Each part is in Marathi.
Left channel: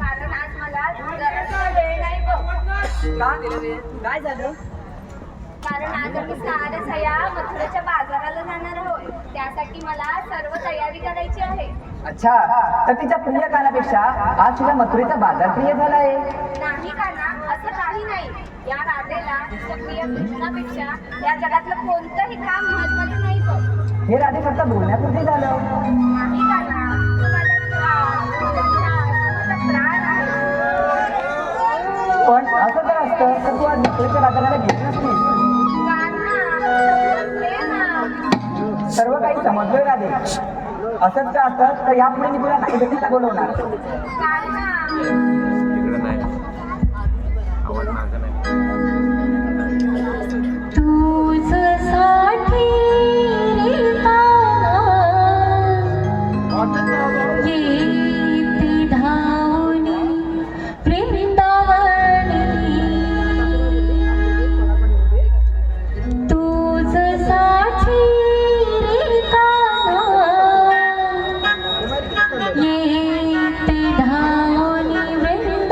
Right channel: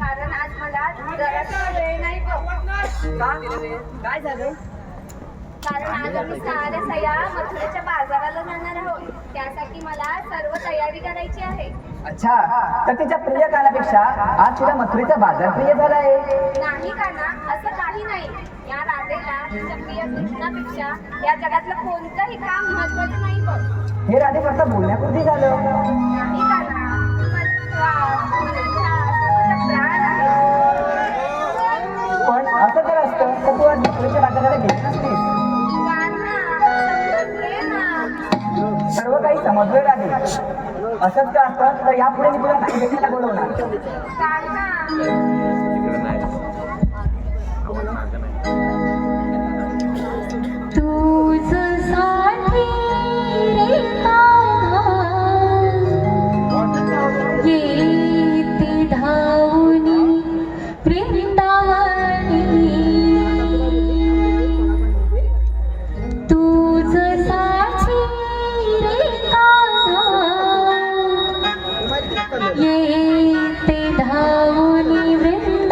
कारण आज मला जरासा वेळ नाही बघ. का काय झालं? कारण आज आम्ही साऱ्या सया मथुरेच्या बाजाराला जाणार आहोत. त्यासाठी मला सर्व तयारी करायची आहे. अच्छा, तर तिच्या प्रिय कानापेक्षा आज तिला मथुरेचा बाजार प्रिय झाला आहे. नाही का ना, असं काही नाही. या राधेला तिच्या प्रिय कृष्णापेक्षा या जगातलं कोणतंही काम महत्वाचं नाही बघ. हे राधे फक्त बोलण्यापुरती झालं. नाही का ना, तू माझा श्वास, तू माझा ध्यास, तू माझा प्राण आहे. पण असं जर असतं तर तू आज मथुरेच्या बाजाराला घेत नसतीस. सर्व काही समजलं राधे. असंच का असतं तर यापुढे मी तुला नाही भेटायला बोलवणार. तिकडं नाही आवाज माझा नाही. ये ते धावूनी वृंदावनी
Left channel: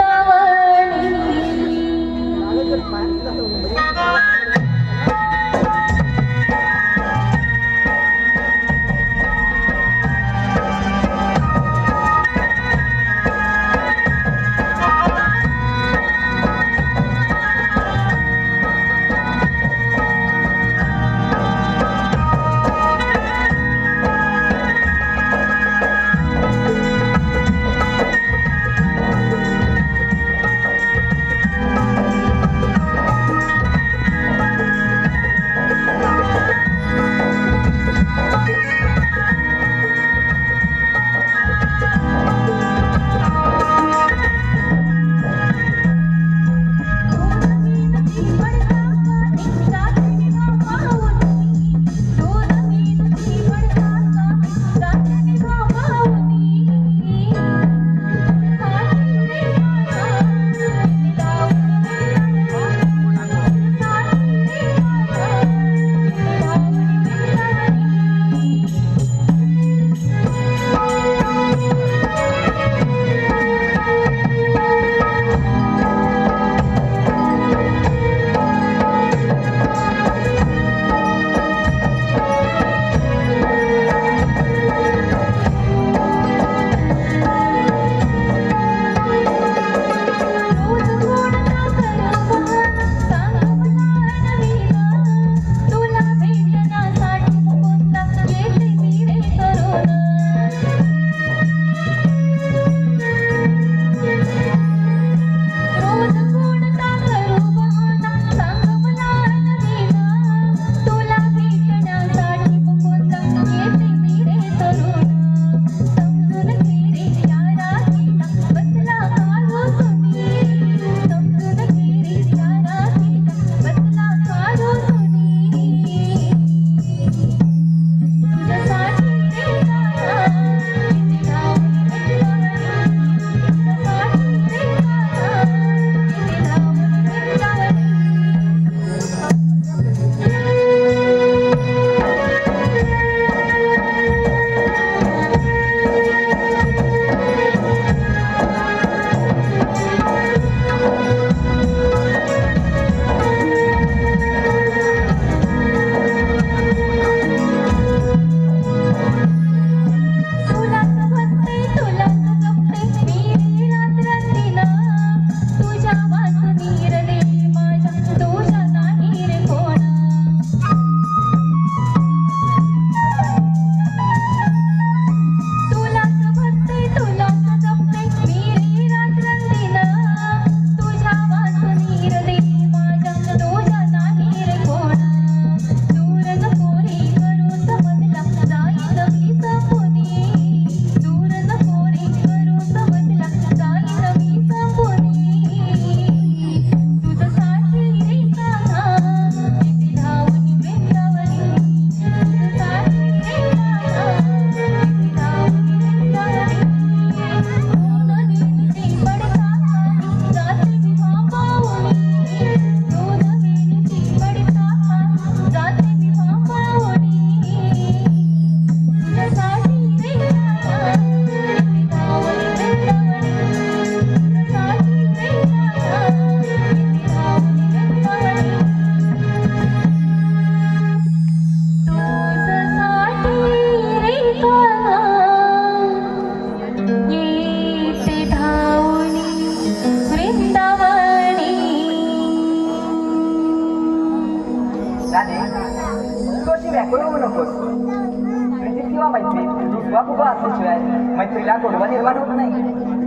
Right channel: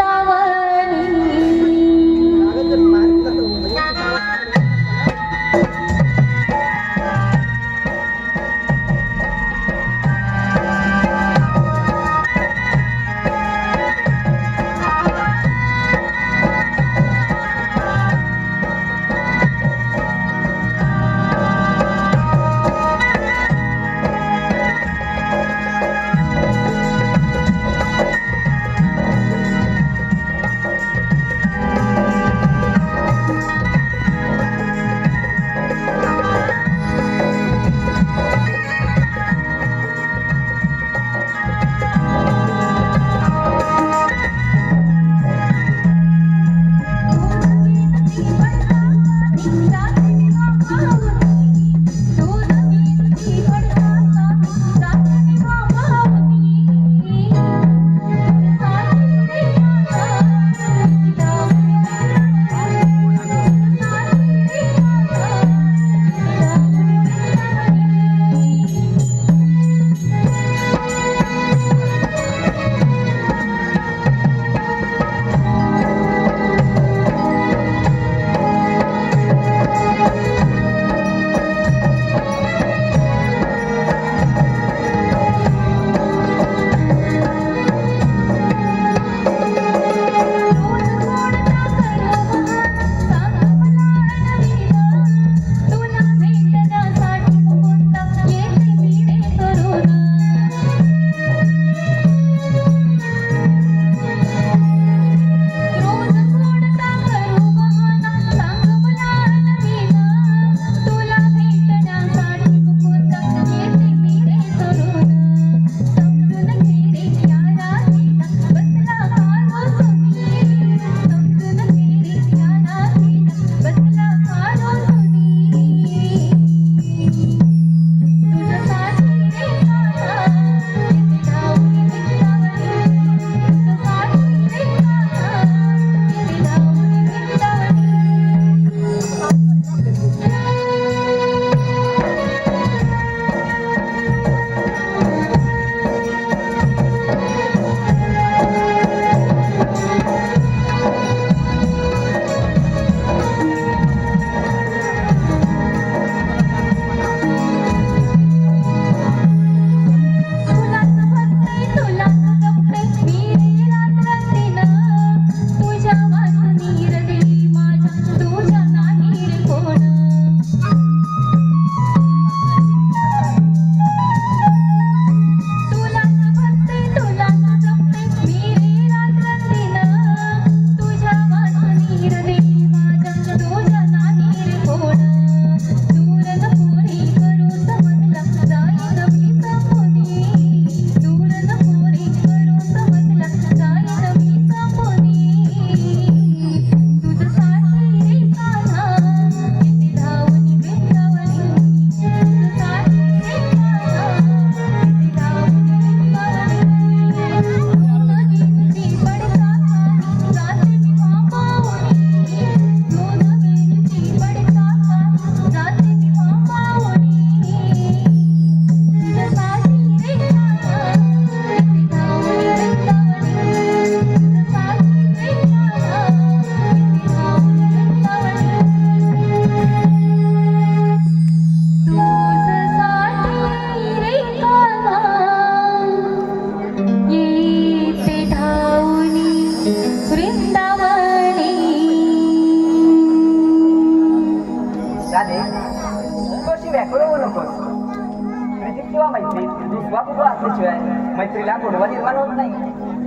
मथुरेला गोडवा निर्माण होत नाही.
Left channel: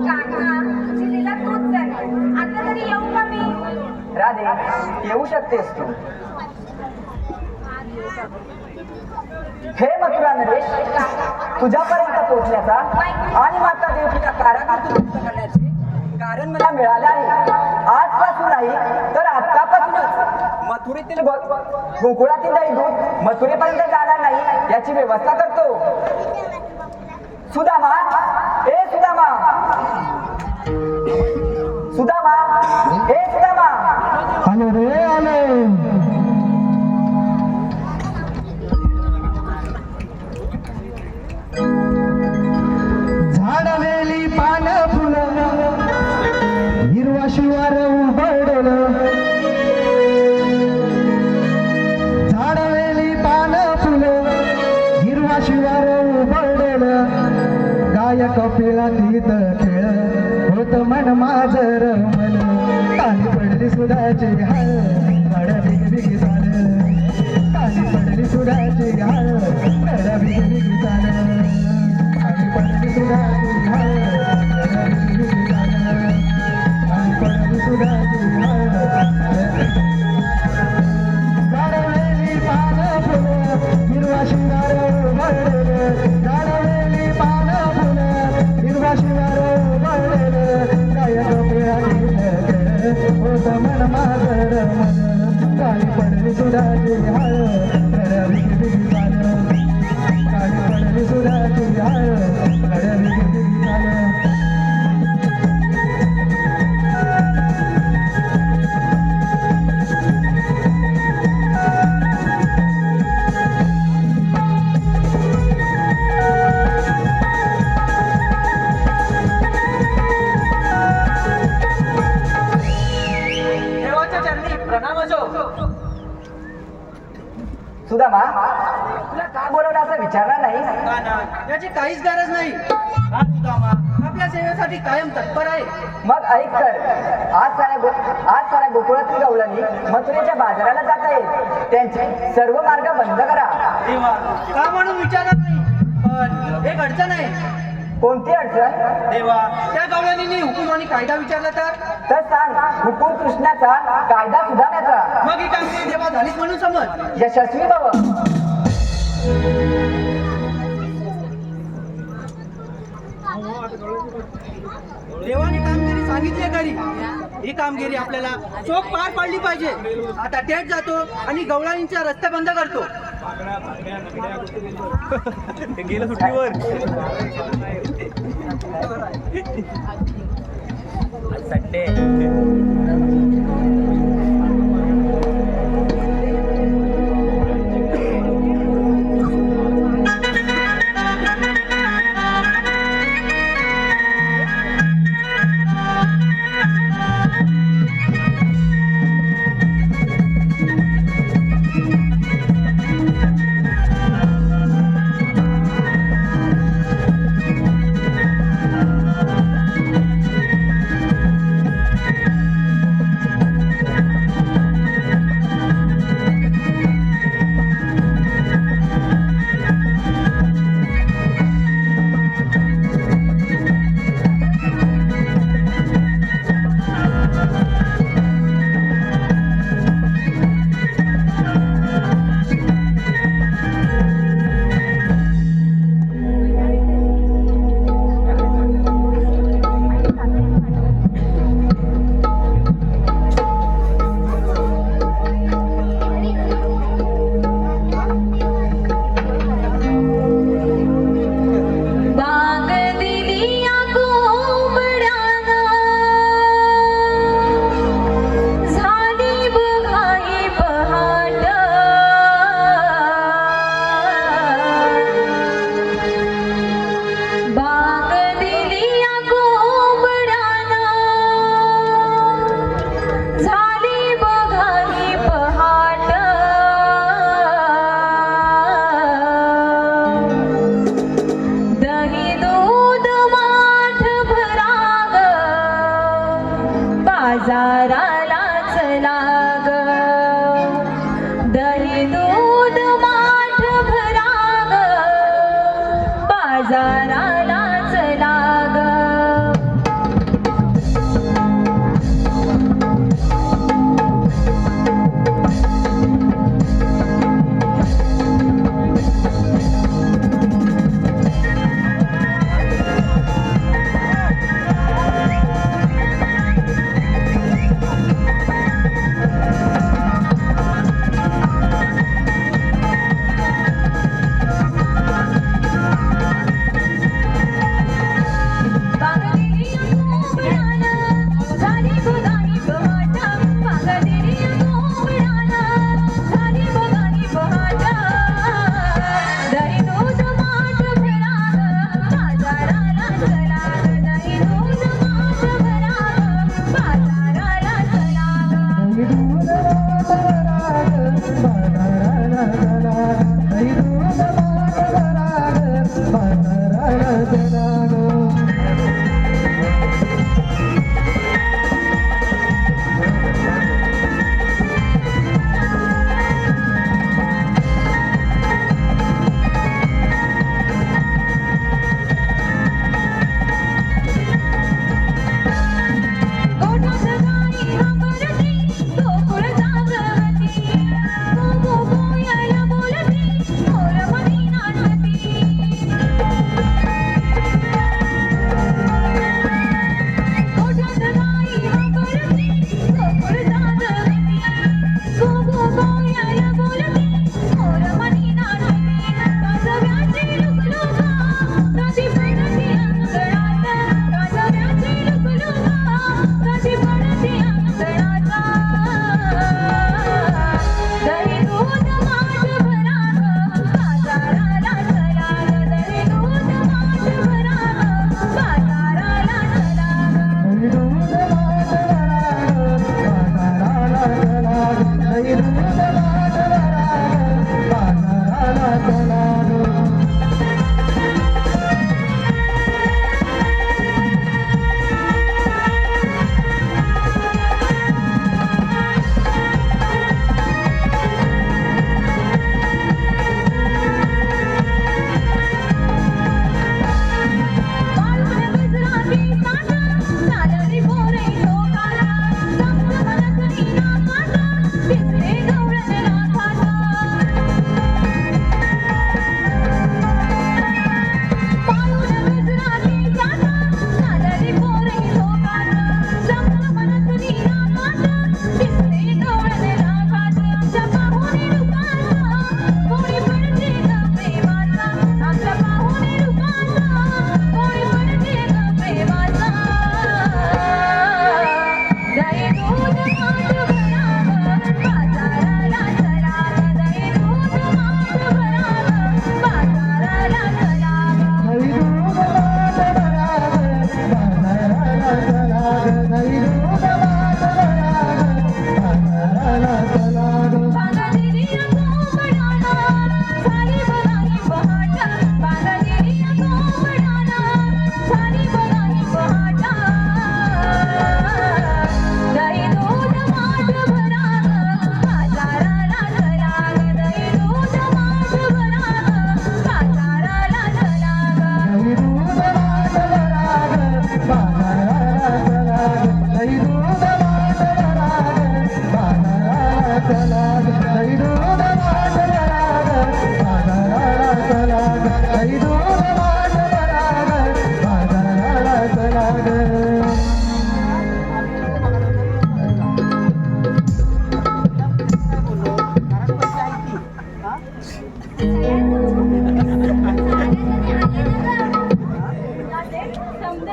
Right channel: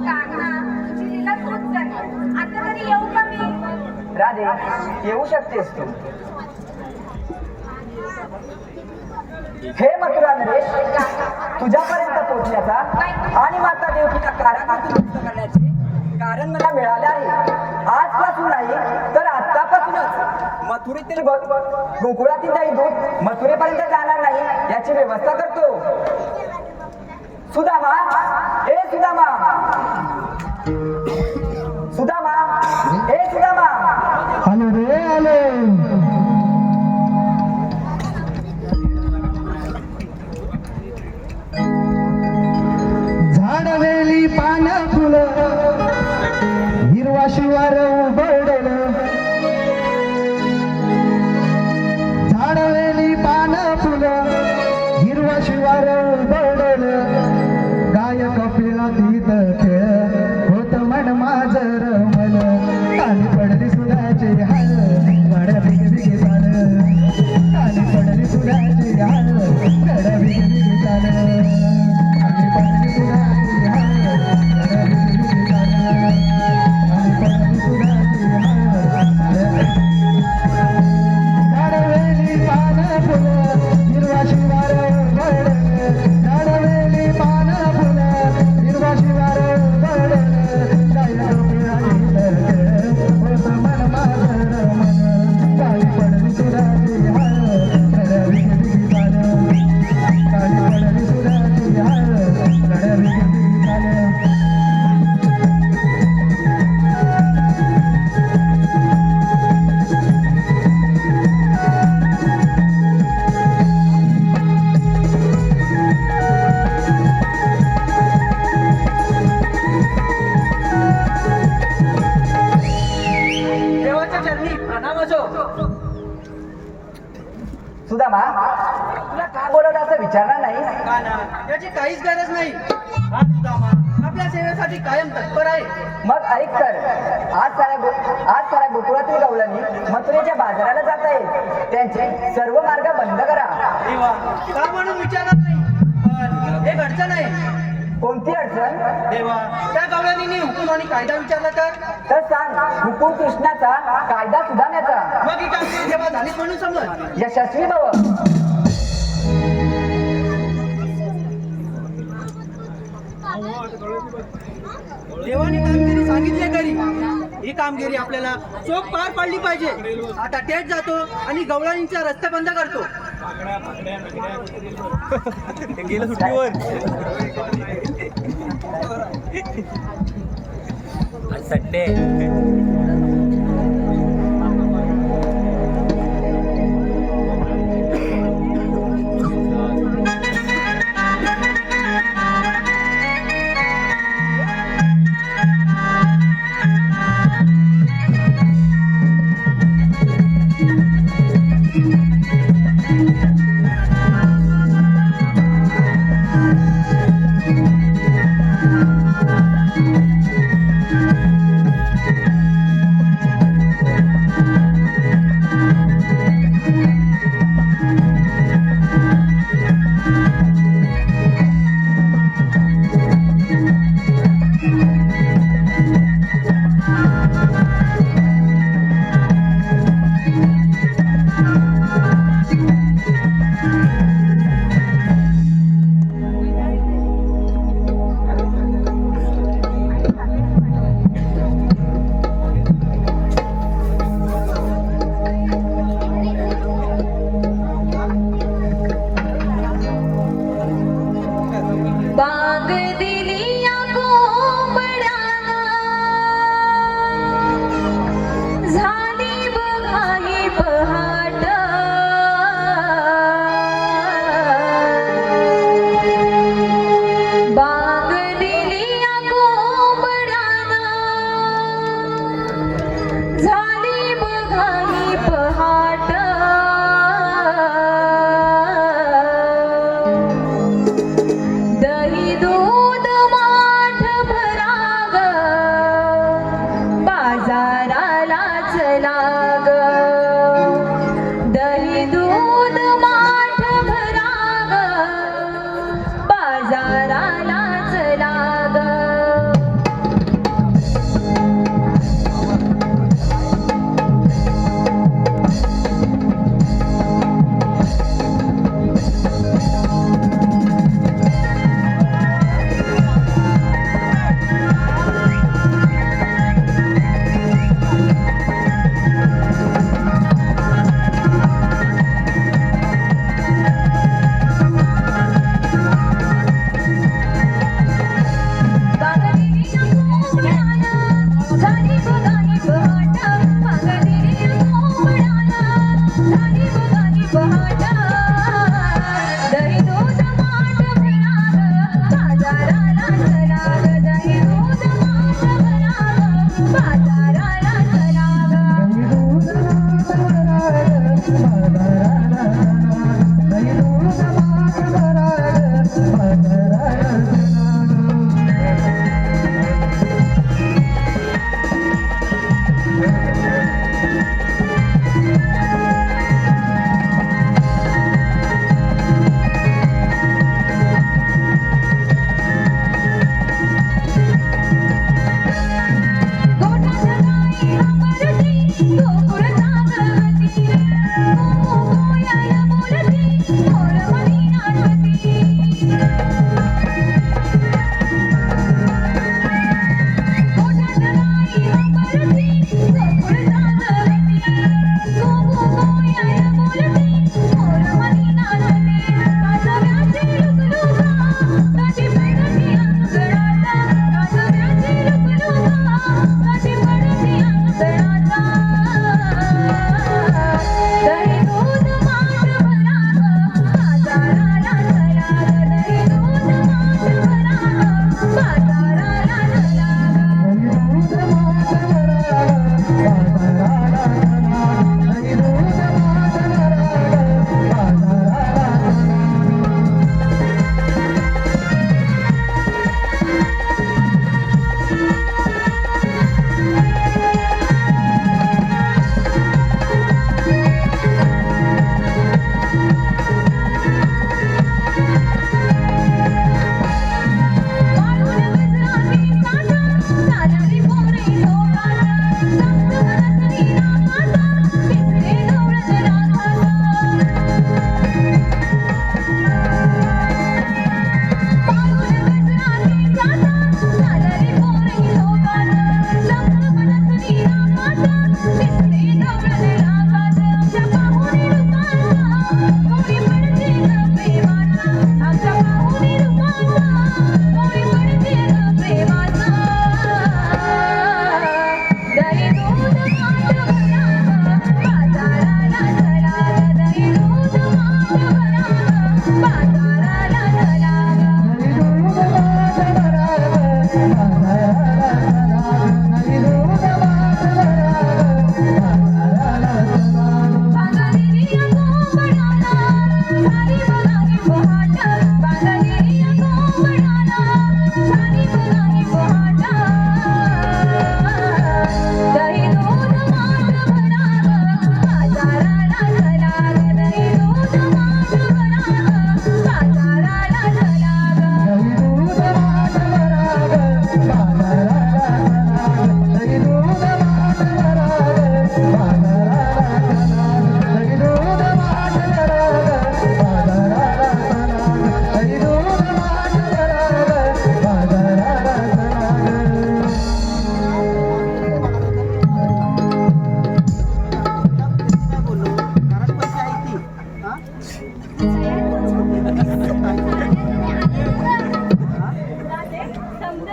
कान्हा तुझी लीला तूच जाणे. आता तरी येऊ का मी? राधे, येऊ शकतेस तू. हे मथुरा नरेश, तुझ्यापर्यंत पोहोचण्याचा आणि माता देवकीला कारागृहातून मुक्त करण्याचे कारण मला मिळाले आहे. आजपासून नाही तर आतापासूनच मथुरेतील गोकुळातील काही दूध मथुरेपर्यंत जाणार नाही याची व्यवस्था करतो. सुदामा, ए सुदामा, सुदामा, ए सुदामा. आलो रे आलो. झाडवेली पान फुलं हिरवा शिवार उबडल. झाडवेली पान फुलं हिरवा शिवार उबडल. गाय कपिला तीत खेळ होत मन माझर मन. काली पडली सुराची हाल गाड्या बिग बिग चाल. काली पडली सुराची हाल गाड्या बिग बिग चाल. काली पडली सुराची हाल गाड्या बिग बिग चाल. काली पडली सुराची हाल. झाडवेली पान फुलं हिरवा शिवार उबडल. झाडवेली पान फुलं हिरवा शिवार उबडल. गाय कपिला तीत खेळ होत मन माझर मन. काली पडली सुराची हाल गाड्या बिग बिग चाल. काली पडली सुराची हाल गाड्या बिग बिग चाल. देवाच्या चरणी प्रणाम असो. सुदामा, तुला का बोलवलं असं विचारणार नाही? कान्हा, याची काहीच गरज नाही. हा सुदामा आपल्या सेवेसाठी कायम तत्पर आहे. मग ऐक तर, आज साऱ्या गोकुळातील गवळणी मथुरेच्या बाजाराला जात आहेत. त्यांचे सर्व मार्ग बंद करा. देवा, का म्हणून विचारणार नाही, पण एक अडचण आहे. कोणती अडचण? देवा, त्या गवळणींनी हुकूम आणि कायदा विचारला तर सांग. हुकूम कृष्णाचा, कायदा सुदाम्याचा. मग ही कामगिरी देवा झालीच म्हणून समज. यशस्वी भव. देवाने कामगिरी सांगितली खरी. ही कामगिरी आपल्याला चोख पार पाडली पाहिजे. आता तेच जातो आणि गवळणींचा रस्ते बंद करतो. गेलं सुट्टीवर. संडे.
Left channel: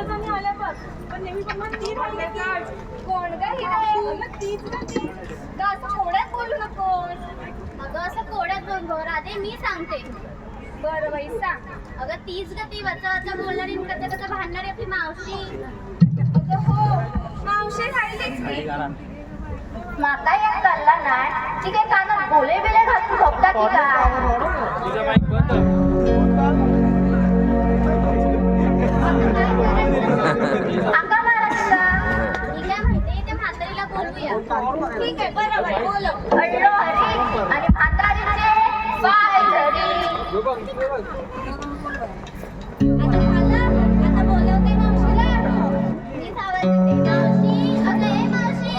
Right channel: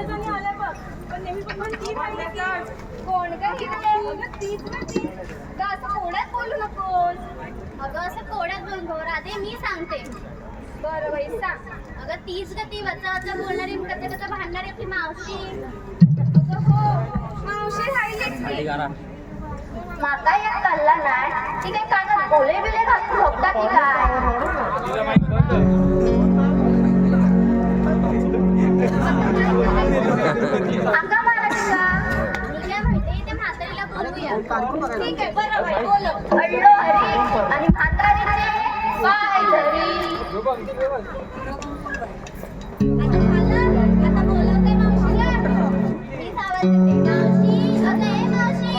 समजा आल्या बघ पण नेहमी पण मन ती राहिली कोण काय अगं तीच ना ती ग असं कोड्यात बोलू नकोस अगं असं कोड्यात बोल गो राधे मी सांगते बरं बाई सांग अगं तीच ग ती वचा वचा बोलणारी आणि कच्चा कच्चा भांडणारी आपली मावशी अगं हो मावशी राहिलीच की माका यात कळला नाही ती काय कानात बोले बिले घालून झोपता की काय आका मारा तुला मी काय म्हणते ते म्हातारीला बोलूया ठीक आहे बरोबर बोल अडलो हरी आणि म्हातारीचे पाय धरी आता झालं आता बोलवते मावशीला मीच आवाज देते मावशी अगं ए मावशी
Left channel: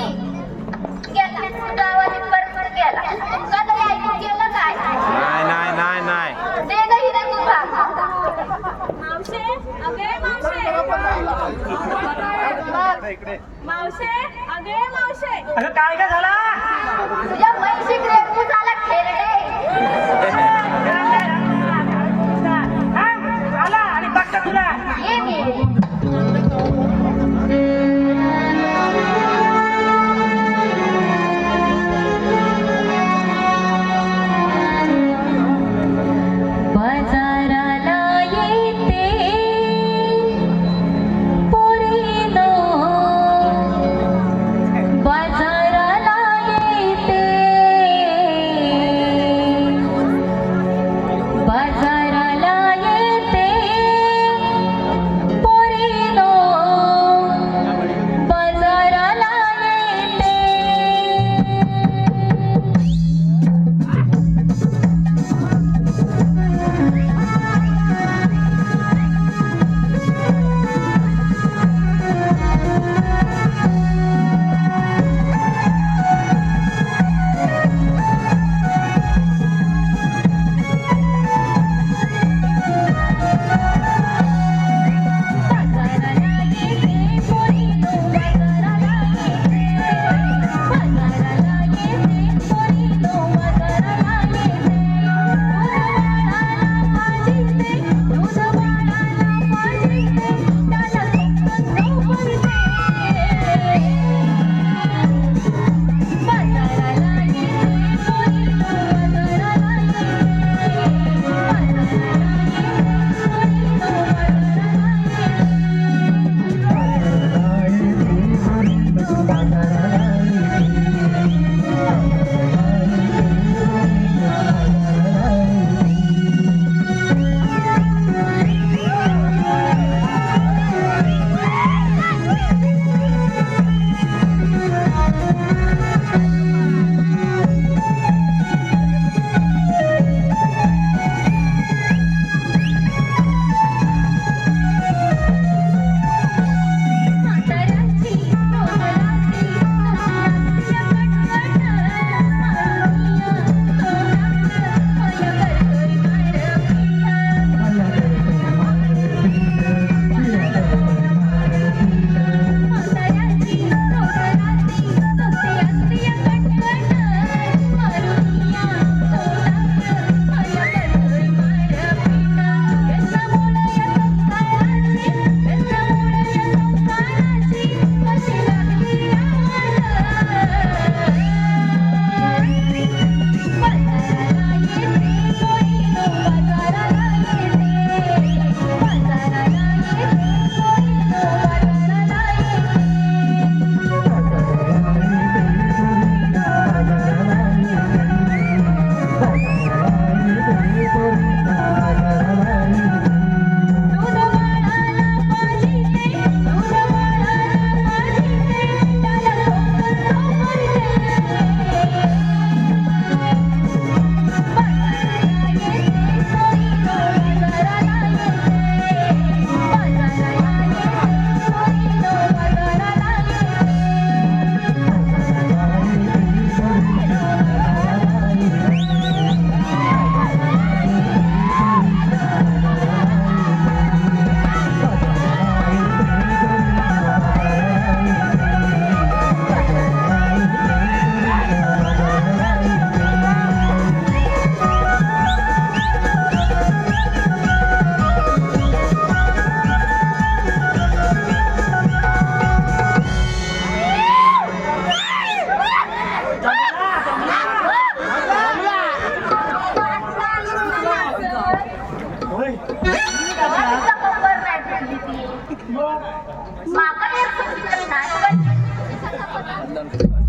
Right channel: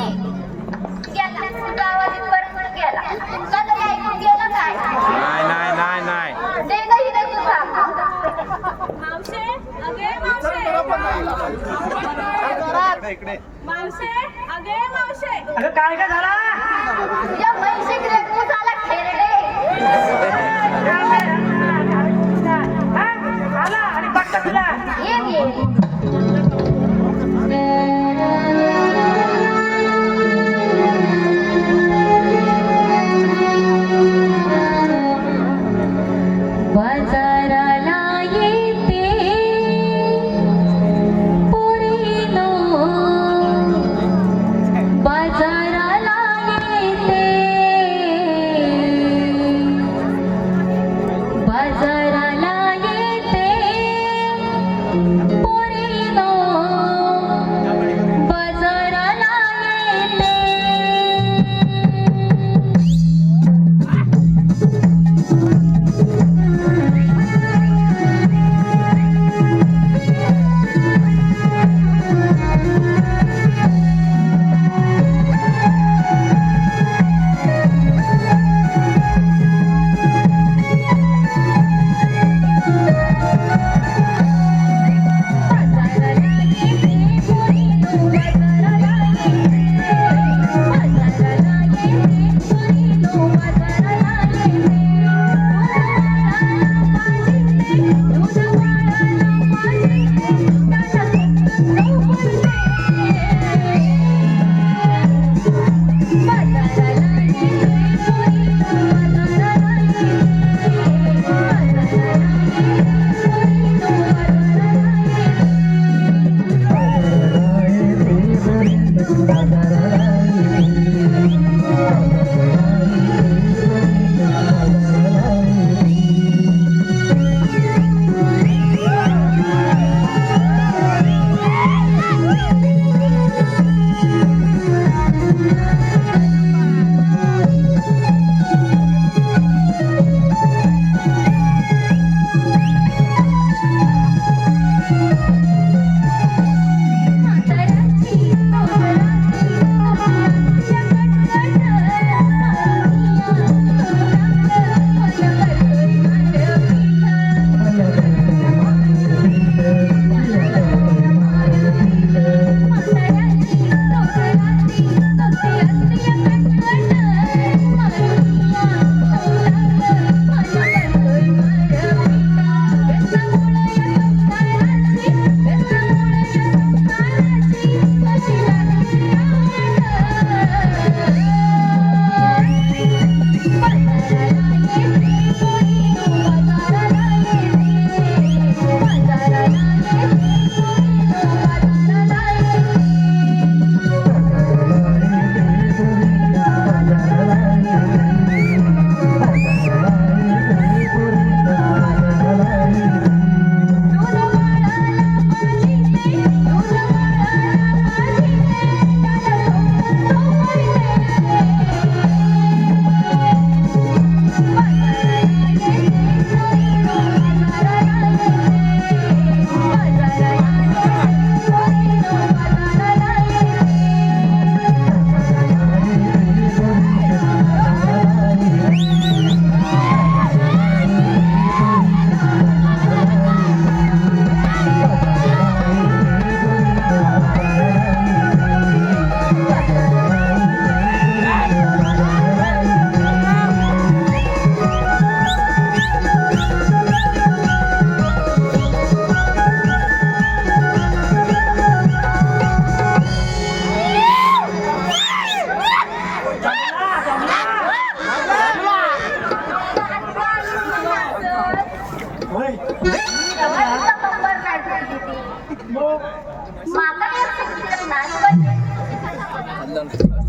गेला तुझा आवाज इथपर्यंत गेला तुमका तरी ऐकून गेलं काय नाही दे ग इथे तू थांब मावशे अगे मावशे मावशे अगे मावशे तुझ्या म्हैशी तू झाला खेरडे ये ये बाजाराला येते पुरीनो बाजाराला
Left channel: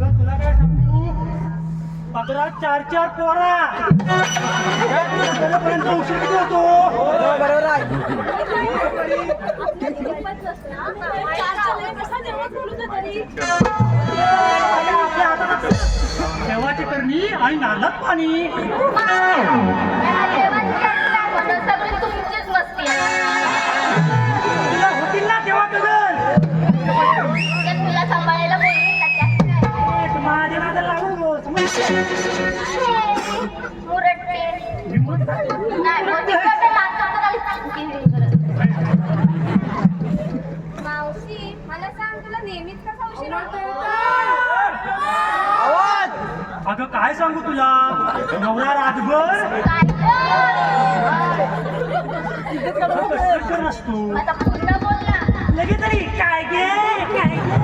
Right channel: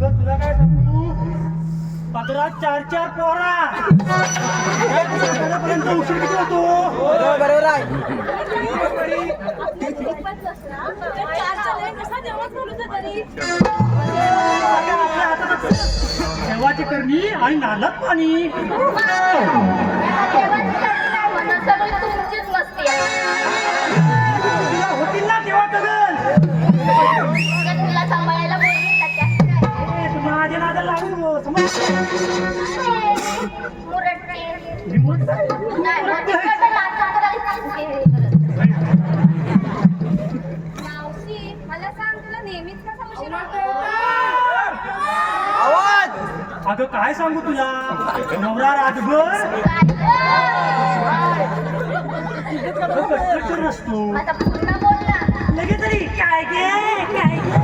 अगं तुला काय सांगू, पदरात 4-4 पोरा पर्यंत उशीर किती होतो. बरोबर आहे. आपल्या हातात देवाची करणी आणि नालात पाणी. सगळी तुमचीच मस्ती आहे. तुला होतील ना तेव्हा कगन. तुला सांभाळायला कोणी नाही. माझ्या नादाला लागू समजते. मुरट्टे. मी मोठा आहे. नाही, मोठे माणसं तर आली. मावशी मला सांग तुला नेहमीच कसा उशीर होतो? अगं काय सांगू तुला, नवरा रातभर कष्ट नसतो. आता पूर्ण बोल ना. लगेच तरी काय गे काय गे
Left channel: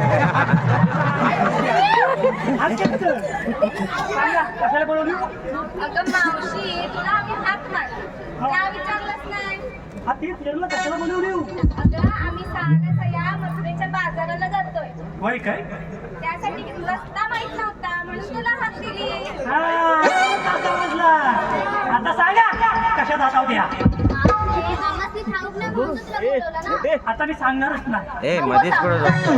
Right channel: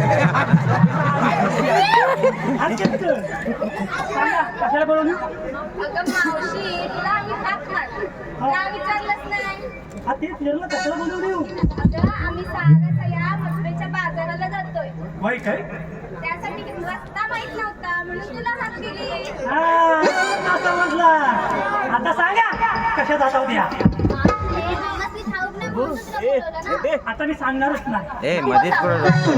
कशाला बोलवली. अगं मावशी तुला आम्ही हाक मारतो का विचारलंच नाही? हा तेच निर्णय कशाला बोलवली. अगं आम्ही सारा या मथुरेच्या बाजाराला जातोय वय काय त्यासाठी रस्ता माहित नव्हता म्हणून तुला हाक दिली. आता समजलं. आता सांगा कशा जाता होत्या. आम्हासनी ठाऊक नाही म्हणून तुला बोलवलं ना. आता मी सांगणारच नाही. ए मध्येच कुठं झोपतोय.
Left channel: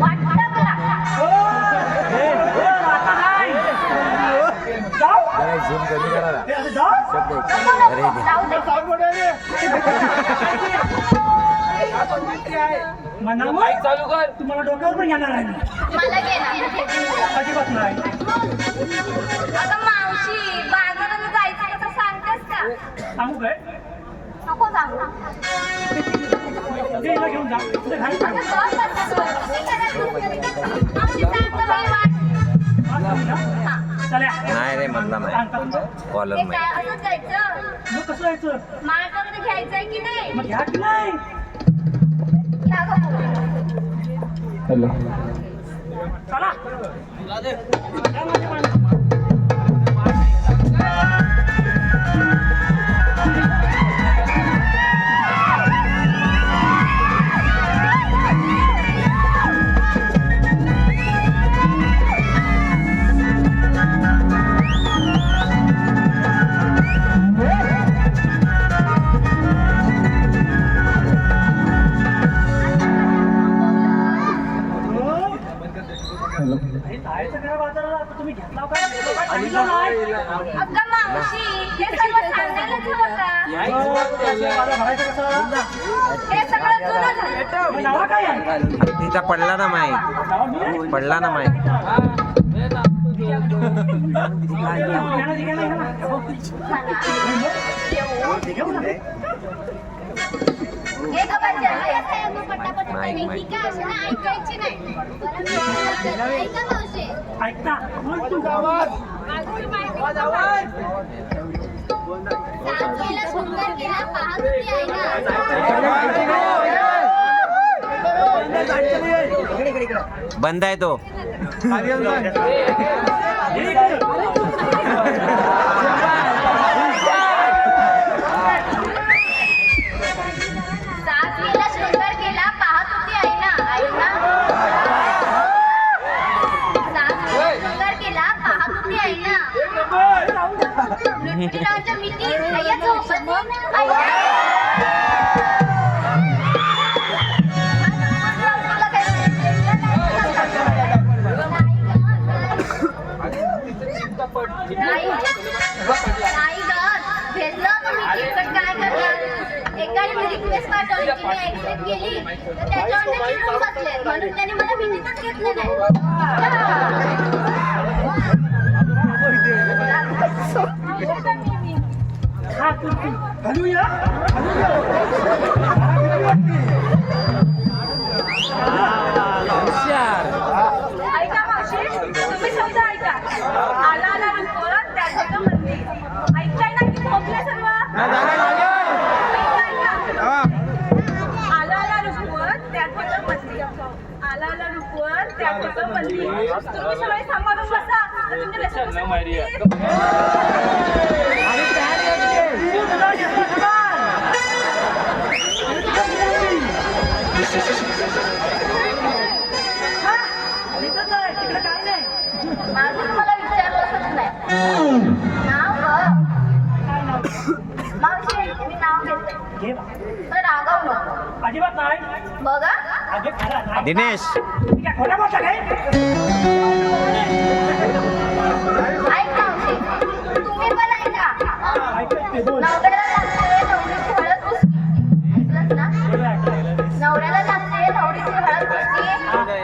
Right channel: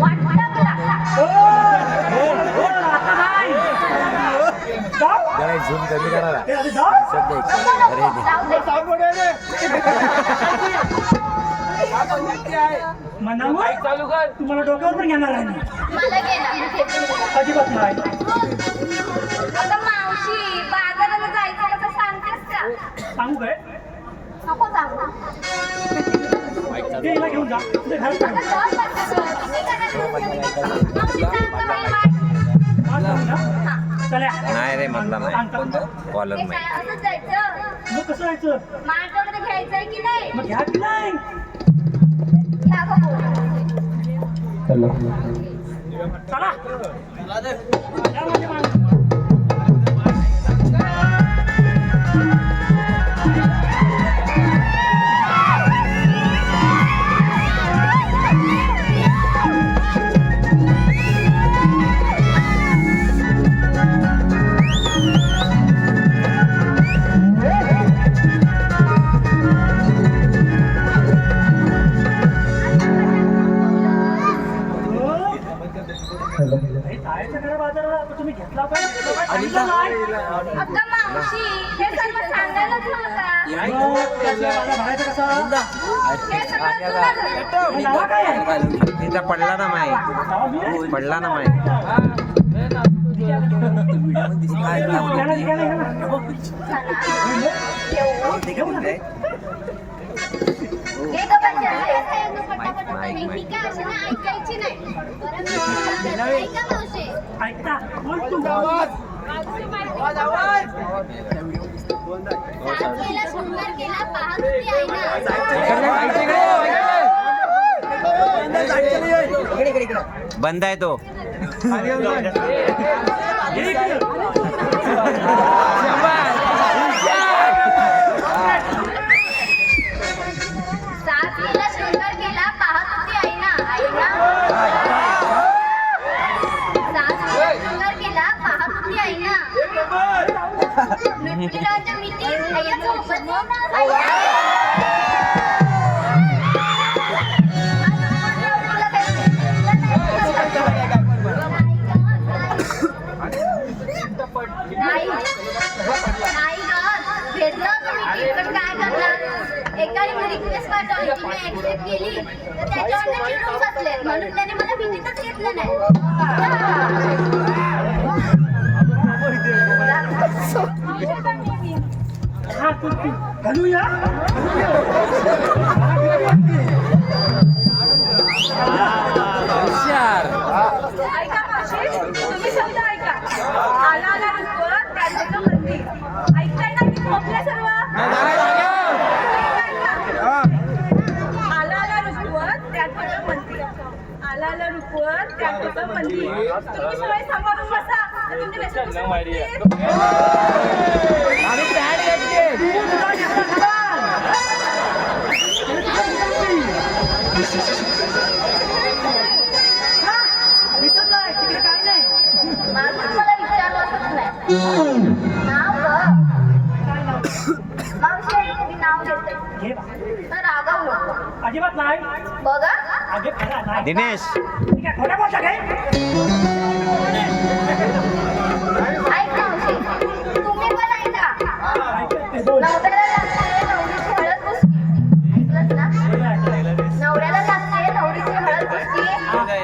वाट टाकला. आता नाही. जाऊ. ए, अरे जाऊ. अरे मनावर तुम्हाला डोक्यावर पण घेणार आहे. मला गेला. अजिबात नाही. अगं मावशी बाजाराला जायचं कसं सांगतेस का? सांगू काय नको सांगू. ते हिला घेऊन जा तुझ्या घरात आता सांग. जाऊ पटकन. मी घरात बसलेली. मावशी सांगतो बाई वाट. हा, सांग ना. चला नाही रे मधला नाही सांगतात ना. कॉलर हे नाही. काय असंच जायचं? मग कसं जायचं. मार्गावर घ्यायचंय की नाही? मग घ्या की नाही. घ्या गं बोल. चला या माझ्या मागं. तुम्ही घेतला काय सांगितलं नाही. अगं मावशी हे सर्व सांगायलाच हवं का? भरायचं कसं. हे सगळं जुनं झालं. नाव काय आहे. तिचा पडला ना माहीत पडला ना माहीत. हे गं बच्चा. पटापट माईक, माईक. ठीक आहे, असं ना ऐकायची नाही. बरं मी बोलते. ऐका मावशी. ऐकता बोल तू. साथ केला शृंगार केला पाहत होती आईना. बंद आहे तो. साथ केला शृंगार केला पाहत होती आईना. साथ केला शृंगार केला पाहत होती आईना. लुटपुटीरावांच्या मिठी भैया झोपत नाही ना. नाही ग भेटलं होतं मी पण काय करणार. एकाने मी रिक्वेस्ट पाठवली की मी ऍक्सेप्ट केली तर त्याच्यावर ते चिडून बसले म्हणून त्याने मला भेटीतच घेतलं नाही. हा तू घालूया. ऐका मावशी तुम्ही समजा ऐका. आला आला रुपवत त्याचं मंदिर. ऐकताय ना की झोपलं सर्व? आला आला रुपवत त्याचं मंदिर. आला आला रुपवत त्याचं मंदिर. तुम्ही सगळे सांभाळून बसा. तर तुमच्या नशिबाचं दिसत नाही तिकडे काय नाही. नाव गं. मावशी मी नाव घेते पण रागव नको अजिबात नाही. बघा आगे खरा नाही. दिनेश ठीक आहे, खोटा बोलता काय? ऐक ना मावशी तुम्ही पण ऐका नवऱ्याला लागते नवरीची हळद पुसती ऐकलंस ना नवऱ्याला लागते नवरीची हळद पुसती मावशी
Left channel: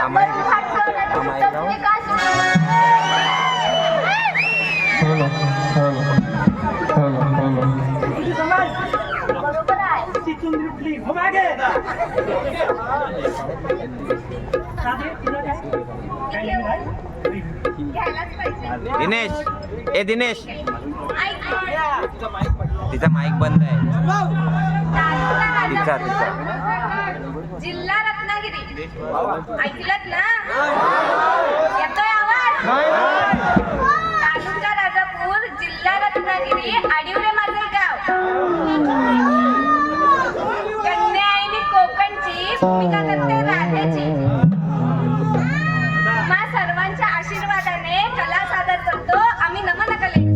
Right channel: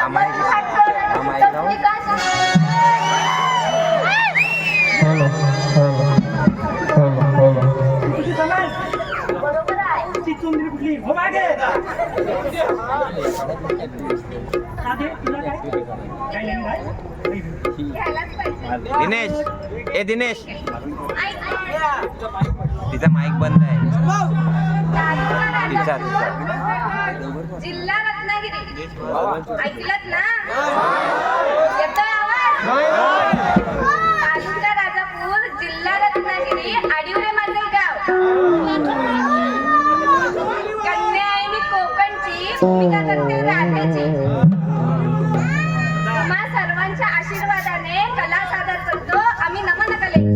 आम्हाला- हात जोडण्याची आम्हाला लावून. पद्धत काय सांगते? तुझी समाज बरोबर आहे ती चुंदरी कुठली हो मागे साधे तुला काय नाही काय? घ्यायलाच पाहिजे दिनेश ए दिनेश ऐक तिचा माईक बंद आहे तिचा जिल्हा रत्नागिरी ऐकलत ना येतोय आवाज तालुका राजापूर जिल्हा रत्नागिरी आडिवरे माझे गाव कन्या आहे मी कोकणची भूमिका करते राधेची तुम्हा सर्वांच्या आशीर्वादाने कला सादर करतो आम्ही नमन कलेची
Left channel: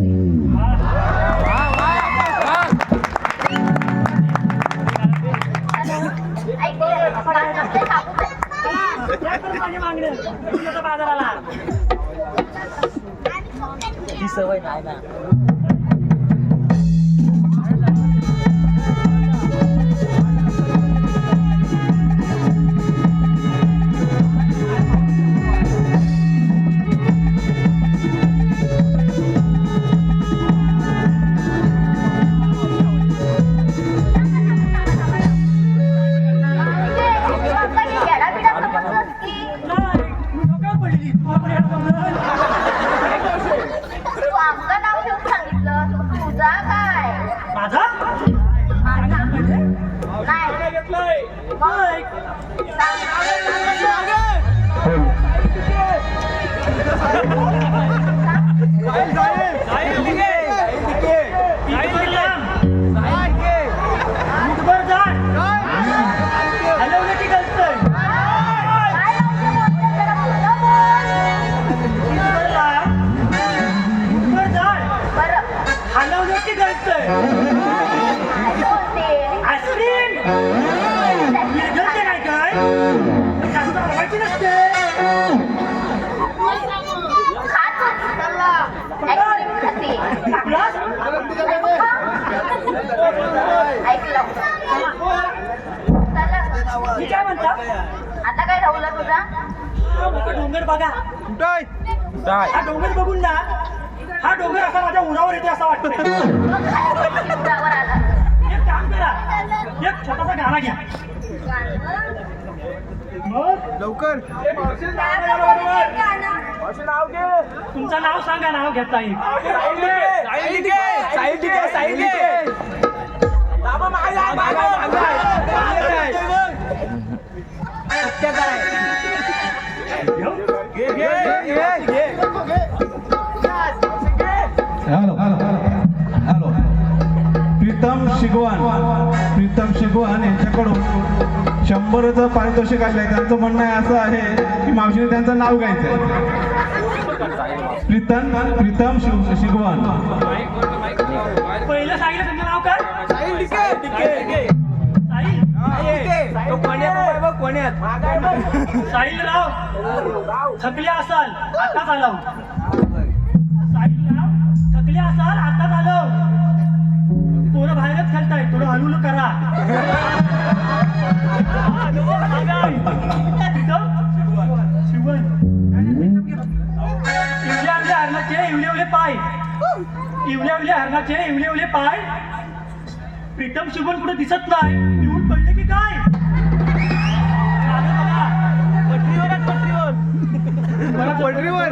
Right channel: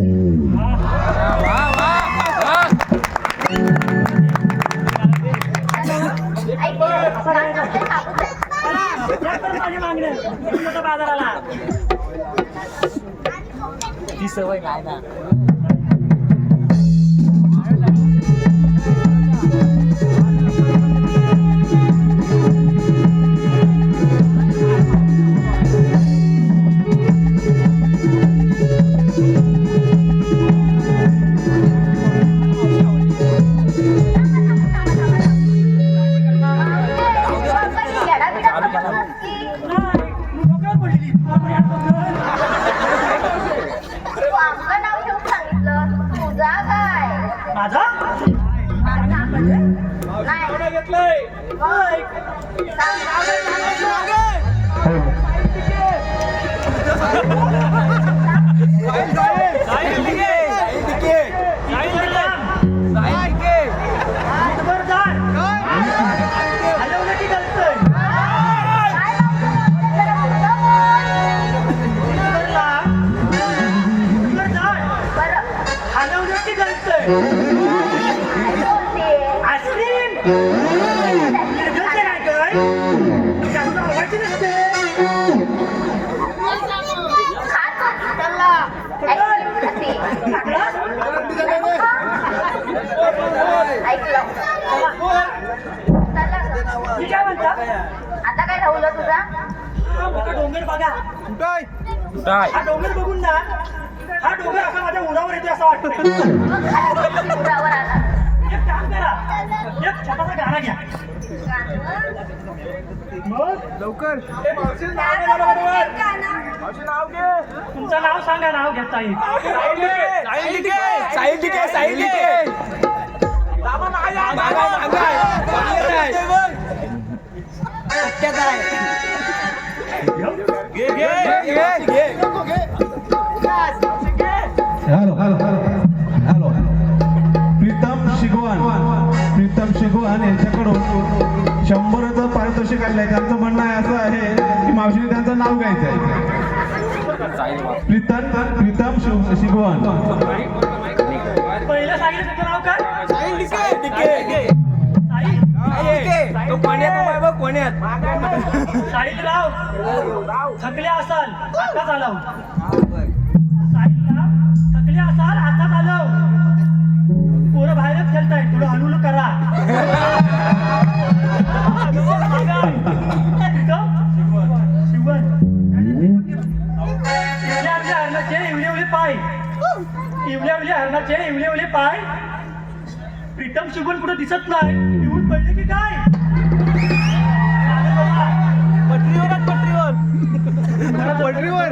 या पण माझी मागणी येऊन होतं बाजाराला ही सवय नाही ना आता काय राहुल तुझा डोंगर बघा हा डोंगर बघून ना हा डोंगर असा माझ्या उरावर येते असं वाटतं एक काम करा एक छोटासा गाणं घ्या लवकर नाव घे तुमचं नाव सांगा नाव घेता येईल हॅलो प्रीतम शिगवान यांच्याकडून 100चं पारितोषिक आलंय. त्यांचं म्हणणं असं आहे की मावशीने त्यांचं नाव घ्यायचंय. प्रीतम शिगवान. पहिलं सांगितलं तुमचं नाव काय साहिल राव थकले असाल आता चालव थकले असाल आता चालव पोरं बाहेरच खेळताय थोडं हळूहळू करा इवले पाय प्रीतम शिवण कुठं दिसत नाही येऊन पडले की काय पटरीवर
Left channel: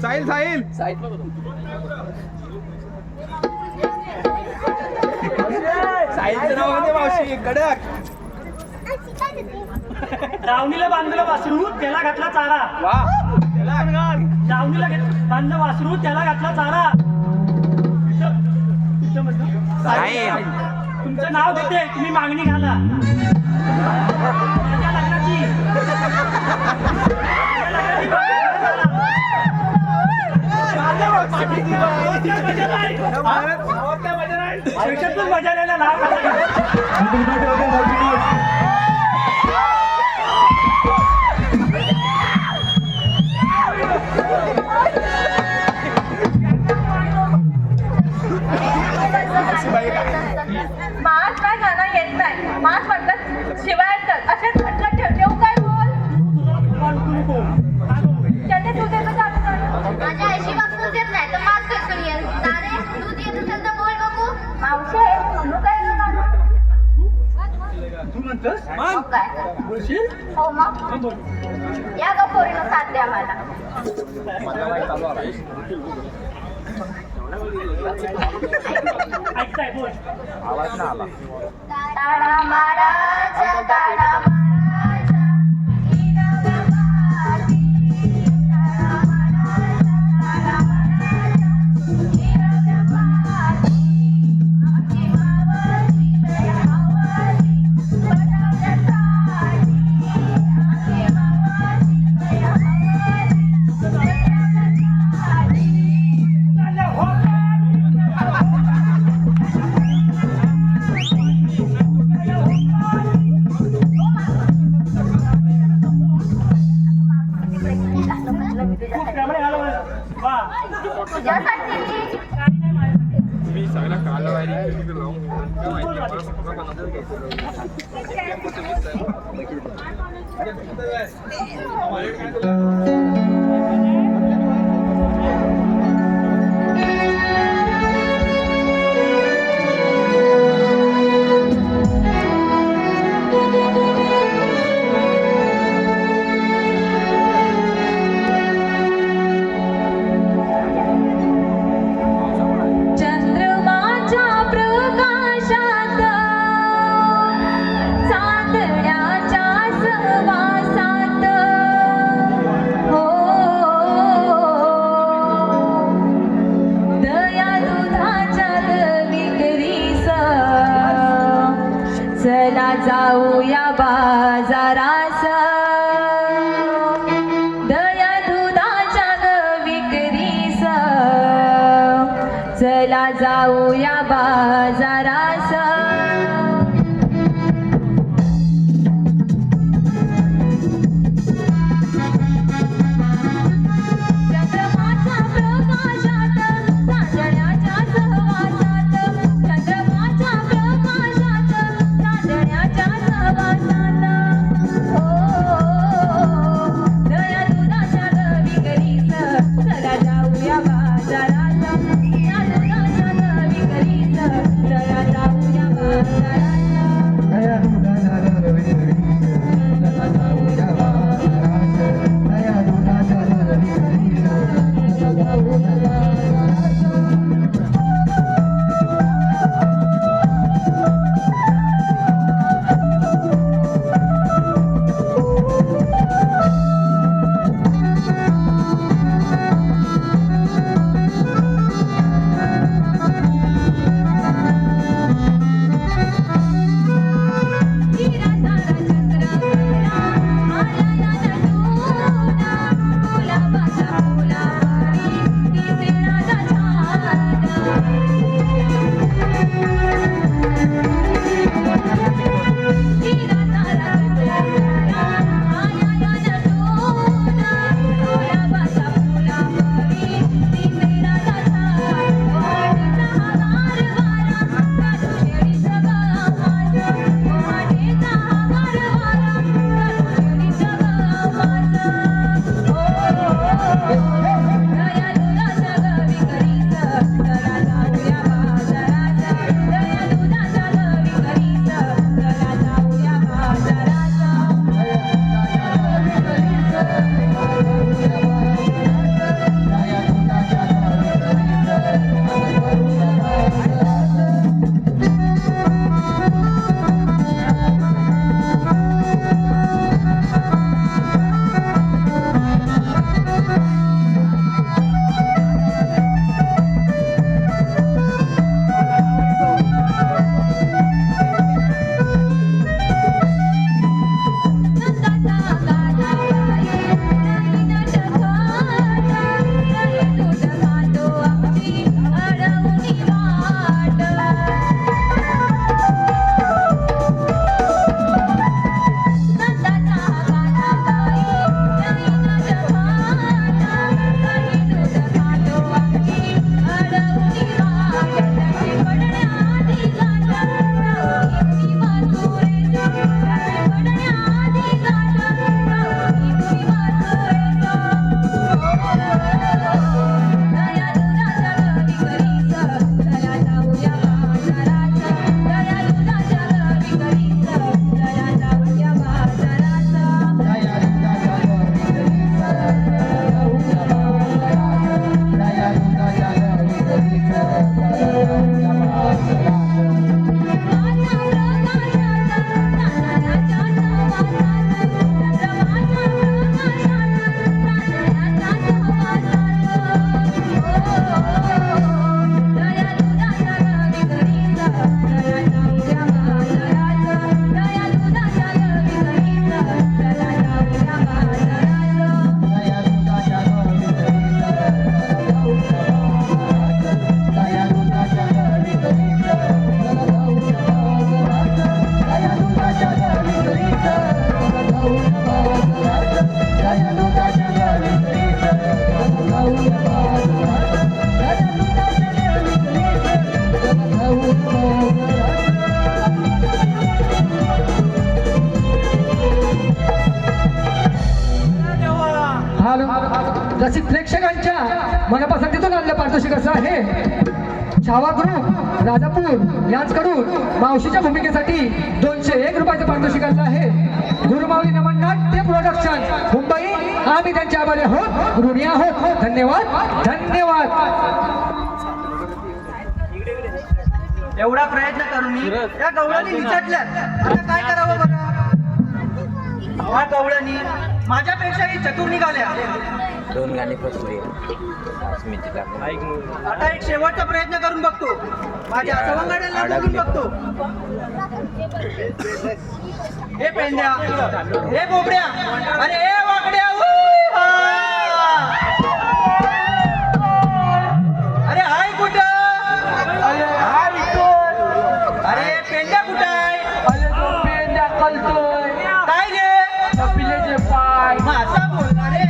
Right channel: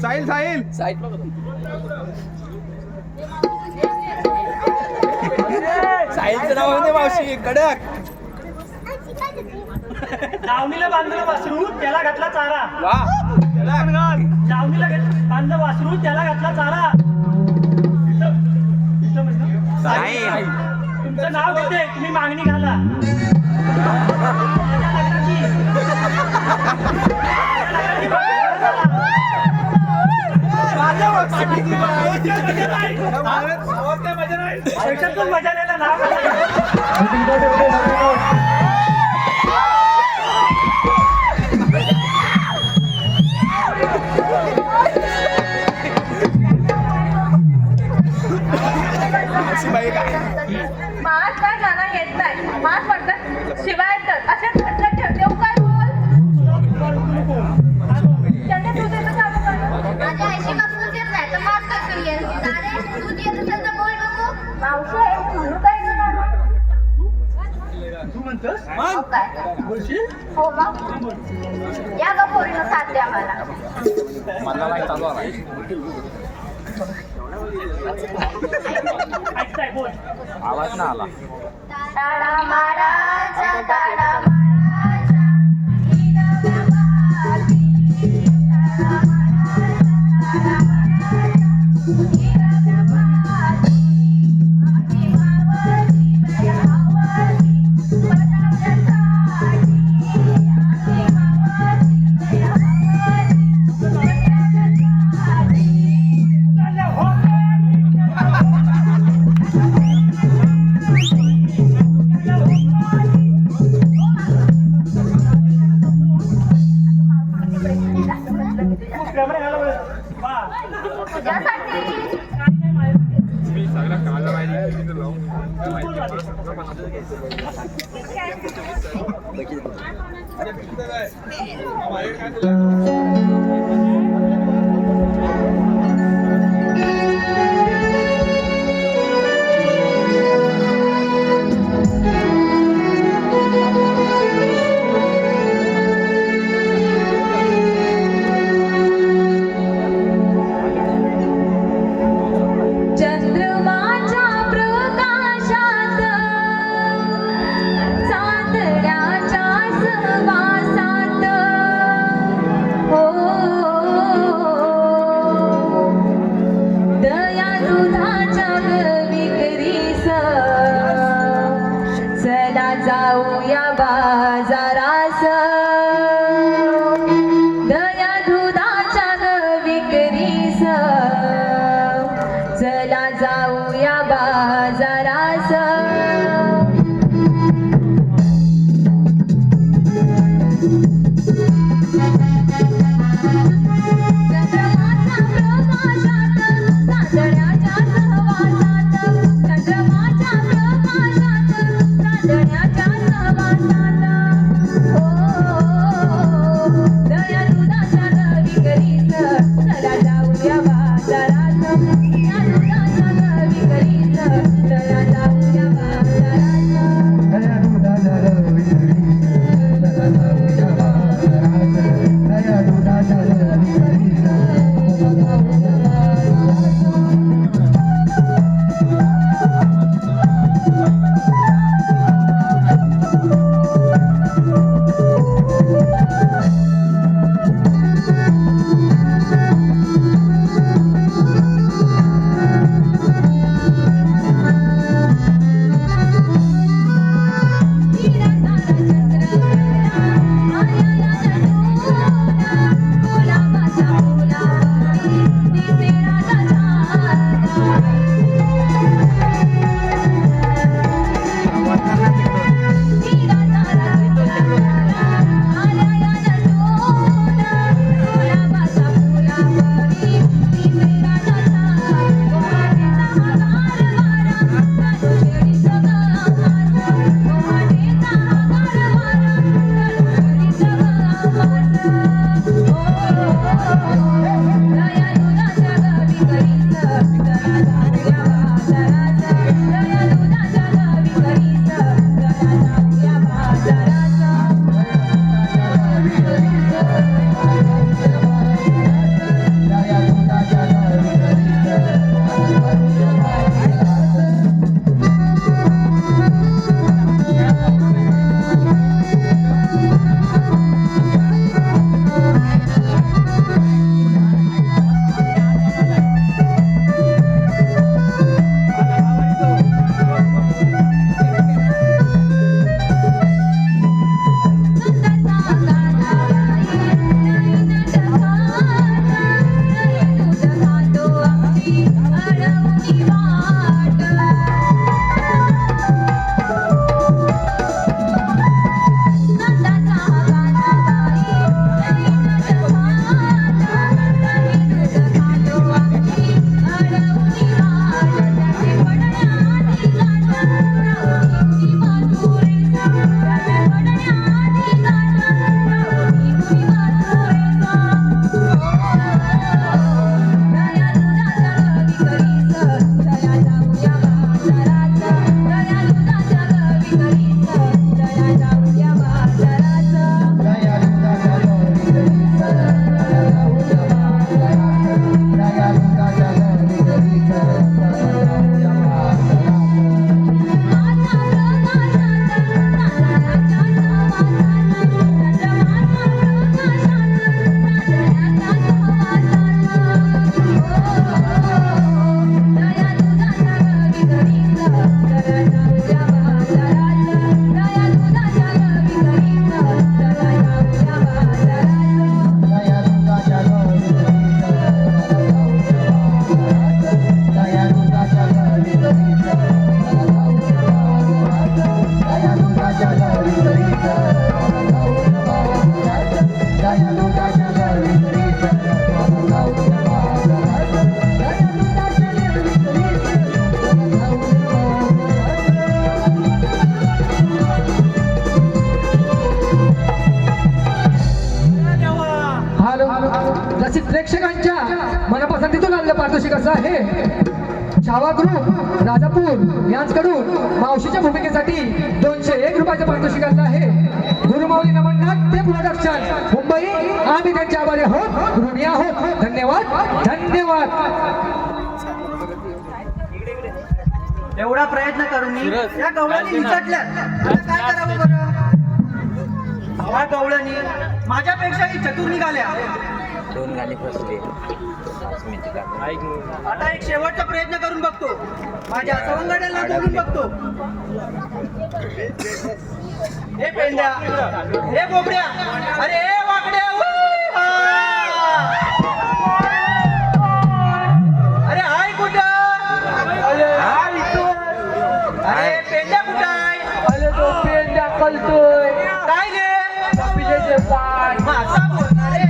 साहिल दावणीला बांधलं वासरू त्याला घातला चारा दावणीला बांधलं वासरू त्याला घातला चारा तुमचं नाव देते तुम्ही मागणी घाला लग्नाची मास काय गाणं येत नाही, मास वाटत शिवाय येतात असे म्हटलं ठेव. देऊ काय बोल त्याने तुझे तर चालू कर. माझ्या आईशी वापरून येत नाही तर मात कसं येईल? तारे, दूध येत असेल तर बोल बघू. मावशे तू काय करणार? हो काय? हो मग. या ग पोरीनं साथ द्या मला. ताडा माराचा, ताडा माराचा, हिरवबाजी. ताडा माराचा, ताडा माराचा, हिरवबाजी. आगे मावशी, दया मावशी, बटाट्यासाठी. आगे मावशी, दया मावशी, बटाट्यासाठी. चंद्रमाच्या प्रकाशात चांदण्याच्या सहवासात हो दया दुधाच्या विक्रीस चला जाऊया बाजारास दया दुधाच्या विक्रीस चला जाऊया बाजारास चंद्रमाच्या प्रकाशात चांदण्याच्या सहवासात चंद्रमाच्या प्रकाशात चांदण्याच्या सहवासात हो दया दुधाच्या विक्रीस चला जाऊया बाजारात दया दुधाच्या विक्रीस चला जाऊया बाजारात दया दुधाच्या विक्रीस चला जाऊया बाजारात. दया दुधाच्या विक्रीस चला जाऊया बाजारात. Thank you. प्रेक्षकांच्या मनपसंतीतून आलेलं पारितोषिक असं आहे. छावा ग्रुप राजापूर यांच्याकडून मावशीच्या भूमिकेसाठी 201 रुपयाचं पारितोषिक आलं आहे. गुरुमाऊली नमन नाट्य प्रोडक्शन मुंबई, आम्ही त्यांच्या आभारी आहोत, ऋणी आहोत. धन्यवाद धन्यवाद. एवढा प्रयत्न करून मी त्या गवळणी निचाटल्या. आता काय करावं बरं? त्या गवळणी माझ्यापेक्षाही चतुर निघाल्या. 2 गाणी फसली. आता एक शेवटचा प्रयत्न करून बघतो. माझ्या सवंगड्याला बोलून बघतो. हे पेंड्या, हे बोबड्या, अरे हे वाकड्या, अरे हाय कुठं? अरे पेंड्या कुठं आहे? काय गे? माझा बोलणार रे.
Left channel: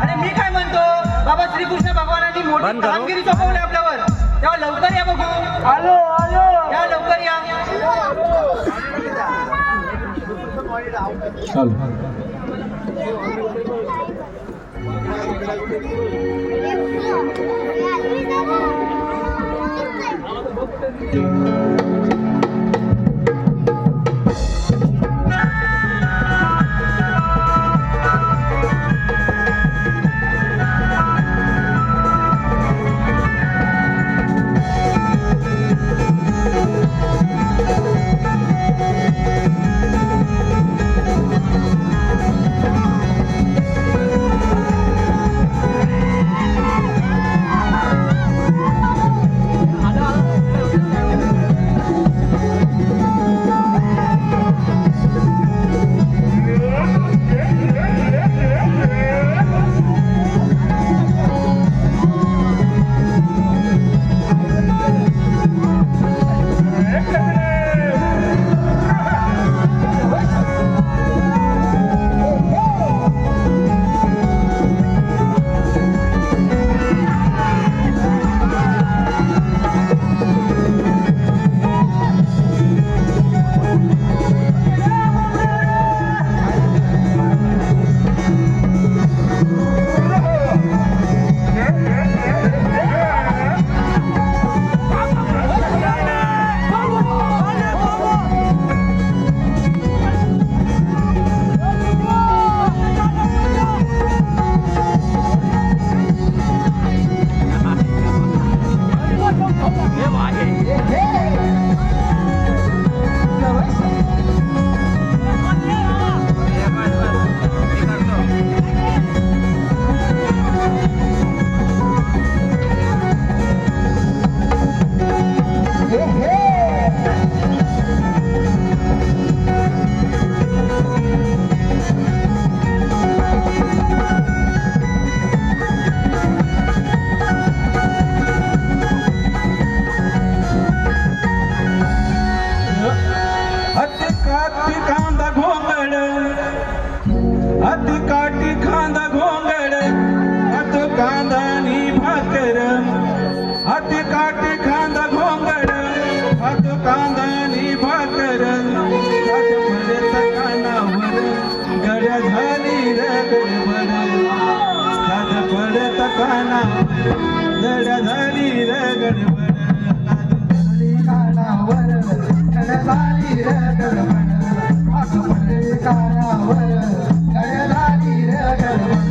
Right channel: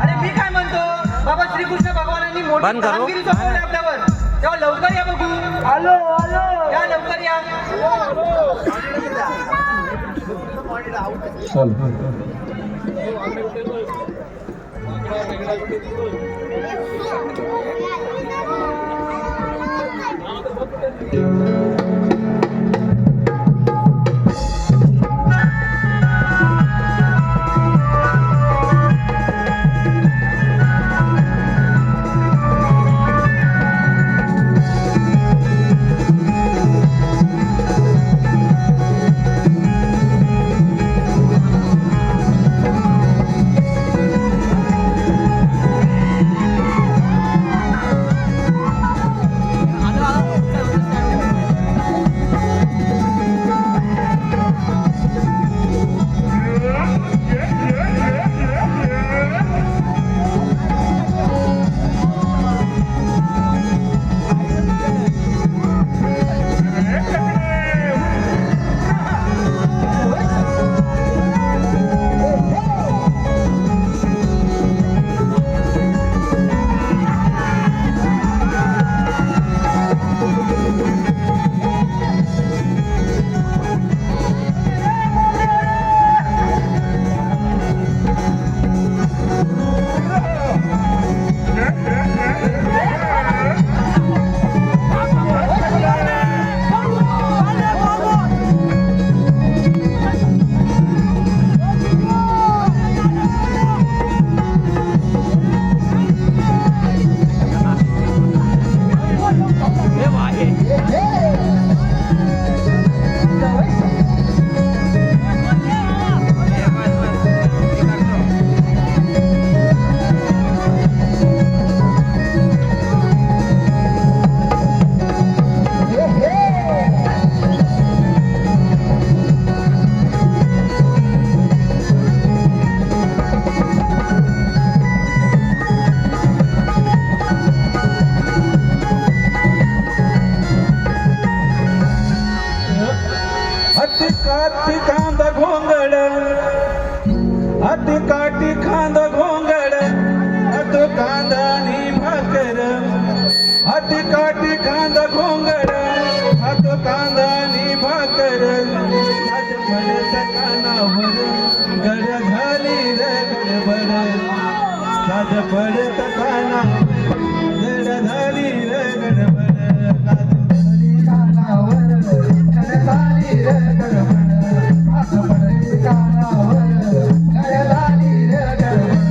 अरे मी काय म्हणतो, बाबा श्रीकृष्ण भगवानांनी मोठी बंद करो. कामगिरी सोपवली आपल्यावर. तेव्हा लवकर या बघू. या लवकर या. काठी खांद घोंगड हात कांदानी भाकर हात काठी खांद घोंगड हात कांदानी भाकर गड्या झाली रे गडबड साध पडत कानावर गड्या झाली रे गडबड कानावर झाली रे गडबड.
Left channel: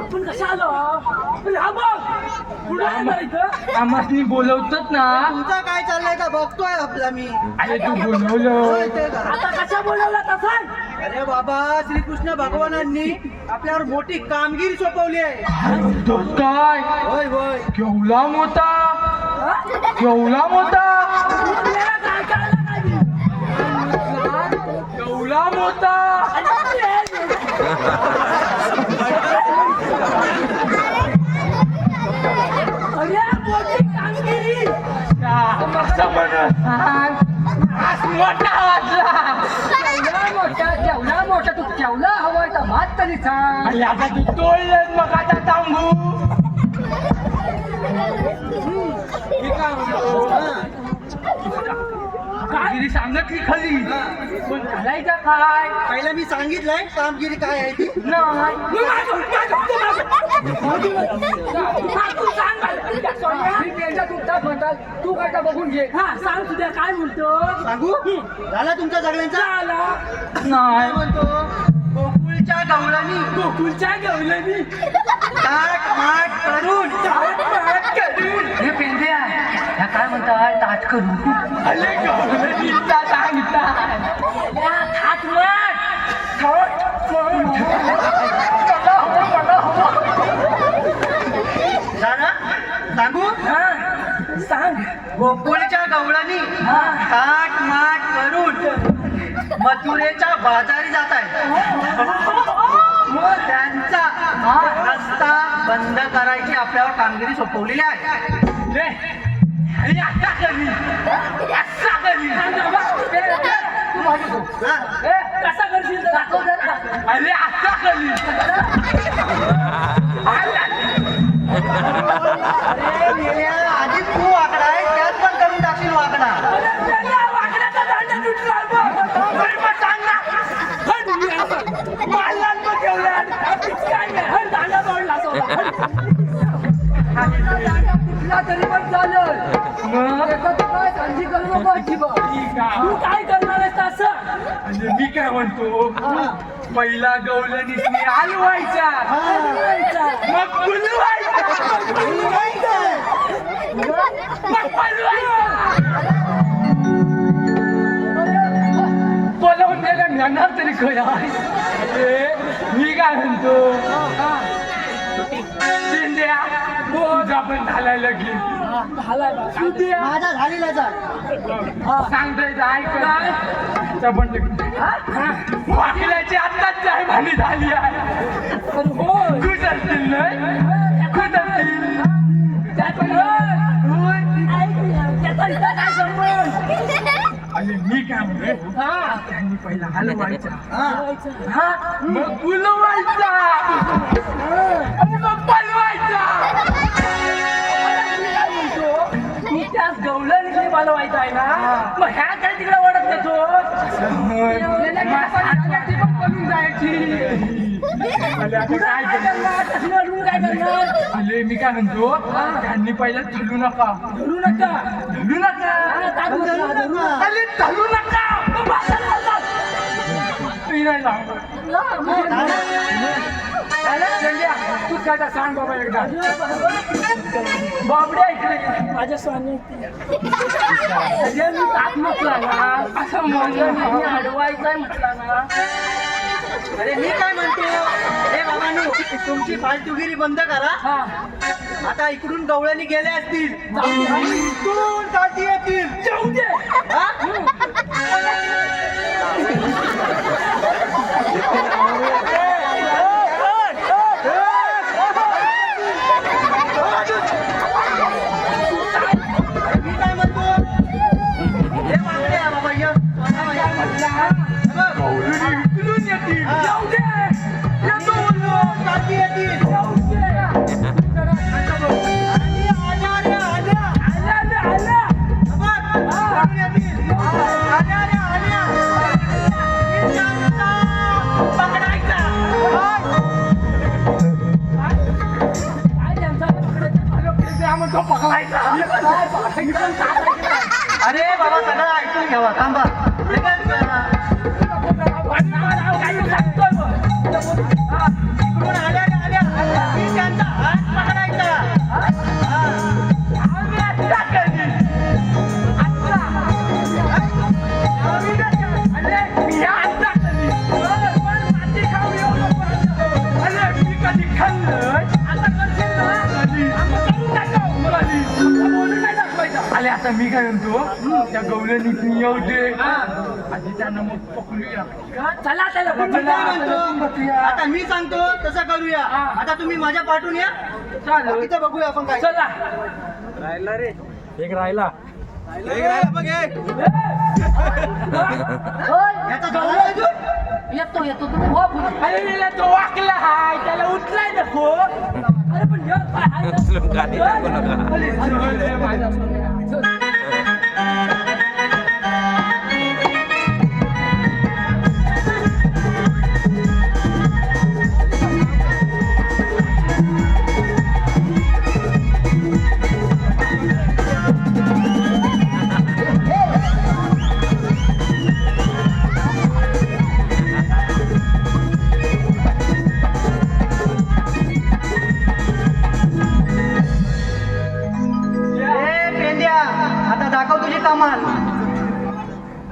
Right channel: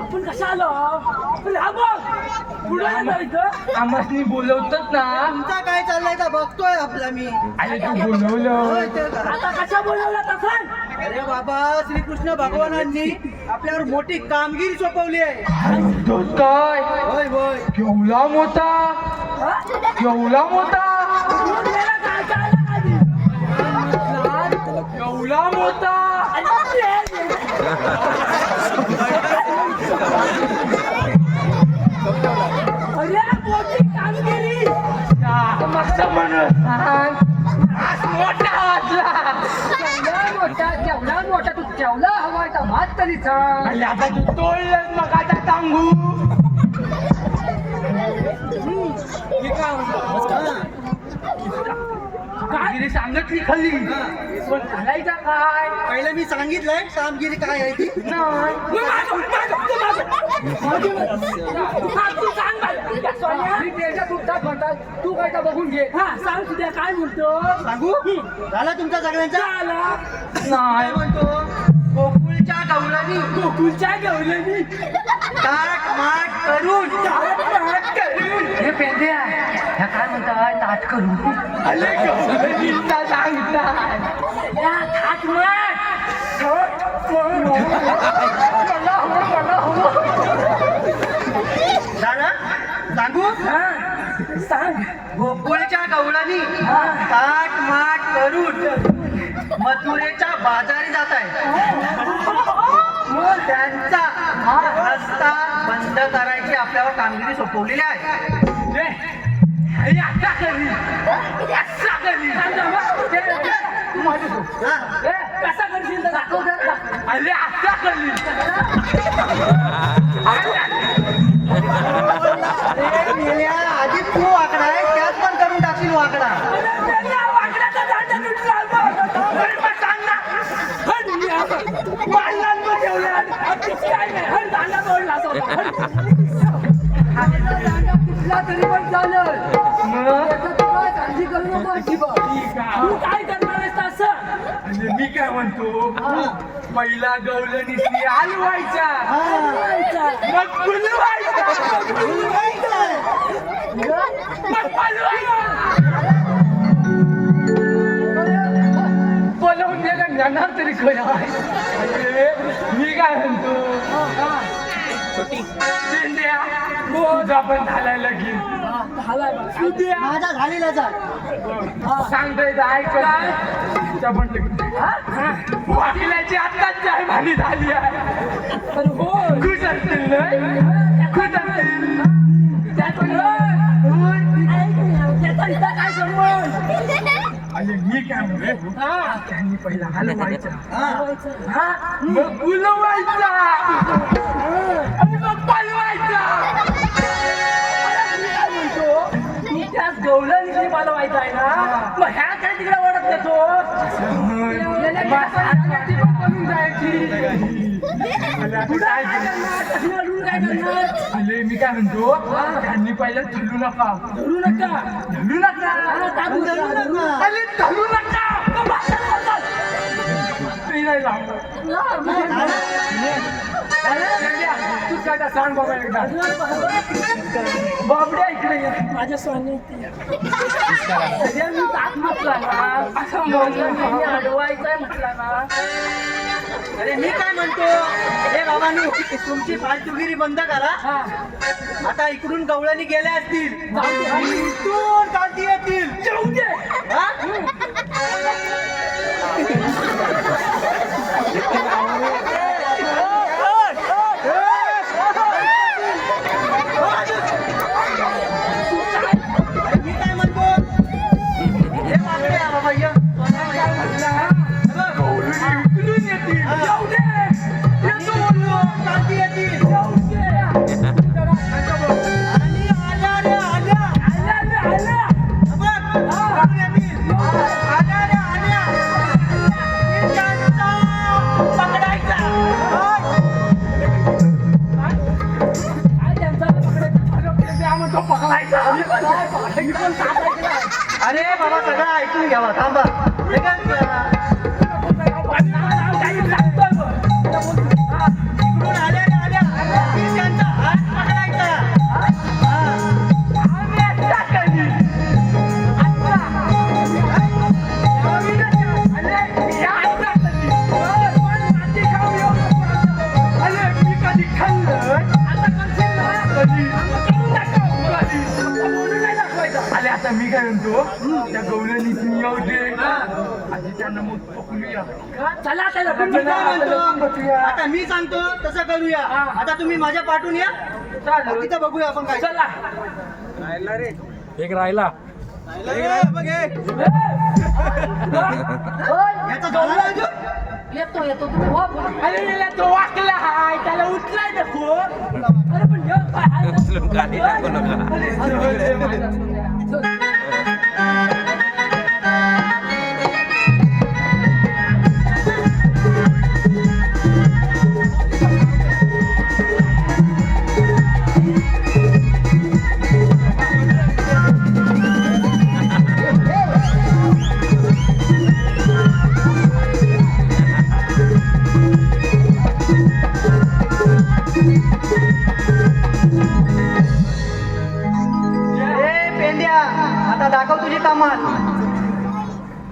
आपण कशा आलो पुढे जायचं आम्हाला बोलवतात ना. तुमचा काय चाललंय का बघतोय आपला मी. अरे तू बोलवलं होय, ते का? आता कशा बोलवला तसा. अरे बाबा श्रीकृष्ण भगवानांनी आपल्यावर मोठी कामगिरी सोपवली आहे. काय होय होय. केवढा मोठा केवढा मोठा केवढा मोठा अरे मोठी कामगिरी केवढा मोठा तू केवढा हवा का भात तरी सांग. आता तू तोडलंच मग आता सांगू. कामगिरी सांगितली खरी पण घालायचा काय. पहिलं मी सांगितलंय कामगिरी काय आहे ती. तू काय का बघून घे. हा सांग तुझ्या काय म्हणतो. सांगू झाला तुमचा सगळ्यांचा. नाही काय म्हणतो गोकुळच्या गवळणी गोकुळच्या गवळणी ताट माट करून हे पेंद्या ह्या काय म्हणतात ताट करू. अरे गवळणीचा सांगतात थाट माट झालं सांगू सांग. गोकुळच्या गवळणी ताट माट करून मथुरेच्या बाजारी जात आहे. त्यांचा रस्ता बंद करायची आपल्यावर कामगिरी सोपवलेली आहे. तू माझी तू हा? कसा करशील तर दाखव जरा. अरे आता करशील अरे मेल्या, आधीच तू वाकडा आहे त्यात पण करून टाकशील वाकडा. तरी पण चालेल. काय काळजी करू नको अजिबात. तू काय करणार आहेस असं. मी काय म्हणतो पहिला गवळणीसनी हलवायचा मग फुलवायचा मग पलवायचा. जाणार तरी काय. मी काय म्हणतो शिंद्या तुझा पण झालाय लगीन. माझा झालेलाच सांगतोय ऐकलाय पण लगीन वाकल्याची आत्ताच जाय भांडी झाली आहे. खुश असतील नाही खुश असतील. त्याचा काय संबंध. अरे मी काय म्हणते त्यांनी पहिला हलवायचा मग फुलवायचा आणि मग पलवायचा. तू त्याच गवळणीतली बनवायचा आहे ना मग ह्या काय तिकडे वाढत नाही बनून जायची. काय करणार. अरे मी काय म्हणतो त्यांनी पहिला धरू नका धरू नका धरू नका अरे धरू नका. तू काय सांग बाबा एकदा. बाबड्या इकडे माझ्या स्वामी मी ताक म्हटला ना असं म्हणलं अडवायचंय म्हटला ना. अरे मी काय म्हणतो हे बाबांनो तुमची फालतुगिरी बंद करा. आता इकडून गवळणी गेल्या असतील आणि इथून काढती येतील. जाऊ दे. हा? अरे मी काय म्हणतो हे मागते बाबा ये. काय म्हटला उचलून येतील. जाऊ दे. येतो म्हणून काढती येतील. जाऊ दे. आणि आल्या रे आल्या. आला आला बघ, काढून येतील. आल्या रे आल्या. मी त्यांचा पकडायचा. काय त्यांचा पकडायचा म्हणतो पकडायचा. अरे बाबा सगळं ऐकून घ्यावा थांबा हे काय विचारा? इकडून आल्या मी त्यांचा हात पकडायचा. मी काय म्हणतो त्या गवळणीत येऊ दे आधी त्यांना मग पकडूया. चला चला मी काय म्हणतो आता मी सांगतो तसं करूया. आता तुम्ही माझ्या पाठून या बाकीचं बघूया आपण काय. चला राहिला रे एक राहिला बघ याचा झाला अजून? येतो तुम्ही हो अरे तो वाकला हाय त्याला उचलाय नको अरे पण ह्यो पाय हाय ना. उचलून खाली टाकू नका पेंड्या आता दाखव तुझी कमाल.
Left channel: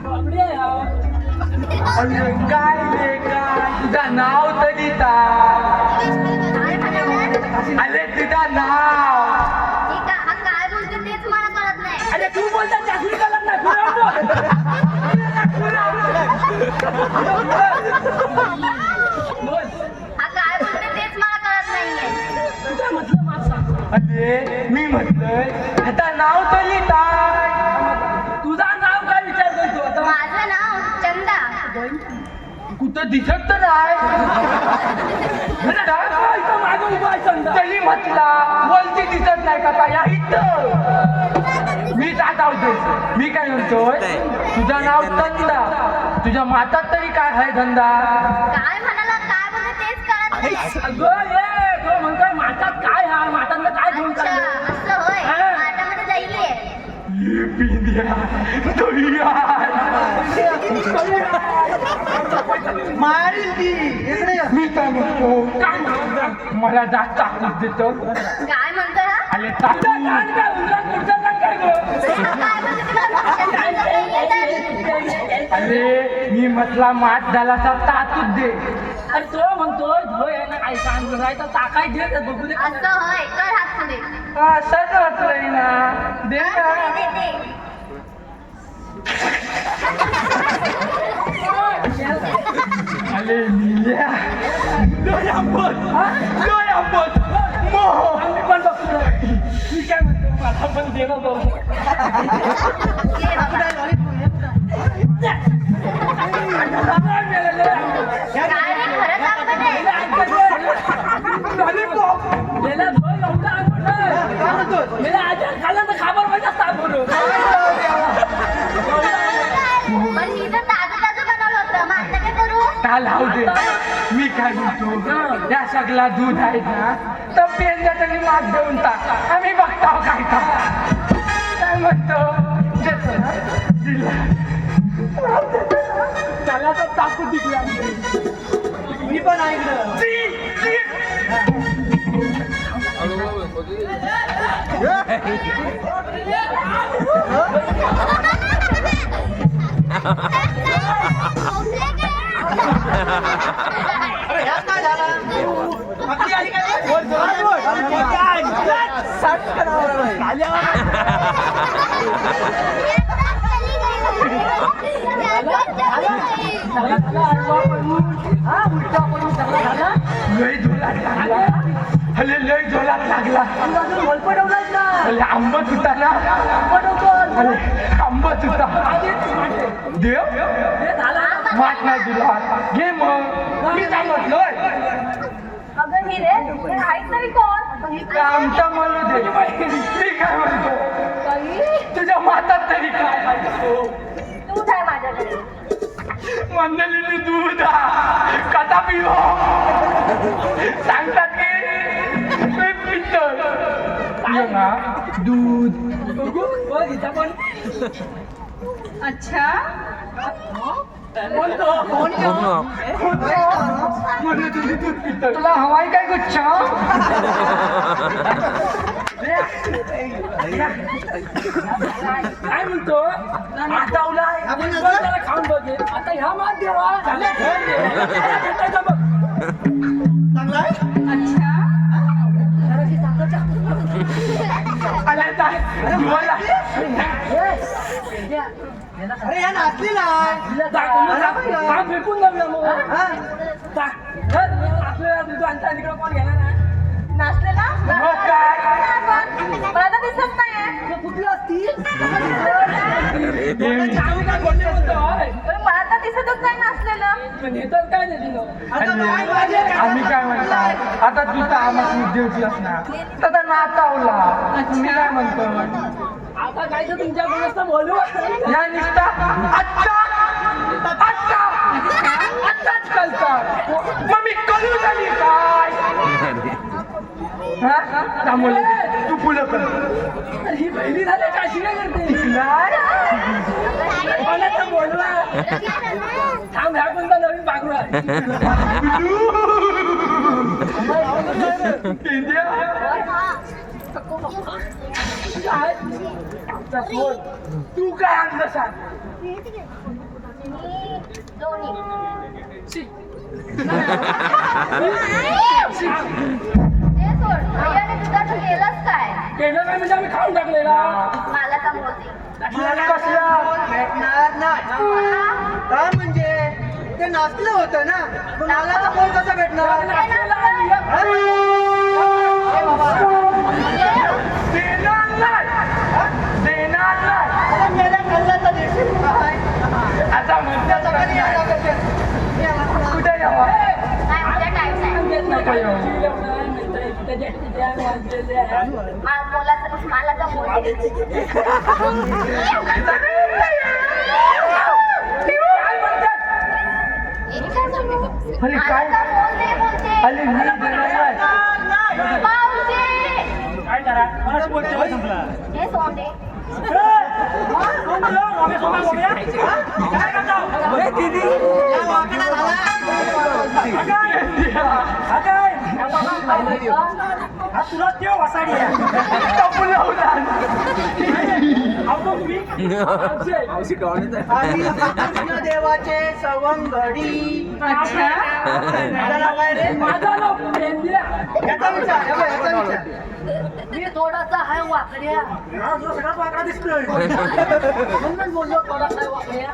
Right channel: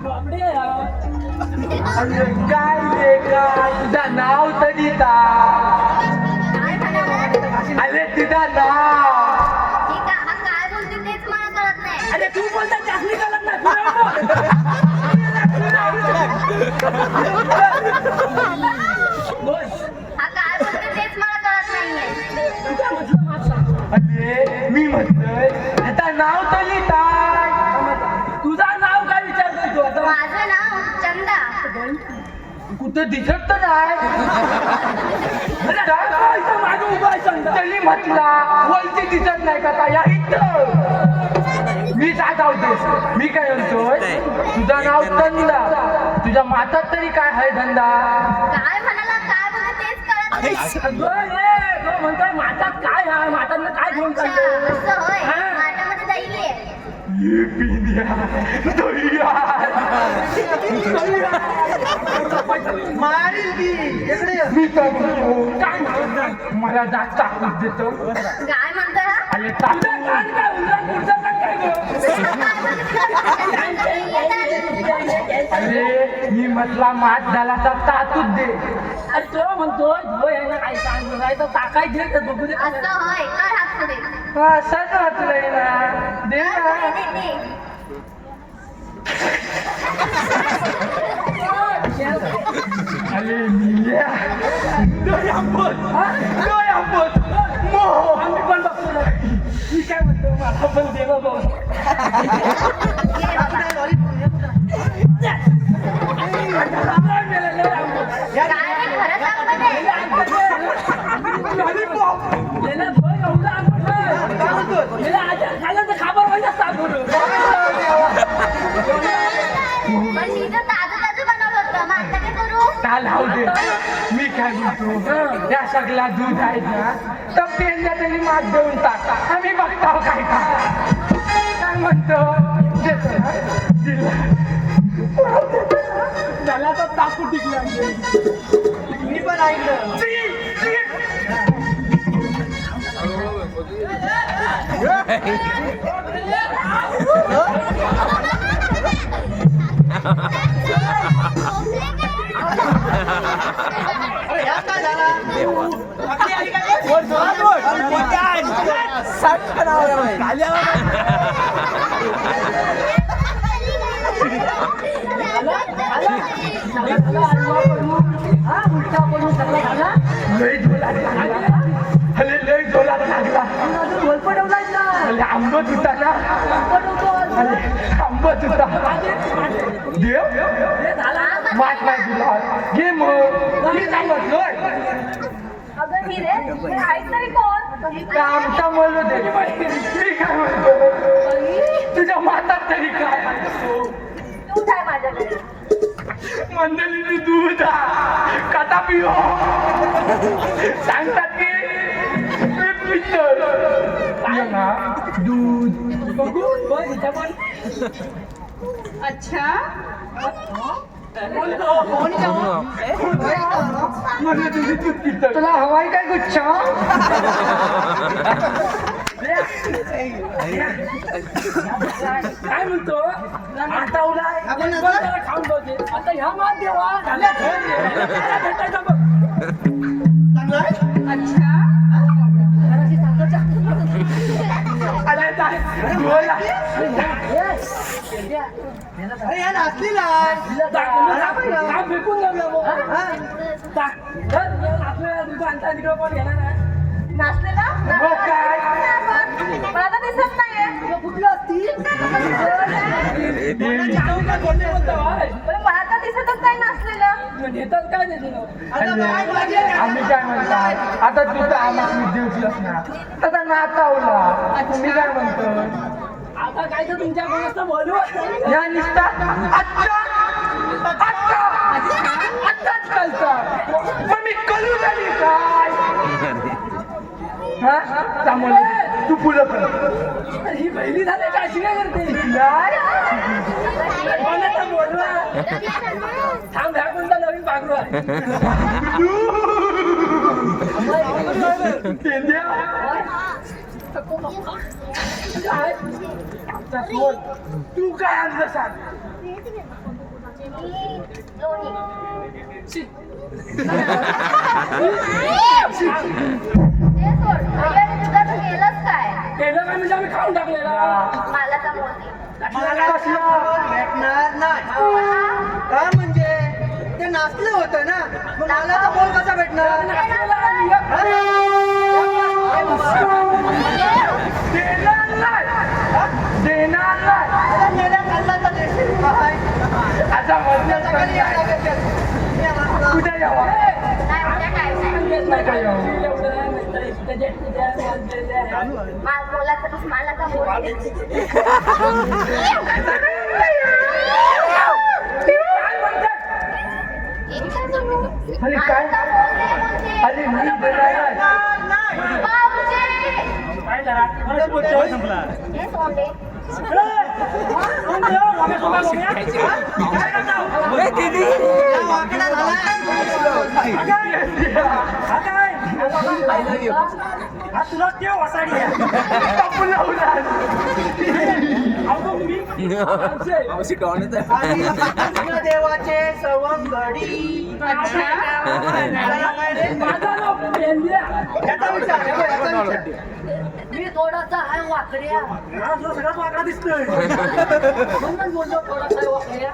बापरे यार. काय रे काय तुझं नाव तरी काय म्हणाला? अरे तुझं नाव हे काय बोलते तेच मला कळत नाही. अरे तू बोलता चाकरी कलत नाही बोल हा काय बोलते तेच मला कळत नाहीये. तू काय म्हटलं माझं अरे मी म्हटलंय आता नाव तरी काय तुझा नाव काय विचारतोय तू आता माझं नाव चंदा. कुठं दिसत तर नाही इथं मागं उभा आहे चंदा. तरी म्हटला वलती दिसत नाही का काय या इथं मी काय होते मी काय म्हणतोय तुझं नाव धंदा तुझ्या मातात तरी काय आहे धंदा काय म्हणाला काय बोलते तेच कळत नाही. अगं ये तो म्हणतोय माठात काय आहे माठातलं काय घेऊन अच्छा चाललं असं होय हा. माठामध्ये जाईल आहे. ये पिंड्या दह्या. मारील ती इकडे ये. मी काय म्हणतो मला जास्त ताकद देतो काय म्हणतो ना? अरे तुझं ताकद कान काय उंदरा पुढचं कान काय गं? अरे मी म्हटला मात झाला तर ताकद दे अरे तो म्हणतोय धो यायला काय सांग नाही तर टाकाय दे तर बघू दे असं होय कर हात पुढे. असंच म्हटलंय ना दे ना अरे मिया आम्ही पण बघतो ना. मी काय म्हणतो माझा पण देणं बघ. काय रे, खरं सांग म्हणे. पण मी तर ताजं बनवलं होतं मग आता काय करू? काल हाव दे मी काय म्हणतो त्या सगळा दूध आहे ना तर पेंड्या तरी मात देऊन टाक आम्ही बघतो काय काय म्हणतो देतो ना? दिलं. त्याला तर टाकू दिला मी पण ऐकलं. अरे ह्यात काय झाला? आपली आली काय? लय झोला लागला अरे लय झोला लागला अरे आंबट होता ना अरे आंबट होता देव मात नाही तुला घे मग मी काय म्हटलोय अगं ही रे हे आहेत तरी कोण आमचा म्हणू दे मी काय म्हणतो तुझ्या मातात तरी काय आहे? दूध आहे माझ्याकडे मंडळीने दूध कथा पिवा सांगतात की ते पितं. पिऊ ना दूध बघू बघ इथं पण अच्छा तुला हवाई काय गुच्छ काय म्हणतो आता उलाय आपण आता- त्याला खाऊन बघे आता ह्या मात देवा चांगला आहे? अच्छा अरे या नाचली नाही फेकून जमलं मग तिकडे कोण घेणार आहे नाचलेला मग काय मला तर दिसत नाहीये कुठला असती पण मला तर दिसतच नाही नाचलेलं नेतात काय नाही दिलं आता काय पाहिजे? आम्ही काय म्हणतो आता तू तर आम्हाला मुद्देवची असणार आता नाचावला तुम्ही काय म्हणतो आता काय तर तुमच्या कोणाचं बोलू या निष्ठा आत्ता आत्ताच कळता मग मी कळू झाली काय हा? चांगलं. तू पुलं कर ही पहिली झाली का अशी काय करते कोणाचं बोलवा थांब ह्या कोणता नवीन पाखरू आहे काय बोल. तू काय आणलं सांग शी. ते सोड अय्याने तुझं केलंच काय केलं काय म्हणजे आम्ही खाऊन टाकलेला मला तर मोदी मला कसलं भेटणार नाही का म्हणजे ते नाचलं होतं ना मग मला तर बोल कसं भेटणार नाचलेला आणि एक देणार नाही देणार नाही अरे मेल्या खाल्ल्याचं देशील काय? आता त्याचं कधी यायला लागेल? मी वाचला. उद्या यावं नाही उद्या टाइम नाही येत नाही काय मला तर मोदी अरे काय अरे मी बोलायला काय करा हे सोंडे या वाकडा झाला. तुला ते वसाडी आणि कृष्ण देवाचे सवंगडी त्याला काय रे? माझा नाव पेंड्या याचा विचार हे बघ, याचा विचार मी थोडासा हाय वाकड्या हा, तुला सगळ्यात वाकडा दिसतोय म्हणून बोललो थोडासा हाय वाकड्या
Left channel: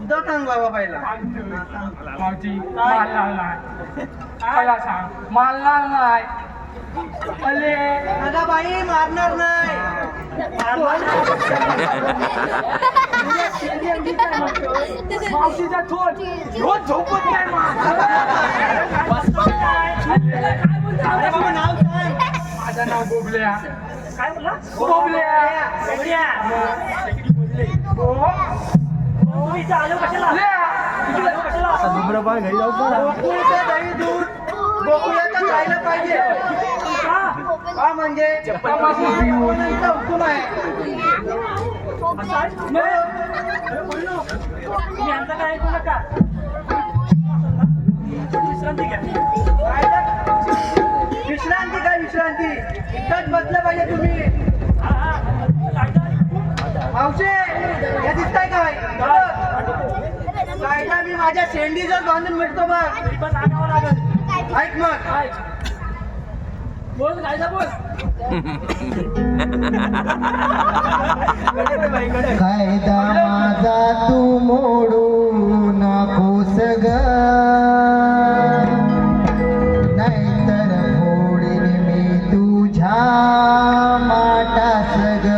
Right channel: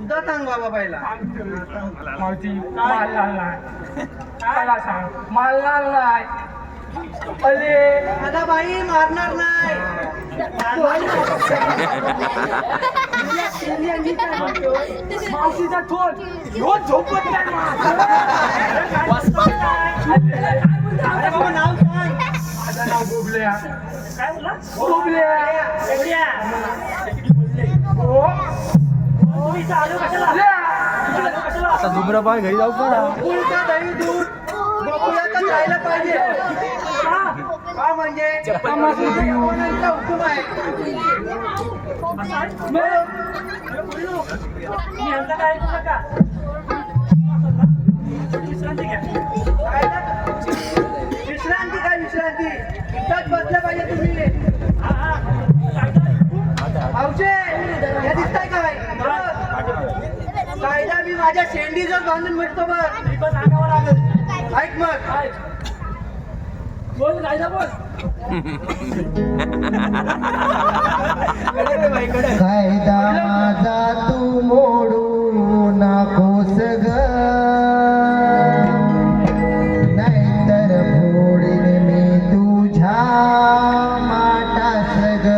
तुझं सांग बाबा पहिला मावची मला नाही काय सांग मला नाही अरे अगं बाई मारणार नाही मावशीचा थोड रोज झोपत नाही काय अरे नाव सांग माझं नाव बोबल्या काय बोला बोबल्या तुम्ही इथं आलो कशाला धुम्रपान घरी जाऊ का गोकुळचं दही दूध गोकुळात जायला पाहिजे का म्हणजे भगवानांचा हुकूम आहे मी यांचा काय ऐकू नका विश्रांती घ्या काय रे? विश्रांती काय विश्रांती इथंच बसलं पाहिजे तुम्ही मावशे हे दिसताय काय कायदा मी माझ्या शेंडीचाच बांधून मिळतो बघ ऐक मग बोल कायदा बोल कायदा माझा तू मोडू नकोस ग नाहीतर फोडीन मी तुझ्या माटास ग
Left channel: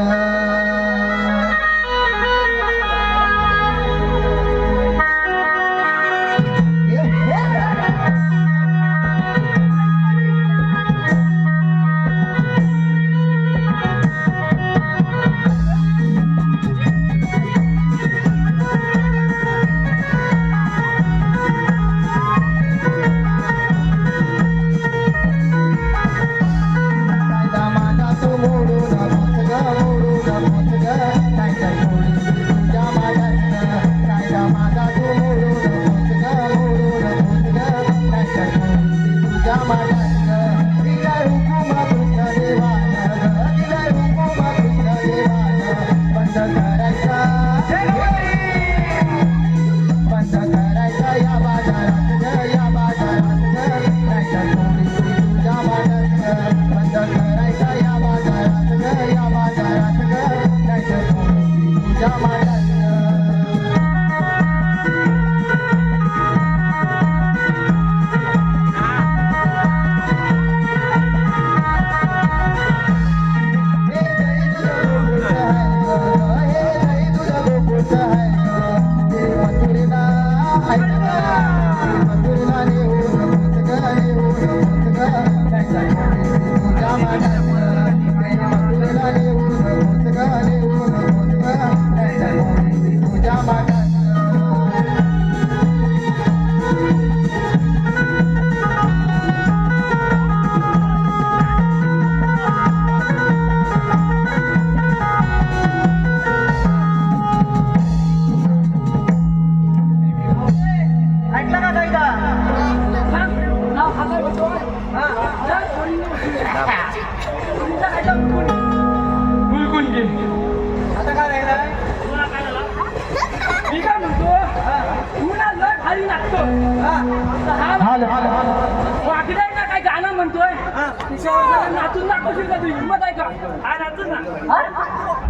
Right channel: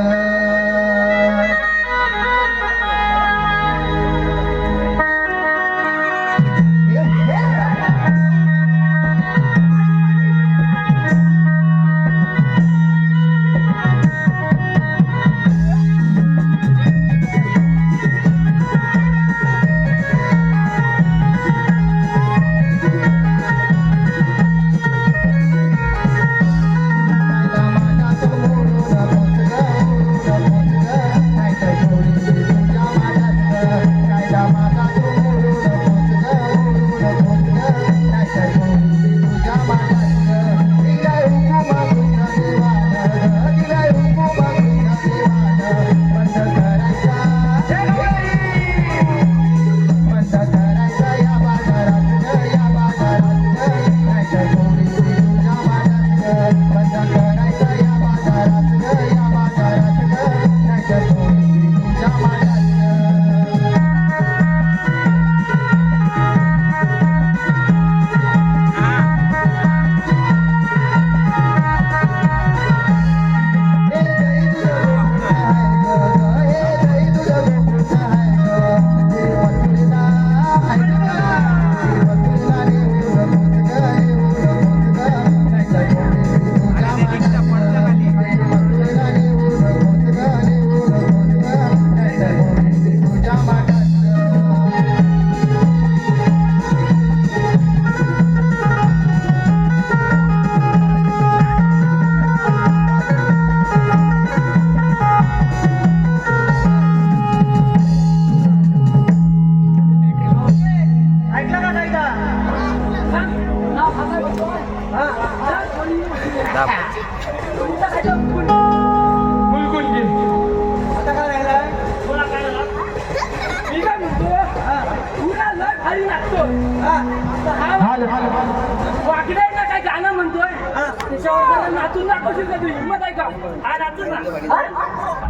वाकडा आहे ना काय गाणं म्हणतोय त्याच्यावर जरा नाचून दाखवशील का तुझी हिंमत आहे का हा नाचून ना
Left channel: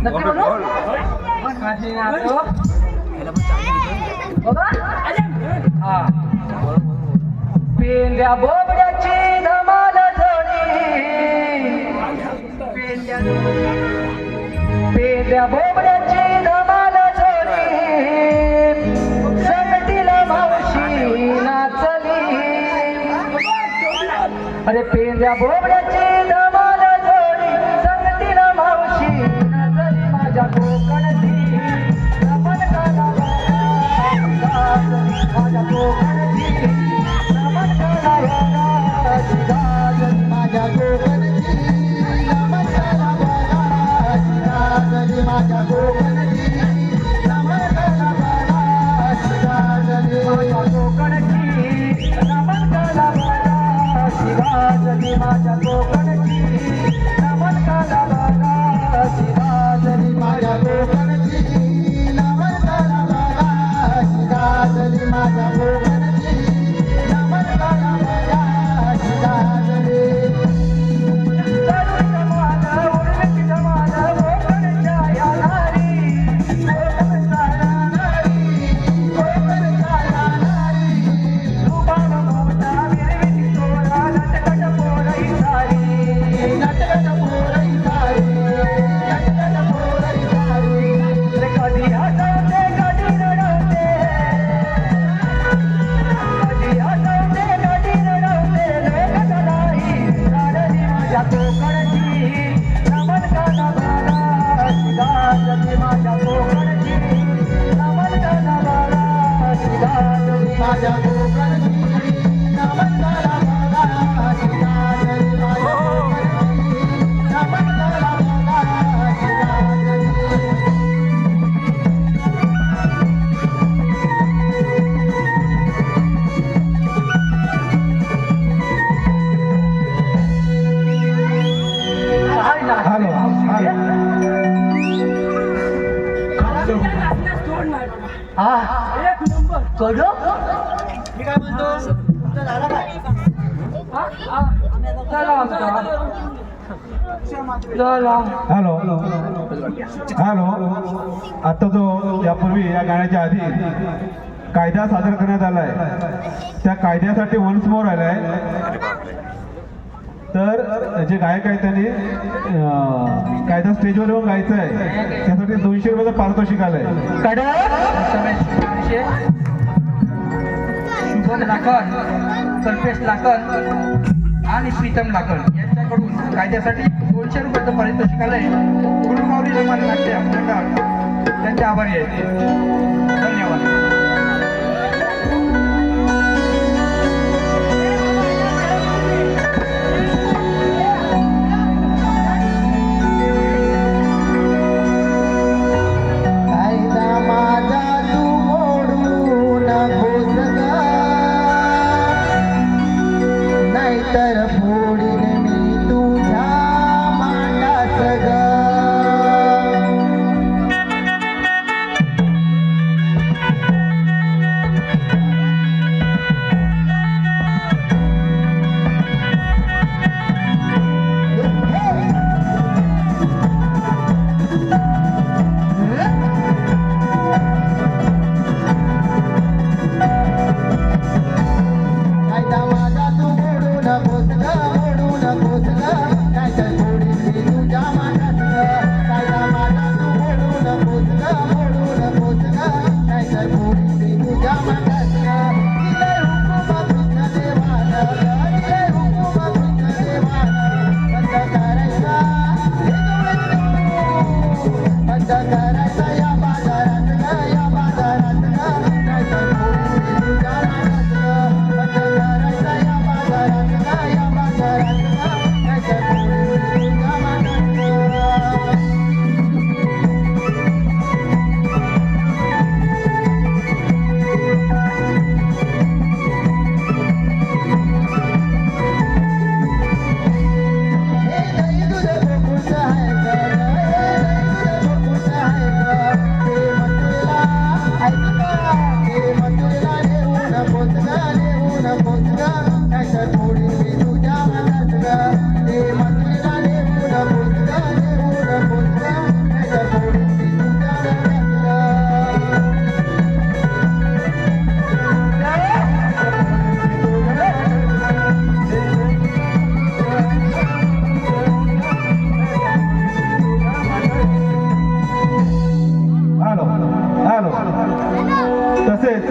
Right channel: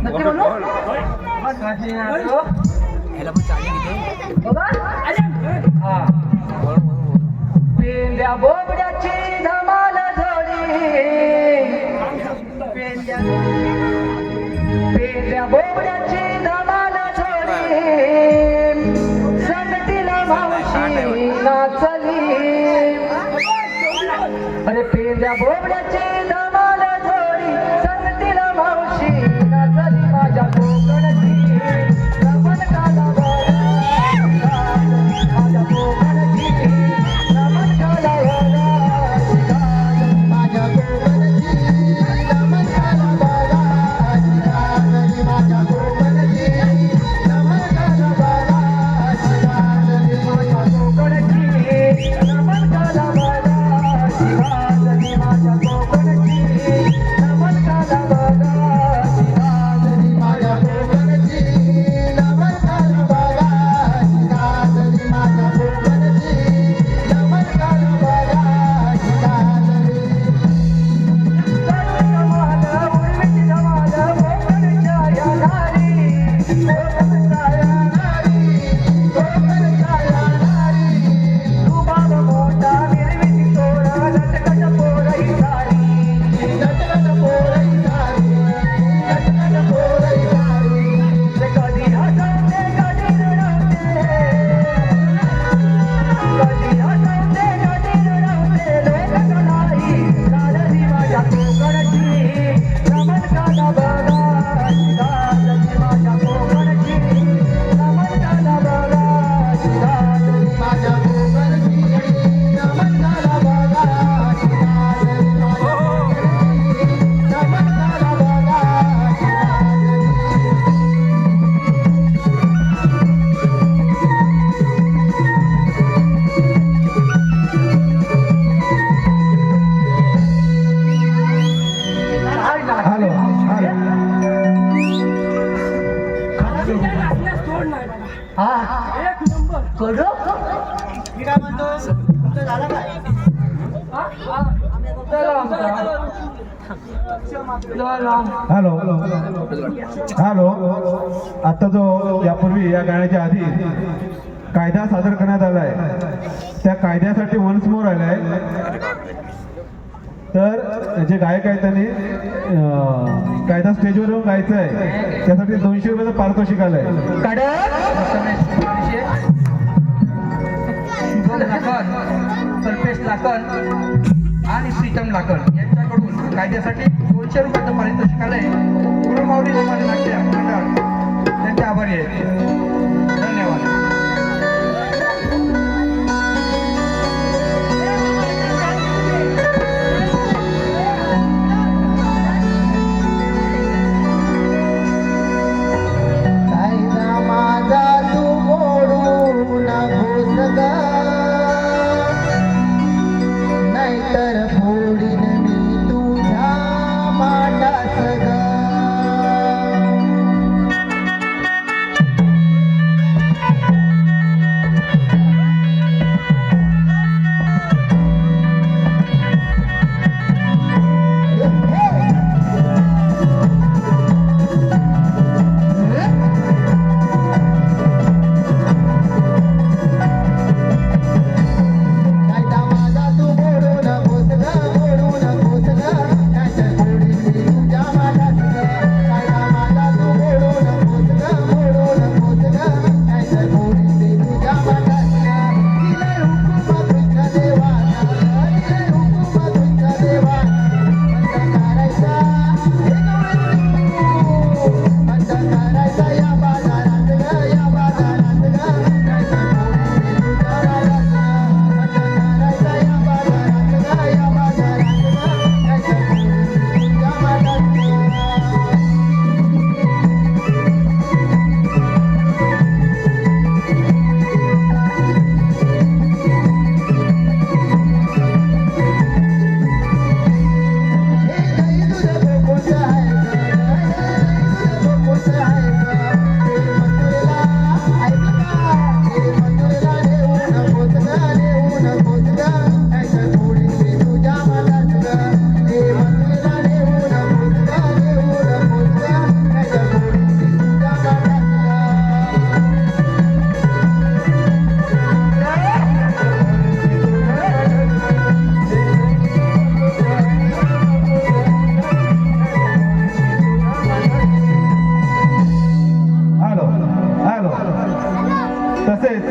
नक्की म्हणू होय. कशी नाचू? बघा हा. पेंद्या बोबड्याची धमाल जोडी पेंद्या बोबड्याची धमाल जोडी संगतीला मावशी नाचली अरे पेंद्या बोबड्याची धमाल जोडी संगतीला मावशी नाचली माझ्या कोकणची रमण काला बाळा माझ्या कोकणची रमण काला बाळा माझ्या कोकणची रमण काला बाळा माझ्या कोकणची रमण काला बाळा माझ्या कोकणची रमण काला बाळा शिवाजी माझ्या कोकणची रमण काला बाळा शिवाजी माझ्या कोकणची रमण काला बाळा शिवाजी माझ्या कोकणची रमण काला बाळा हॅलो हॅलो सोड नाही बघा एक नंबर कडू मी काय म्हणतो तुमचं झालं काय हॅलो हॅलो आता जो यापूर्वी या गाण्याच्या आधी कायदा सादर करण्यात आलाय त्या कायद्यासाठी वन्स मोर आलाय तर जे गायक आहेत त्यांनी कायदा स्टेजवर येऊन गायचं आहे त्यासाठी 200 रुपयाचा पारितोषिक आलंय शुभन लाकण कल्पेश लाकण आणि प्रीतम लाकण यांच्याकडून कायद्यासाठी 200 रुपयाचं पारितोषिक आलंय गुरुमाऊली निर्माण नाट्य मंडळ त्यांचे आभारी आहेत धन्यवाद कायदा माझा तू मोडू नकोस ग नाहीतर फोडीन मी तुझ्या मांडास ग आलो. तसेच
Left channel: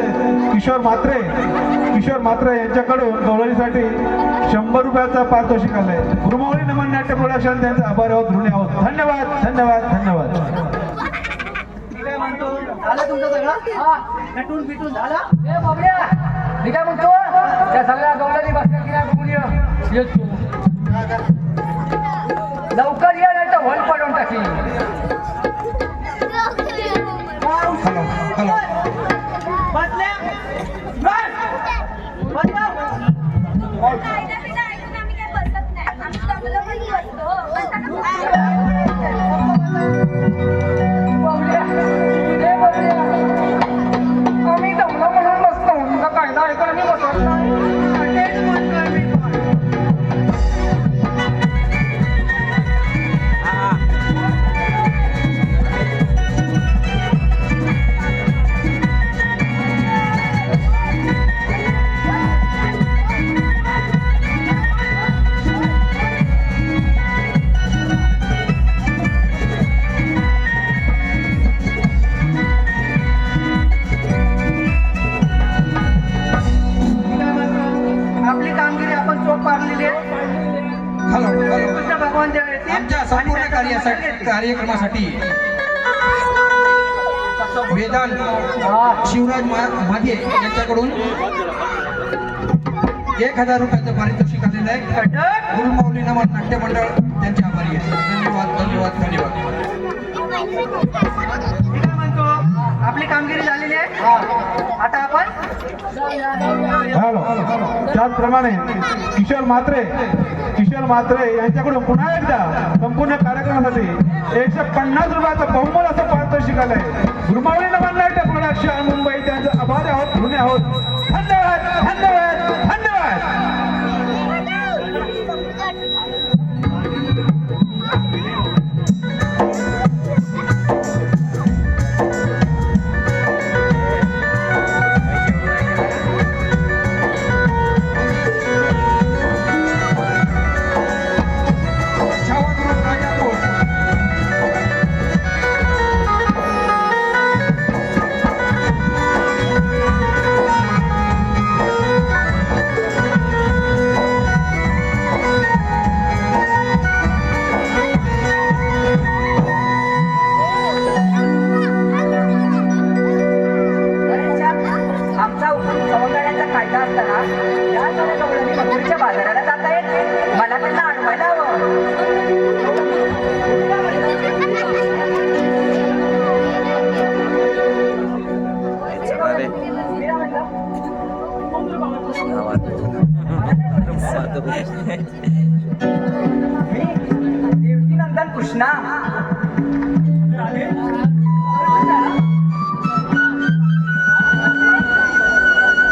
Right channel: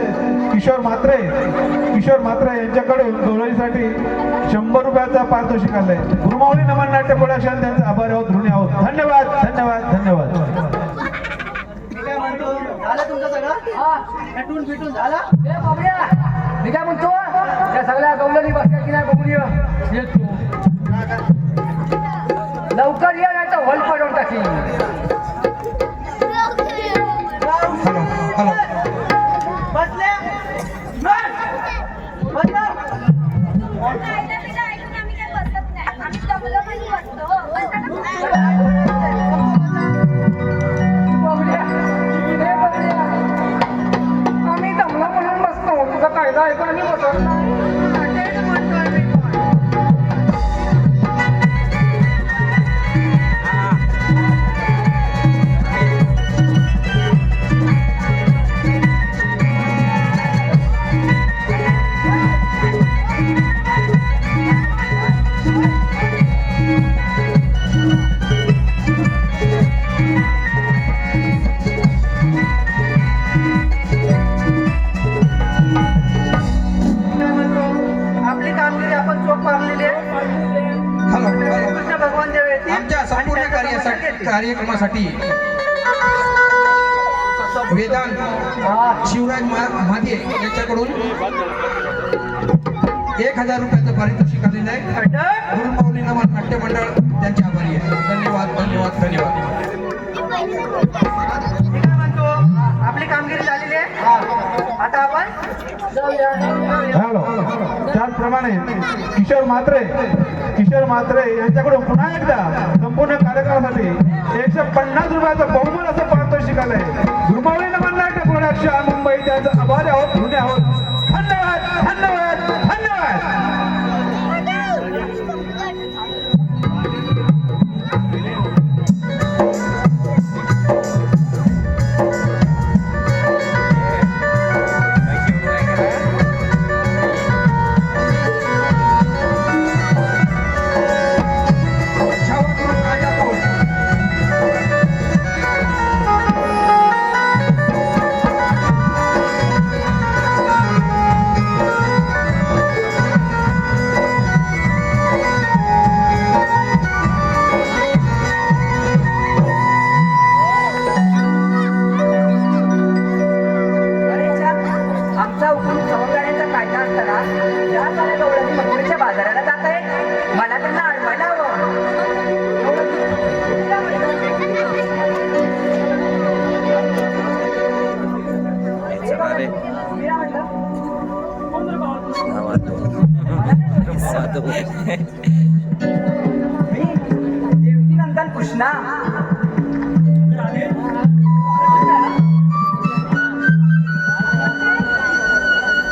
किशोर म्हात्रे यांच्याकडून गवळणीसाठी 100 रुपयाचं पारितोषिक आलंय. गुरुमाऊली नमन नाट्य प्रोडक्शन त्यांचे आभार आहोत, ऋणी आहोत. धन्यवाद धन्यवाद धन्यवाद. मी काय म्हणतो, झालं तुमचं सगळं नटून पिटून झालं? ए बाबड्या, मी काय म्हणतो त्या सगळ्या गवळणी बसल्या की नाही बघूया येतो लवकर ये नाही तर हॉल पडून टाकी. बसले खायला पिला ऐकून आम्ही काय बसत नाही. आम्ही दमलो म्हणून बसतो. बाबड्या, ए बाबड्या, आम्ही दमलो म्हणून बसतो. तुझं कायदा ऐकून आम्ही बसत नाही. तेच म्हणतोय मी पण. हा मी काय म्हणतो, आपली कामगिरी आपण चोख पाडलेली आहे. कृष्ण भगवान जेव्हा येतील आमच्या संपूर्ण कार्यक्रमासाठी वेदांत शिवराज महागे यांच्याकडून 1000 रुपयाचं पारितोषिक आलेलं आहे. गुरुमाऊली नमन नाट्य मंडळ त्यांचे आभारी आहे. धन्यवाद धन्यवाद धन्यवाद. मी काय म्हणतो, आपली कामगिरी झालेली आहे. आता आपण त्याचप्रमाणे किशोर म्हात्रे यांच्याकडून पुन्हा एकदा संपूर्ण कार्यक्रमासाठी 150 रुपयाचं बहुमोल असं पारितोषिक आलंय. गुरुमाऊली नमन नाट्य प्रोडक्शन मुंबई त्यांचं आभारी आहोत, ऋणी आहोत. धन्यवाद धन्यवाद धन्यवाद. पैसे उडवाय करा. आमचा हुकूम समुदायाचा काढला असताना या साऱ्या गवळणी मथुरेच्या बाजाराला जात आहेत. मला त्यांना अडवायला चला रे मी देवकीनंदन कृष्णा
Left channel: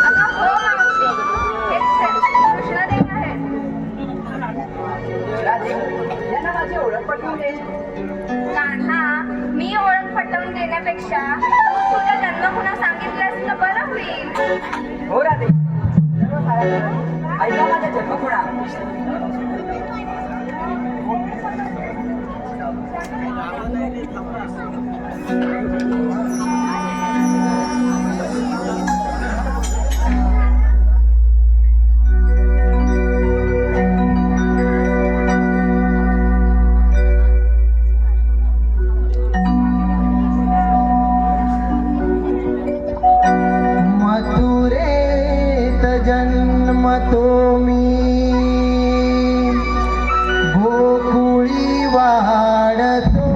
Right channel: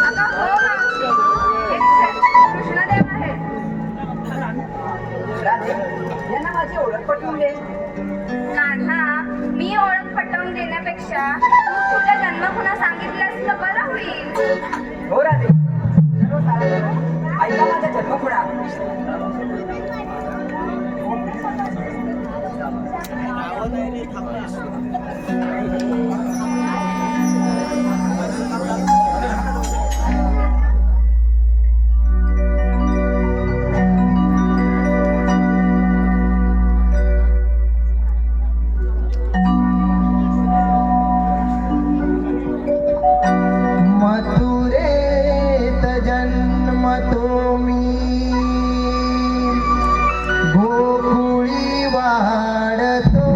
अगं हो मावशी, हे कृष्णदेव आहेत. राजे यांना माझी ओळख पटवून दे. कान्हा, मी ओळख पटवून देण्यापेक्षा तू तुझा जन्म पुन्हा सांगितल्यास तर बरं होईल. हो राजे, ऐका माझा जन्म खुणा. मथुरेत जन्मतो मी, गोकुळी वाढतो.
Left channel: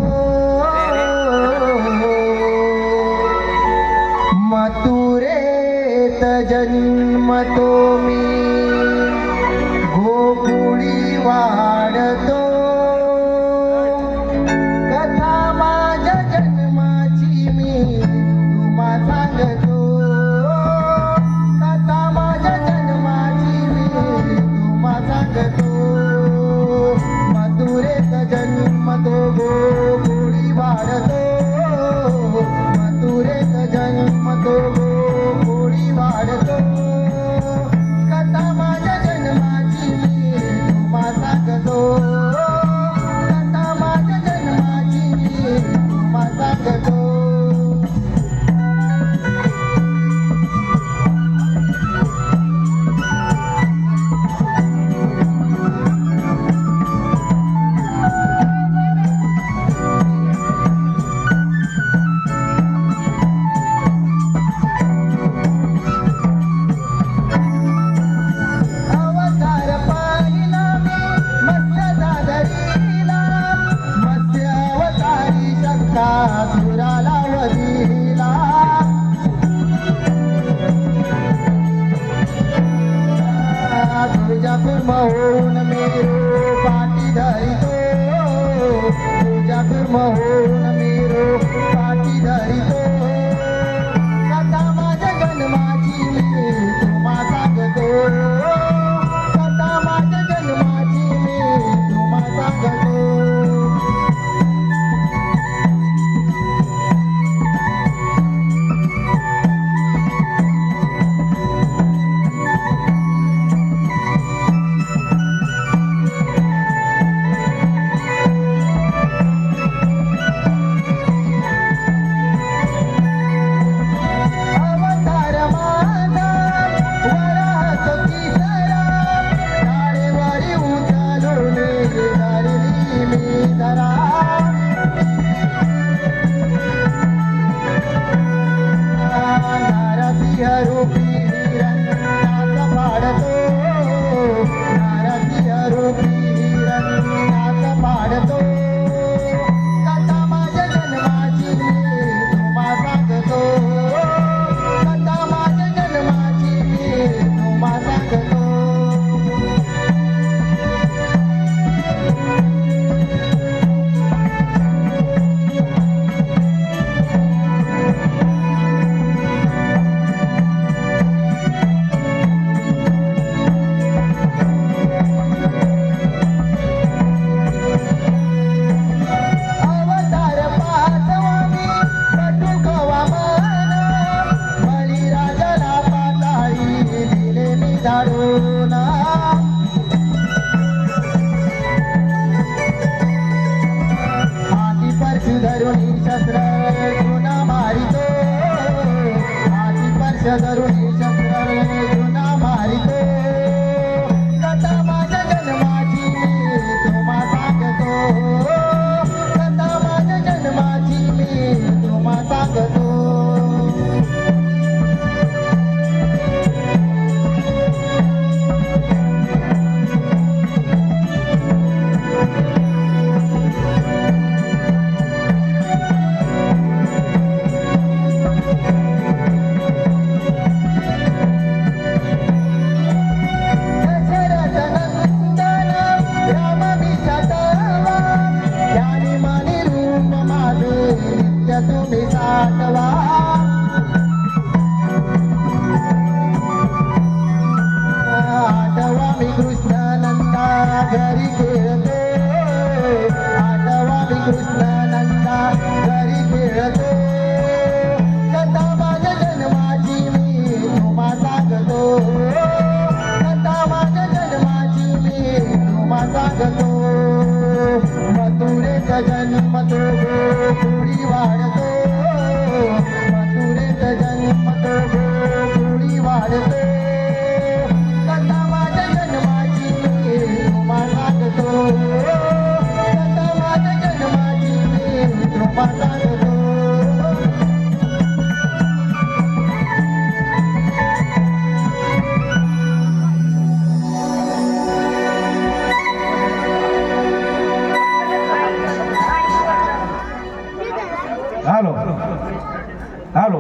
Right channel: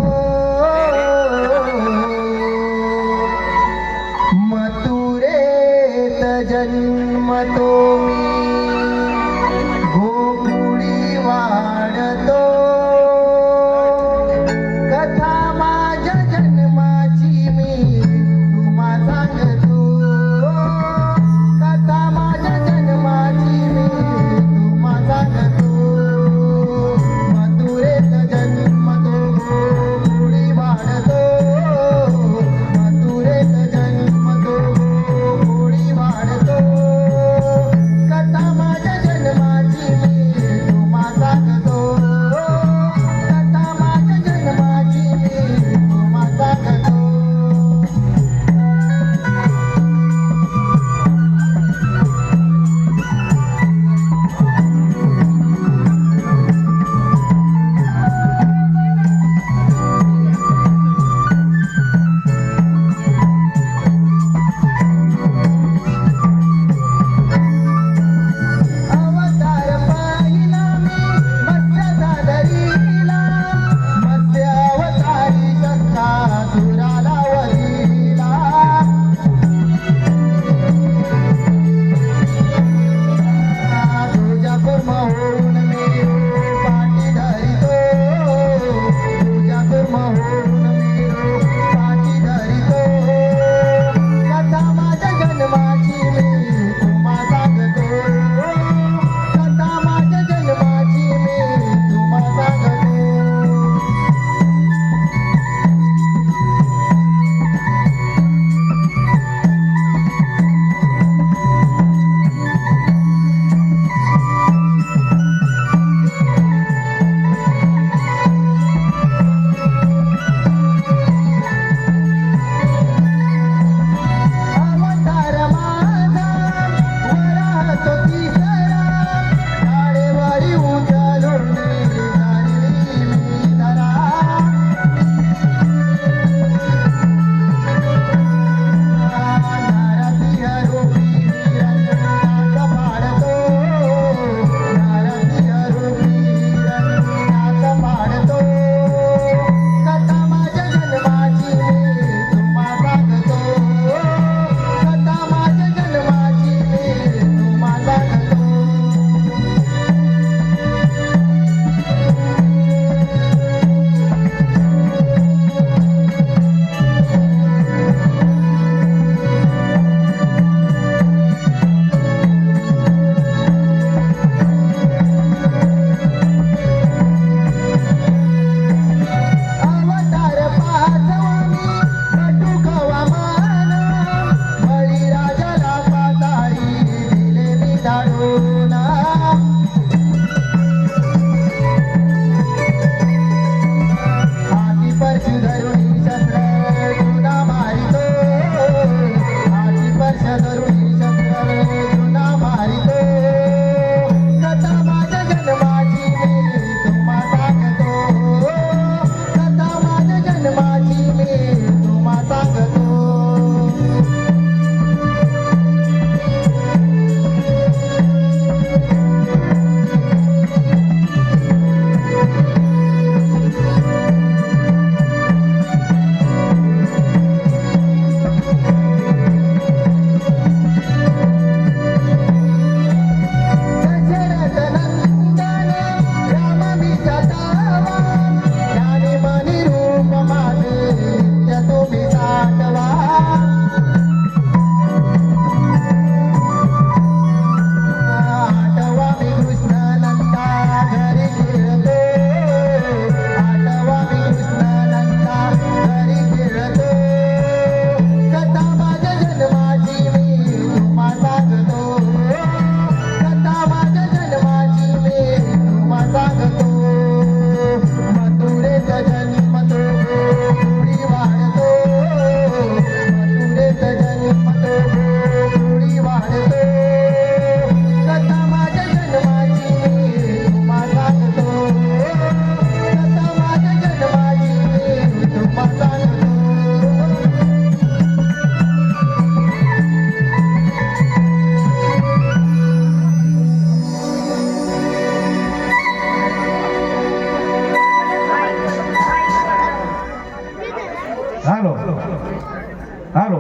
हॅलो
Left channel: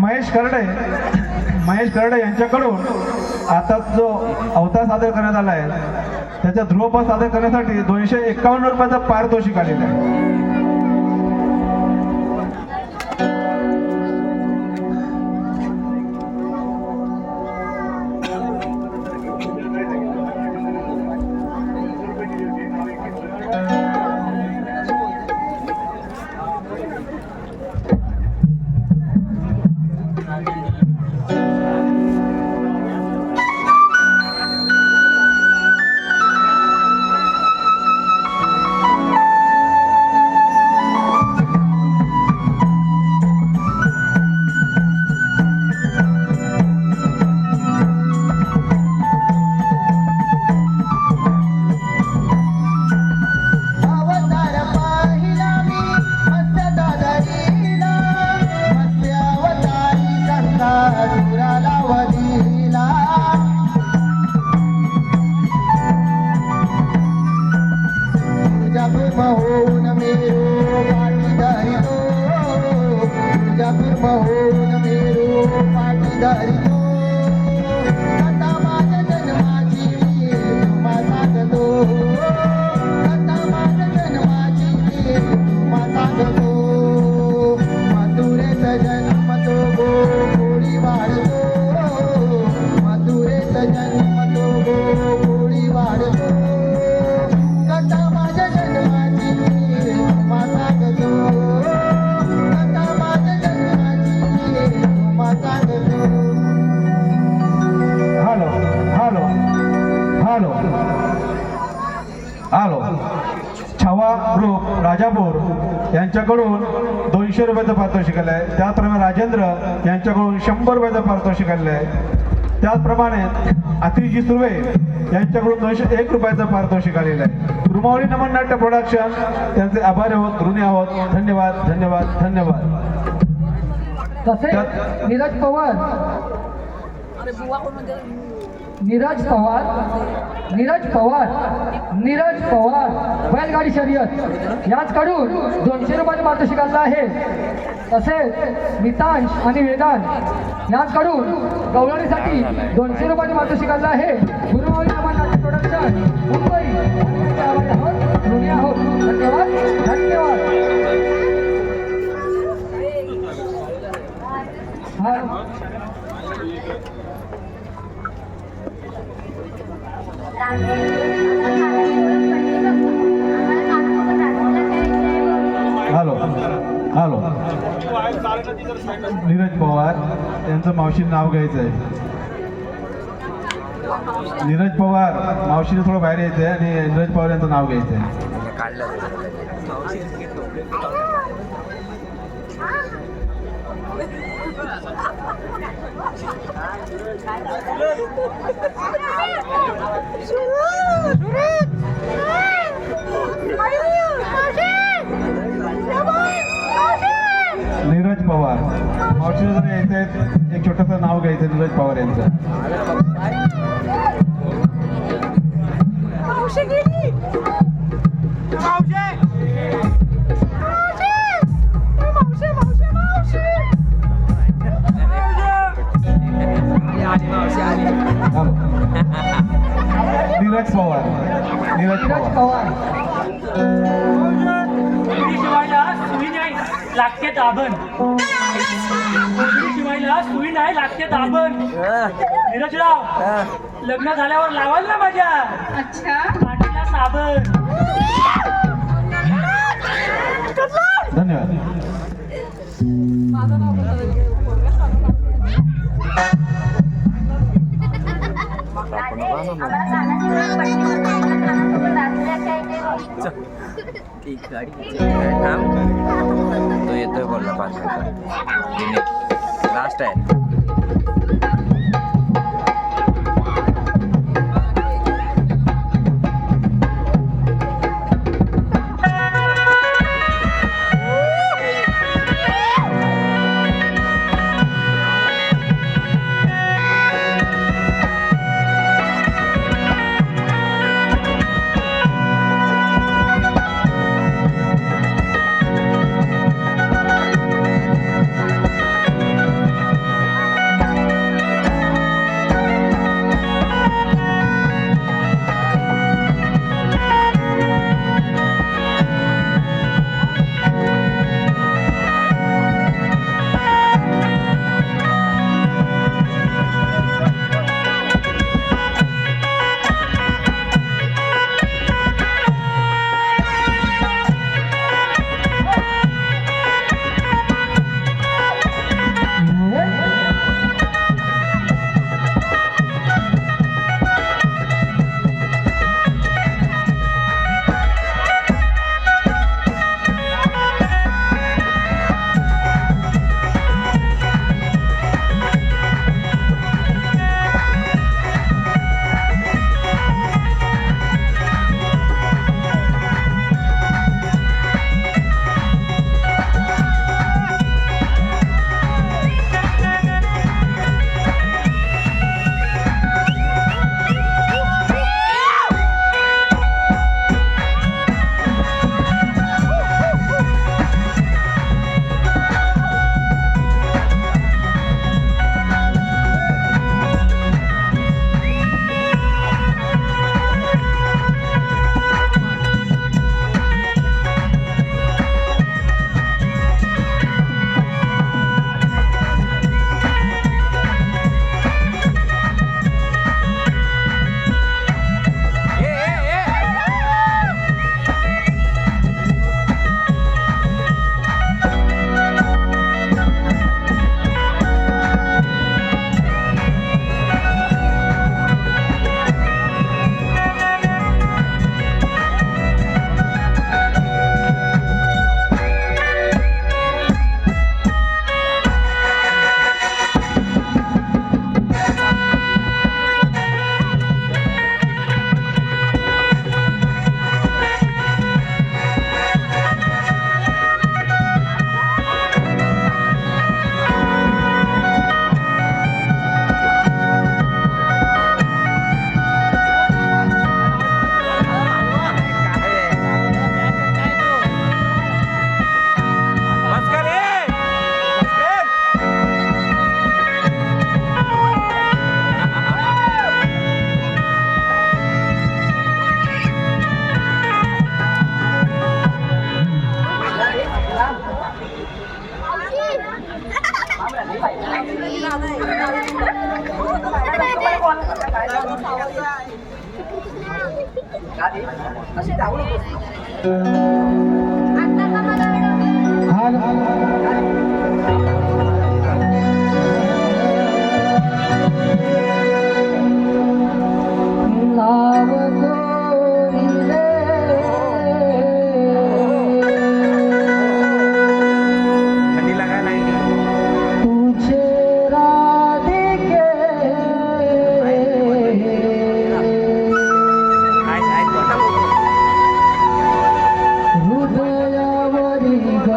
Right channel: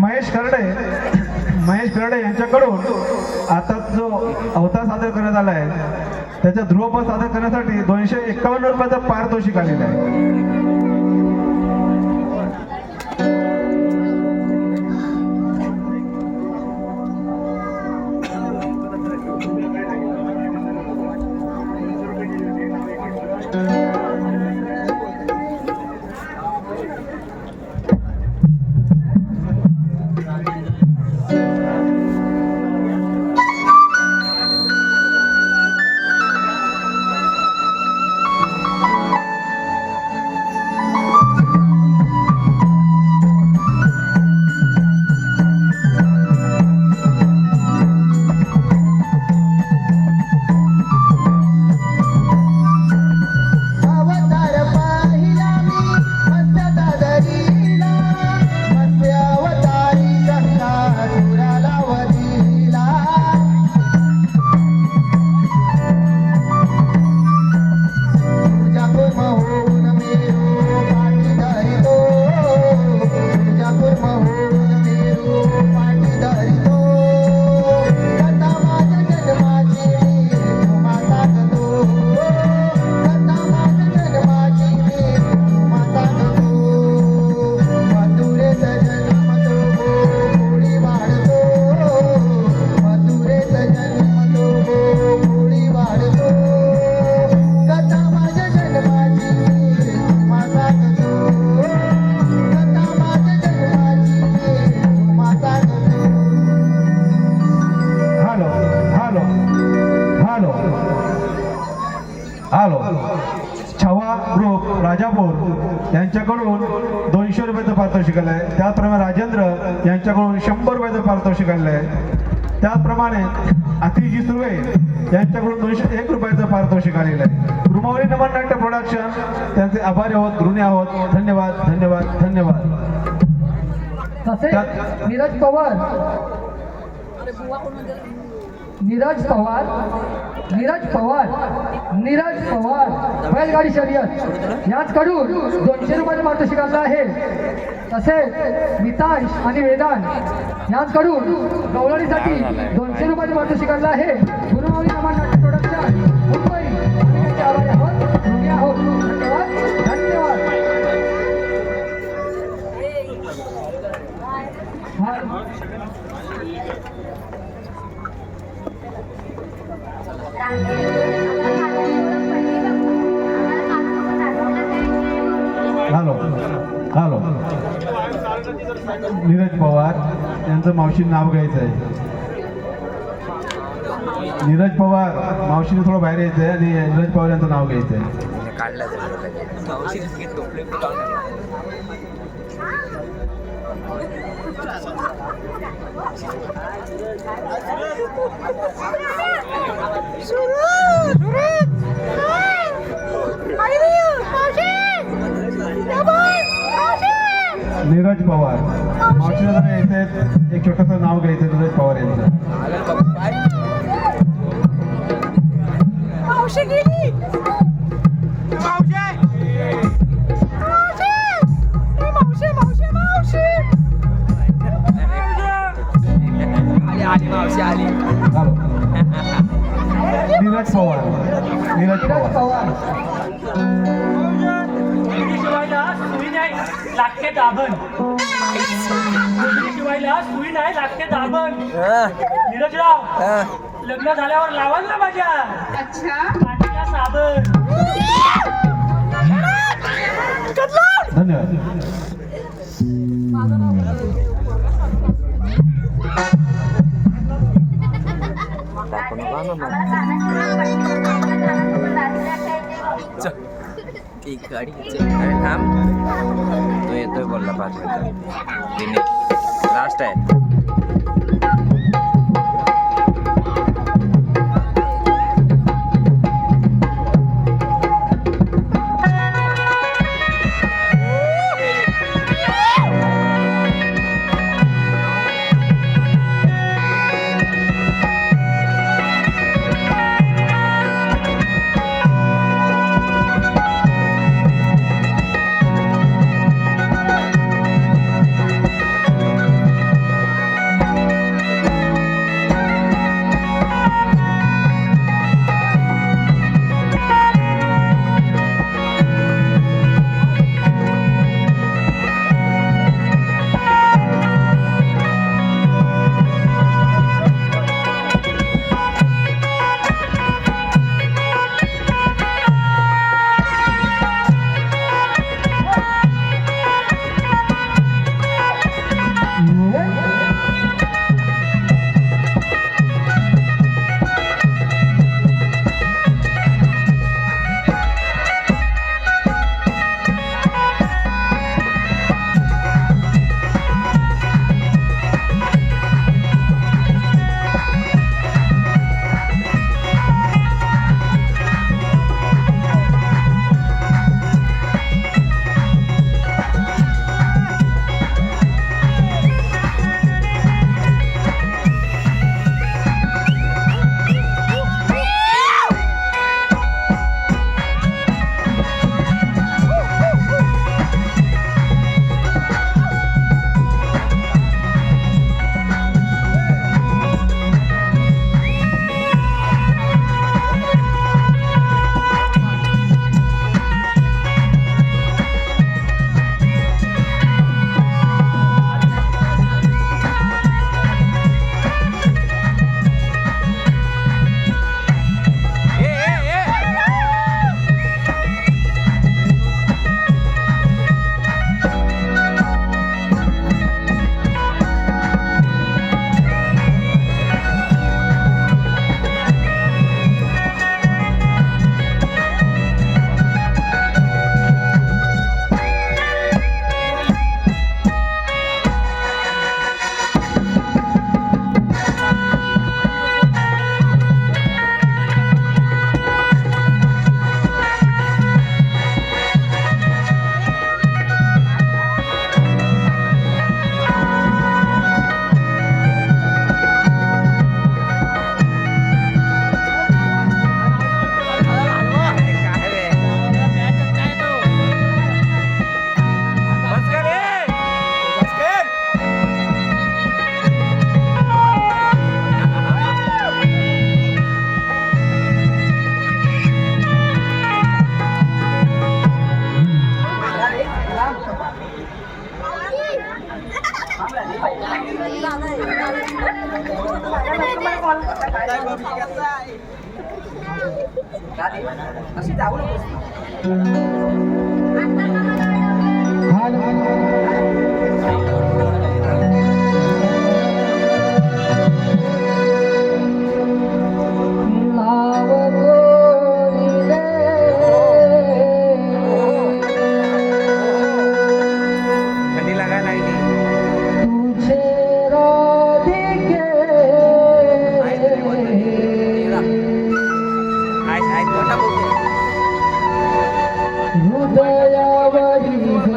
महेश खर्डे यांच्याकडून आता जो अवतार सादर करण्यात आला आहे त्याचा ध्रुवपद सादर करण्यासाठी 251 रुपयाचं पारितोषिक आलेलं आहे. यांच्याकडून 200 रुपयाचं पारितोषिक आलं आहे. त्याचप्रमाणे राजेंद्र यांच्याकडून 100 रुपयाचं पारितोषिक आलेलं आहे. त्याचप्रमाणे अतिजी सुर्वे यांच्याकडून 201 रुपयाचं पारितोषिक आलेलं आहे. रुमावली नमन नाट्य प्रोडक्शन त्यांचे आभारी आहोत, ऋणी आहोत. धन्यवाद धन्यवाद धन्यवाद. तसे नीरज पवार बैलगाडी शर्यत याचकडून 200 रुपयाचं पारितोषिक आलं आहे. तसेच मितांश आणि वेदांत याचकडून गवळणीसाठी 200 रुपयाचं पारितोषिक आलं आहे. गुरुवारी आपण नाट्य प्रोडक्शन मुंबई आभारी आहोत, ऋणी आहोत. धन्यवाद धन्यवाद. हॅलो हॅलो नीरज पवार यांचं मावशीने नाव घ्यायचं आहे. नीरज पवार मावशीने थोडं बाहेर यायचं आहे आणि नीरज पवार यांचं नाव घ्यायचं आहे. काढलं नीरज पवार मावशीला जरा यायचं आहे, एक छोटंसं नाव घ्यायचं नीरज पवार यांचं. नीरज पवार शिवायला सुई नाही लागते दाबण. शिवायला सुई नाही लागते दाबण. नीरजराव लग्न झाल्यावर लावाल ना माझ्या पाठीला साबण. धन्यवाद. अरे थांब, तो येतोय बोलला 5 मिनिटात. दिनेश लास्ट आहे. राधे, अशी जाऊ नकोस. आता का मला अडवलं? थंडी लागायला लागली. आहेत कोणता हृदयावरी ग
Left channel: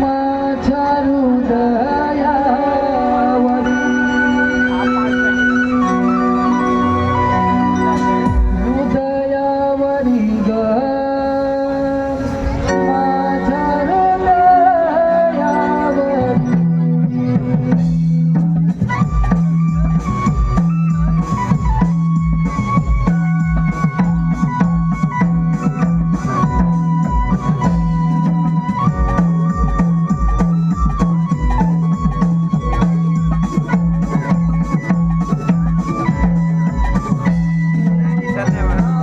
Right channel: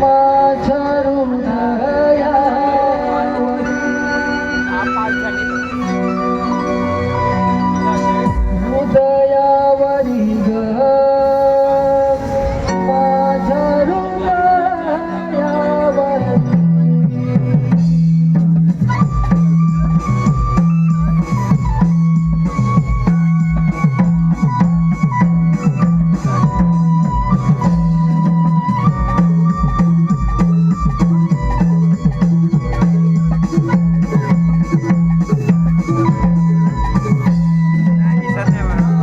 माझ्या हृदयावरी ग माझ्या हृदयावरी दिसत नाही बरोबर.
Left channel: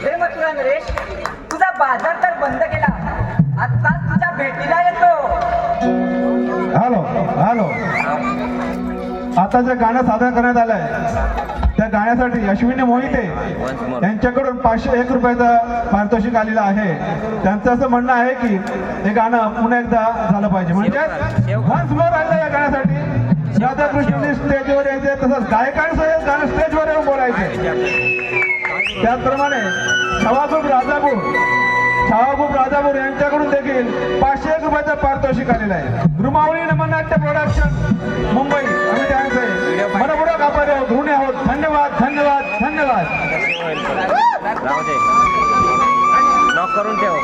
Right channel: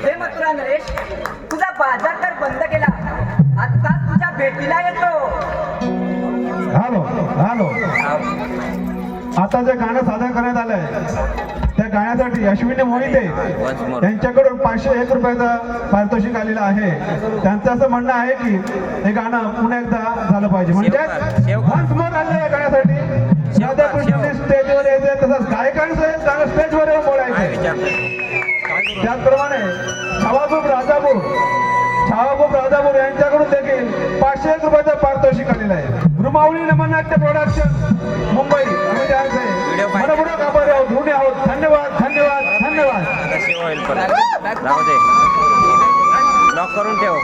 हे मथुरा नरेश, तुझा बाजार तर बंद केला. आता तुझ्या भेटीला येतो. हॅलो हॅलो आता जे गाणं सादर करण्यात आलंय त्या गाण्यासाठी अश्विनी मोहिते यांच्याकडून 501 रुपयाचा पारितोषिक आलेला आहे. त्यांचं असं म्हणणं आहे की हे गाणं पुन्हा एकदा झालं पाहिजे. म्हणजे once more आलं या गाण्यासाठी. राधाकृष्ण स्टेजवर यायचंय, तसंच गायकांचं गाणं स्टेजवर येऊन बोलायचं. त्याचप्रमाणे छावाखूप राजापूर यांच्याकडून देखील 501 रुपयाचा पारितोषिक आलेला आहे. रुमावळी नमनाट्य प्रोडक्शन मुंबई आम्ही त्यांचे मनपूर्वक आभारी आहोत, ऋणी आहोत. धन्यवाद धन्यवाद धन्यवाद. परत जाऊ दे लॉक करून ठेव.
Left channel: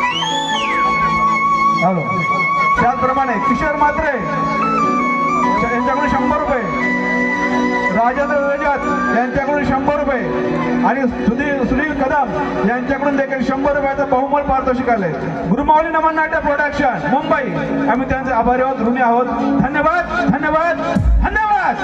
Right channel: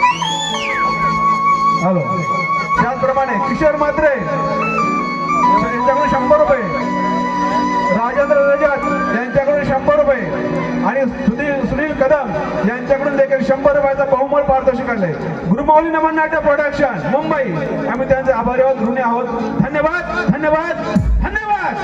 हॅलो. त्याचप्रमाणे किशोर म्हात्रे यांच्याकडून 100 रुपये, राजेंद्र रजात यांच्याकडून 100 रुपये आणि सुनील कदम यांच्याकडून देखील 100 रुपयाचा बहुमोल पारितोषिक आलंय. गुरुमाऊली नमन नाट्य प्रोडक्शन मुंबई, आम्ही त्यांचे आभारी आहोत, ऋणी आहोत. धन्यवाद धन्यवाद धन्यवाद.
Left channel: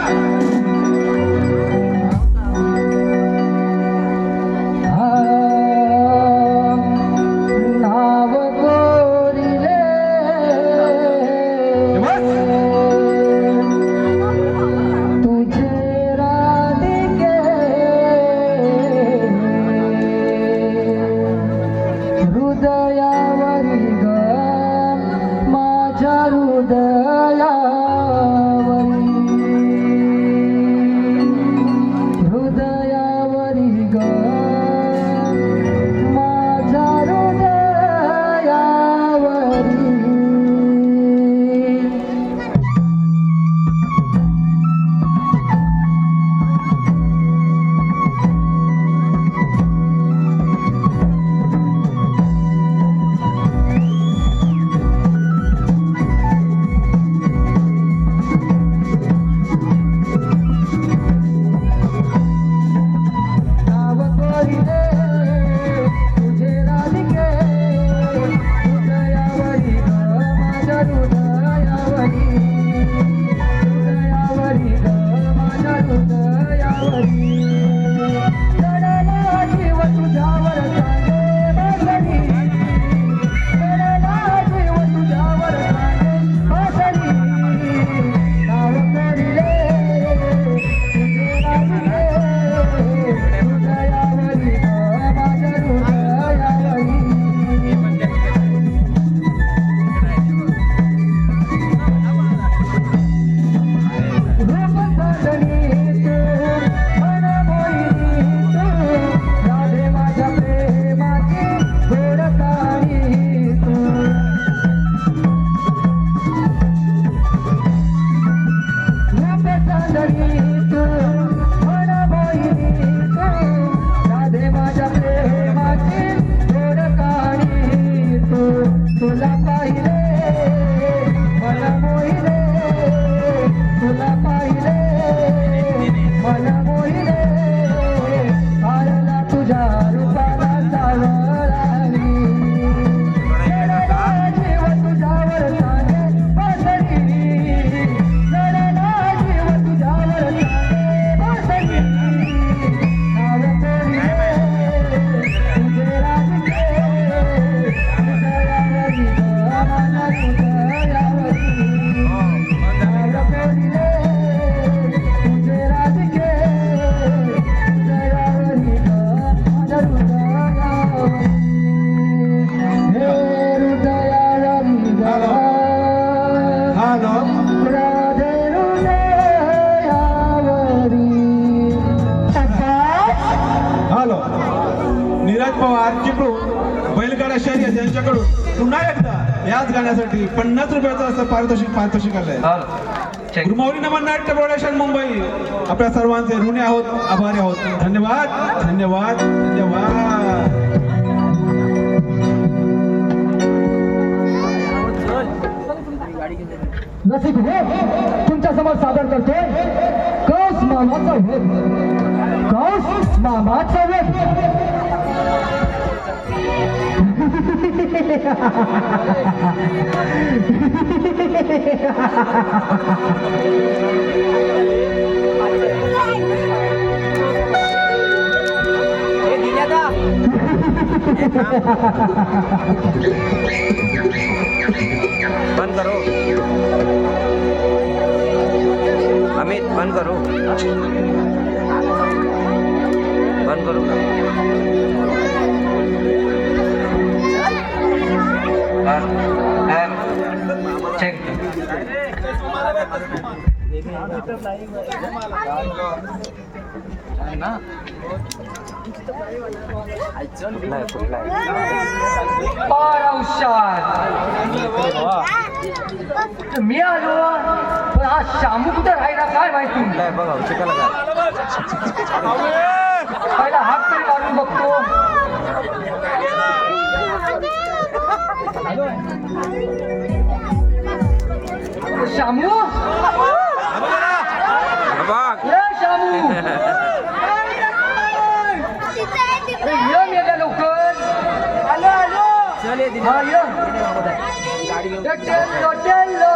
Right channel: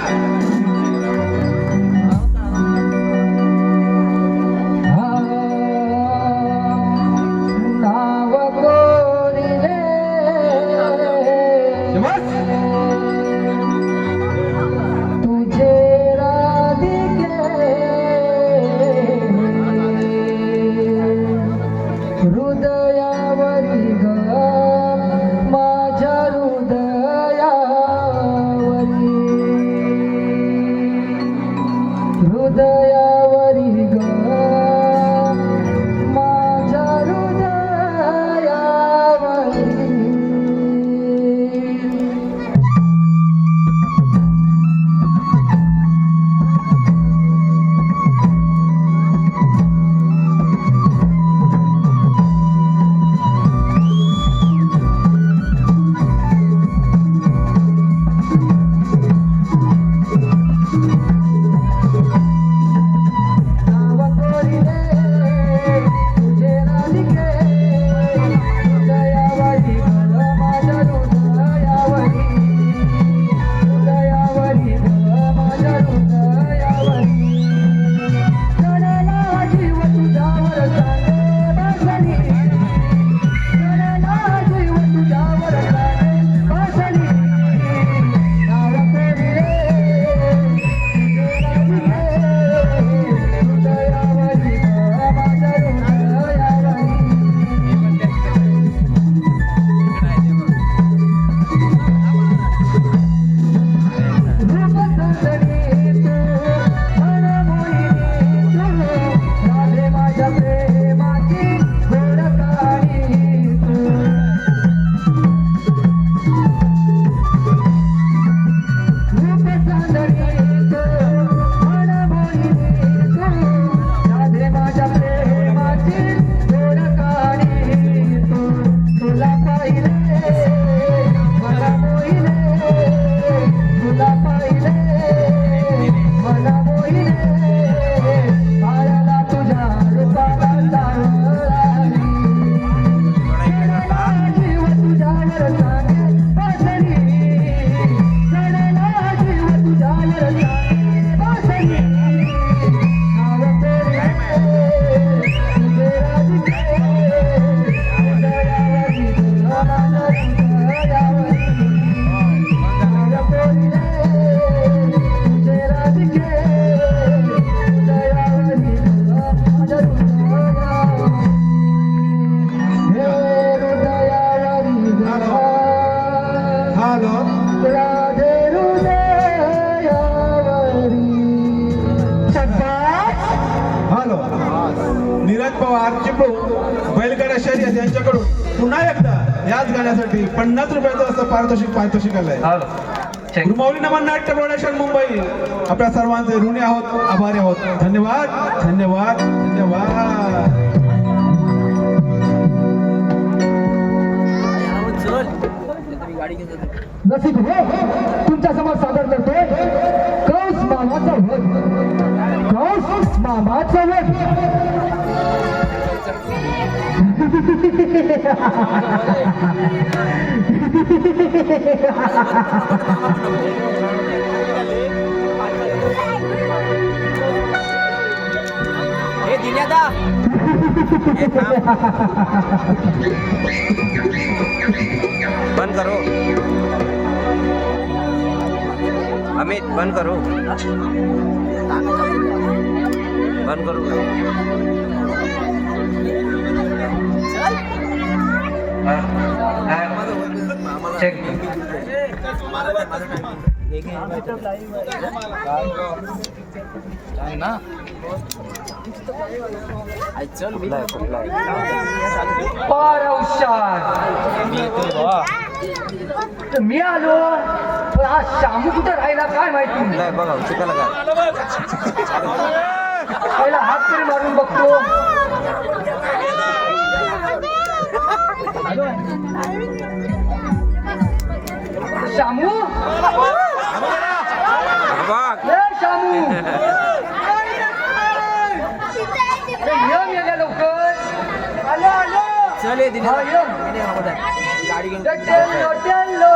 यांच्याकडून पुन्हा एकदा याच गाण्यासाठी 50 रुपयाचं असं पारितोषिक आलंय. गुरुमाऊली नमन नाट्य प्रोडक्शन मुंबई, आपल्या सर्वांचे ऋणी आहोत, आभारी आहोत. धन्यवाद धन्यवाद धन्यवाद. रसिक तुमच्या समोर सादर करते कौस मामाचं वेद. कौस मामाचं वेद. बंद करो अमित, बंद करो. बंद करो का? चेक कुठला मी आलो पण हा शामू कुठे राहिला काय माहिती. बघा चिकाला का पहिला हात तरी मारून बघतो. आलो. शामू बघ ए शामू ए, ये मेल्या लवकर. चल ये दिने. हा, ये. टेल्लो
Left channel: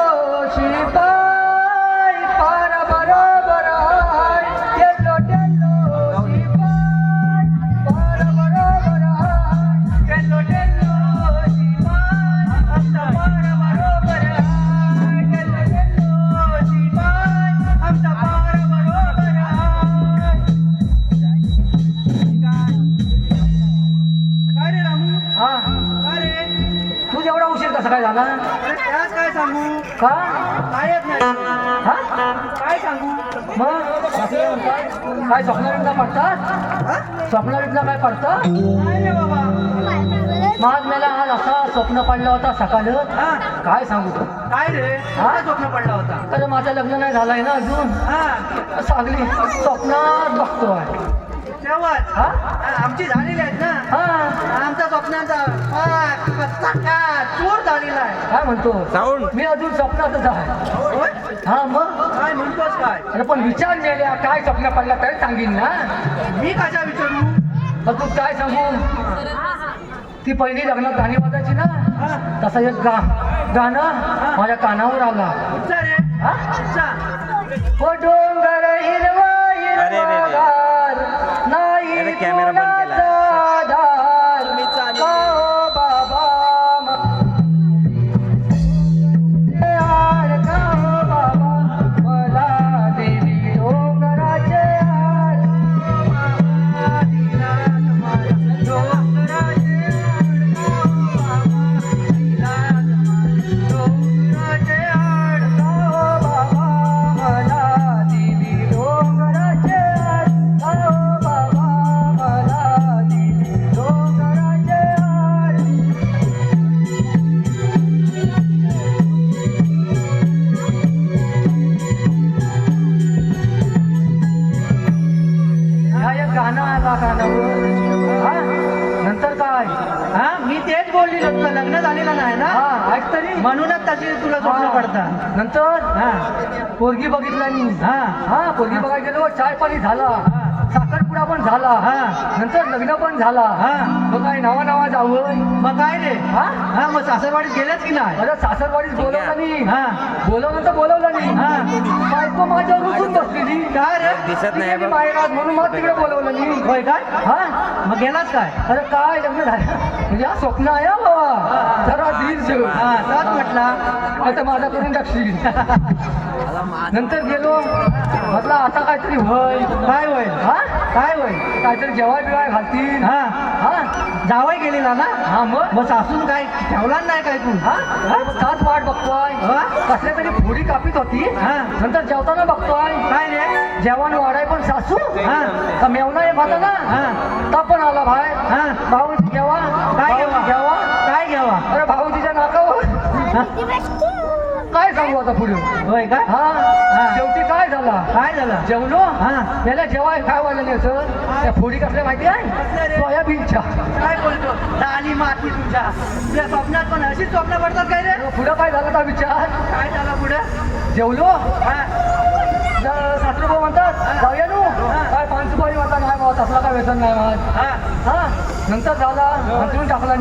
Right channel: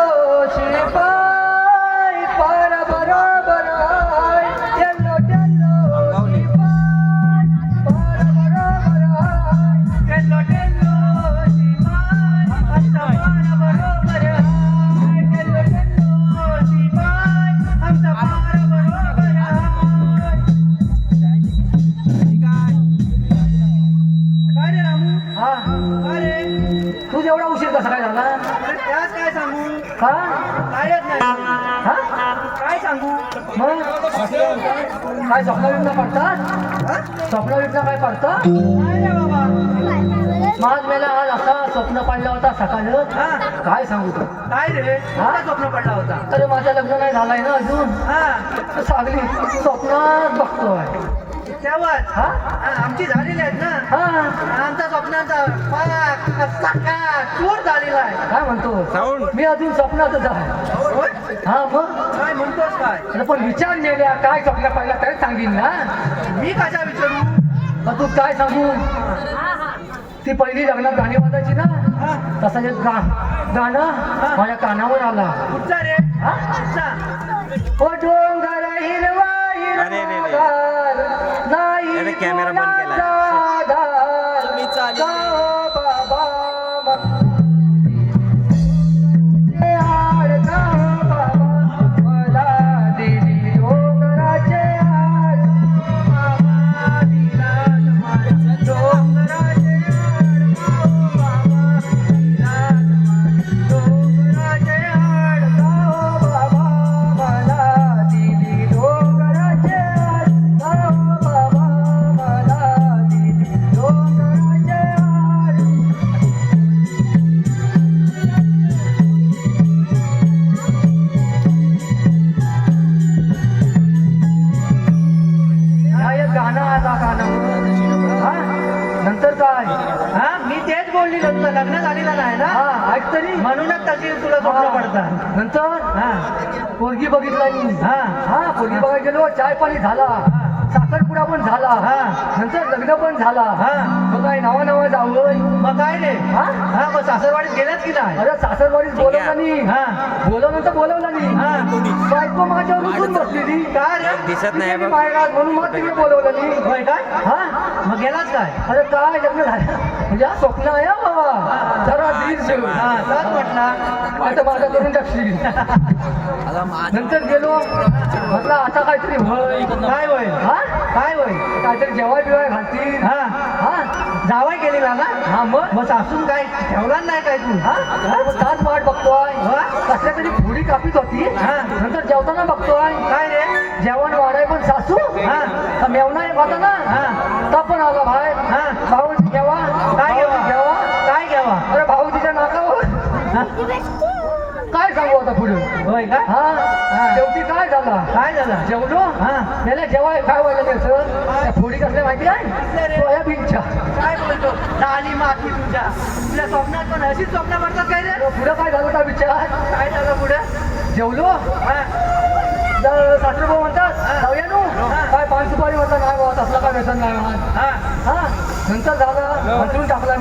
शिपाई पार बरोबर हाय. टेल्लो अंगावली. शिपाई पार बरोबर हाय. टेल्लो शिपाई आमचा पार बरोबर हाय. टेल्लो शिपाई आमचा पार बरोबर हाय. काय रे रामू? हा, काय रे? तू एवढा उशीर कसा काय झाला? अरे त्यात काय सांगू? का? काय येत नाही. हा? काय सांगू? मग काय स्वप्नाविंदा पडतात? हा? स्वप्नाविंदा काय पडतात? काय रे बाबा? माझ मला आज असा स्वप्न पडला होता सकाळी. हा? काय सांगू तू? काय रे? काय स्वप्न पडला होता? तर माझं लग्न नाही झालंय ना अजून. हा सांगली स्वप्नात बघतोय. तेव्हाच हा? आमची झालेली आहेत ना. हा, आमचा स्वप्नांचा पाक कच्चा चोर झालेला आहे. काय म्हणतो? साऊंड. मी अजून स्वप्नातच आहे. होय? हा मग काय म्हणतोस काय? अरे पण विचार नेल्या काय स्वप्न पडला तरी सांगीन ना. मी कशा विचारू? तर तू काय सांगू? ती पहिली लग्नात गाणी वाजायची ना. हा? तसं एक गाणं माझ्या कानावर आला. कुठचा रे? हा? कुठचा? ओ डोंगर हिरवा अरे रे रे. हिरवागार, नाही अरे कॅमेरा बंद केला. कुणाचा आधार. गावो बाबा गावो बाबा मला देवी डोंगराचे हार. बाबा दिनात मला डोंगराचे हार. गावो बाबा दिनात डोंगराचे हार. गावो बाबा मला देवी डोंगराचे हार. गावो बाबा मला देवी डोंगराचे हार. हा एक गाणं आला कानावर. हा? नंतर काय? हा? मी तेच बोलली तुला लग्न झालेलं नाही ना. हा ऐक तरी. म्हणूनच तशी तुला स्वप्न पडतात. नंतर हा पोरगी बघितला मी. हा हा पोरगी बघायला गेलो. चाय पाणी झाला. साखरपुडा पण झाला. हा. नंतर लग्न पण झाला. हा. मग काय नवा जावं. मग काय रे? हा? हा मग सासरवाडीत गेलेच की नाही? अरे सासरवाडीत बोलवलं नाही. हा बोलवलं तर बोलवलं नाही. हा. बायको माझ्यावर रुसून बसलेली. का रे? दिसत नाही बघ. बाहेर आत म्हणून मग तिकडे बोलवलं नाही. होय काय? हा मग गेलाच काय? अरे काय लग्न झालं म्हणजे हा स्वप्न आहे हा बाबा. जरा हा, दिल शबास. हा, तर म्हटलं. आता माझा करून टाकशील. नंतर गेलो म्हटलं आता काहीतरी होय. काय होईल? हा? काय होईल? काहीतरी जेवाय बिवाय घालतील. हा हा? जावई गेलेला ना. हा मग मग सासून काय ठेवला नाही काय तू? हा? अरे मग तास वाट बघतोय. हा? कसल्या तरी फोडी कापीत होती. हा. नंतर जेवताना बघतोय काय रे? जेवण वाढाय पण सासू. हा. का मेवना एक होता ना. हा. तो पण आला बाहेर. हा. खाऊन घ्यावा. काय घ्यावा? घ्यावा. काय घ्यावा? अरे भाऊ तिच्या नाकावर. काय सांगू आता पुढे. होय काय? हा शेवटी काय झाला. काय झालं? जेवलो. हा. त्याला जेवाय काय वाजले त्या फोडी कसल्या माहिती कसल्या रे? आहे सोयाबीनच्या. काय बोलतो? लाली माती तुझ्या स्वप्नात पण अशीच स्वप्न पडतात काय रे? पुढं काय झालं का विचार. काय झालं पुढे? जेवलो. सासरे भाऊ म्हणतात जाऊया नु. काय 5 सुपारी म्हणतात नाही बाबा तसलं काय व्यसन नाही. हा हा नंतर झाला हसून टाकला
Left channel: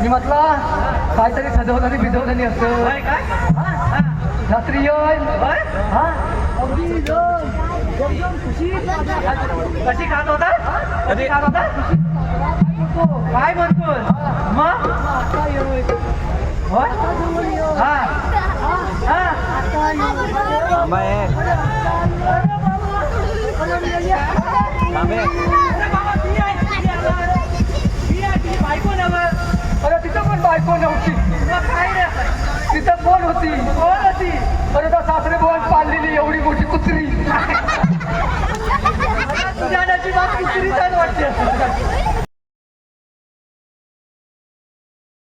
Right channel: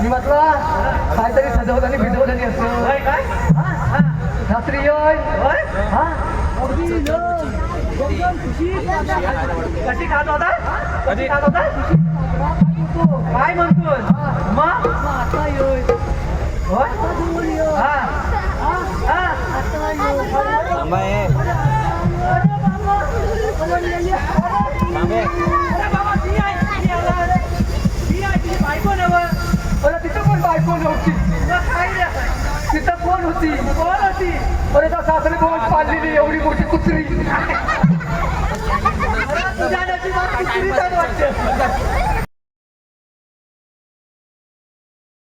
मी म्हटलं काहीतरी सजवलं आणि भिजवलं नाही असं. होय काय? हा? रात्री येय. होय? हा अगदी एकदम खुशीत कशी खात होता? कधी? खात होता? काय म्हणतोस? मग? आता येय. होय? आता जवळ ये. हा हा आता ये. थांबा ए. अरे बाबा थांबे. अरे बाबा ती आहे ती आला. ती आहे ती बायको नवं. अरे तिथं पण बायको नव्हती. मग काय रे? तिथं कोण होती. कोण होती? अरे त्या सासरे बोल पाळलेली एवढी मोठी कुत्री. अरे तुझ्या नशिबात कुत्री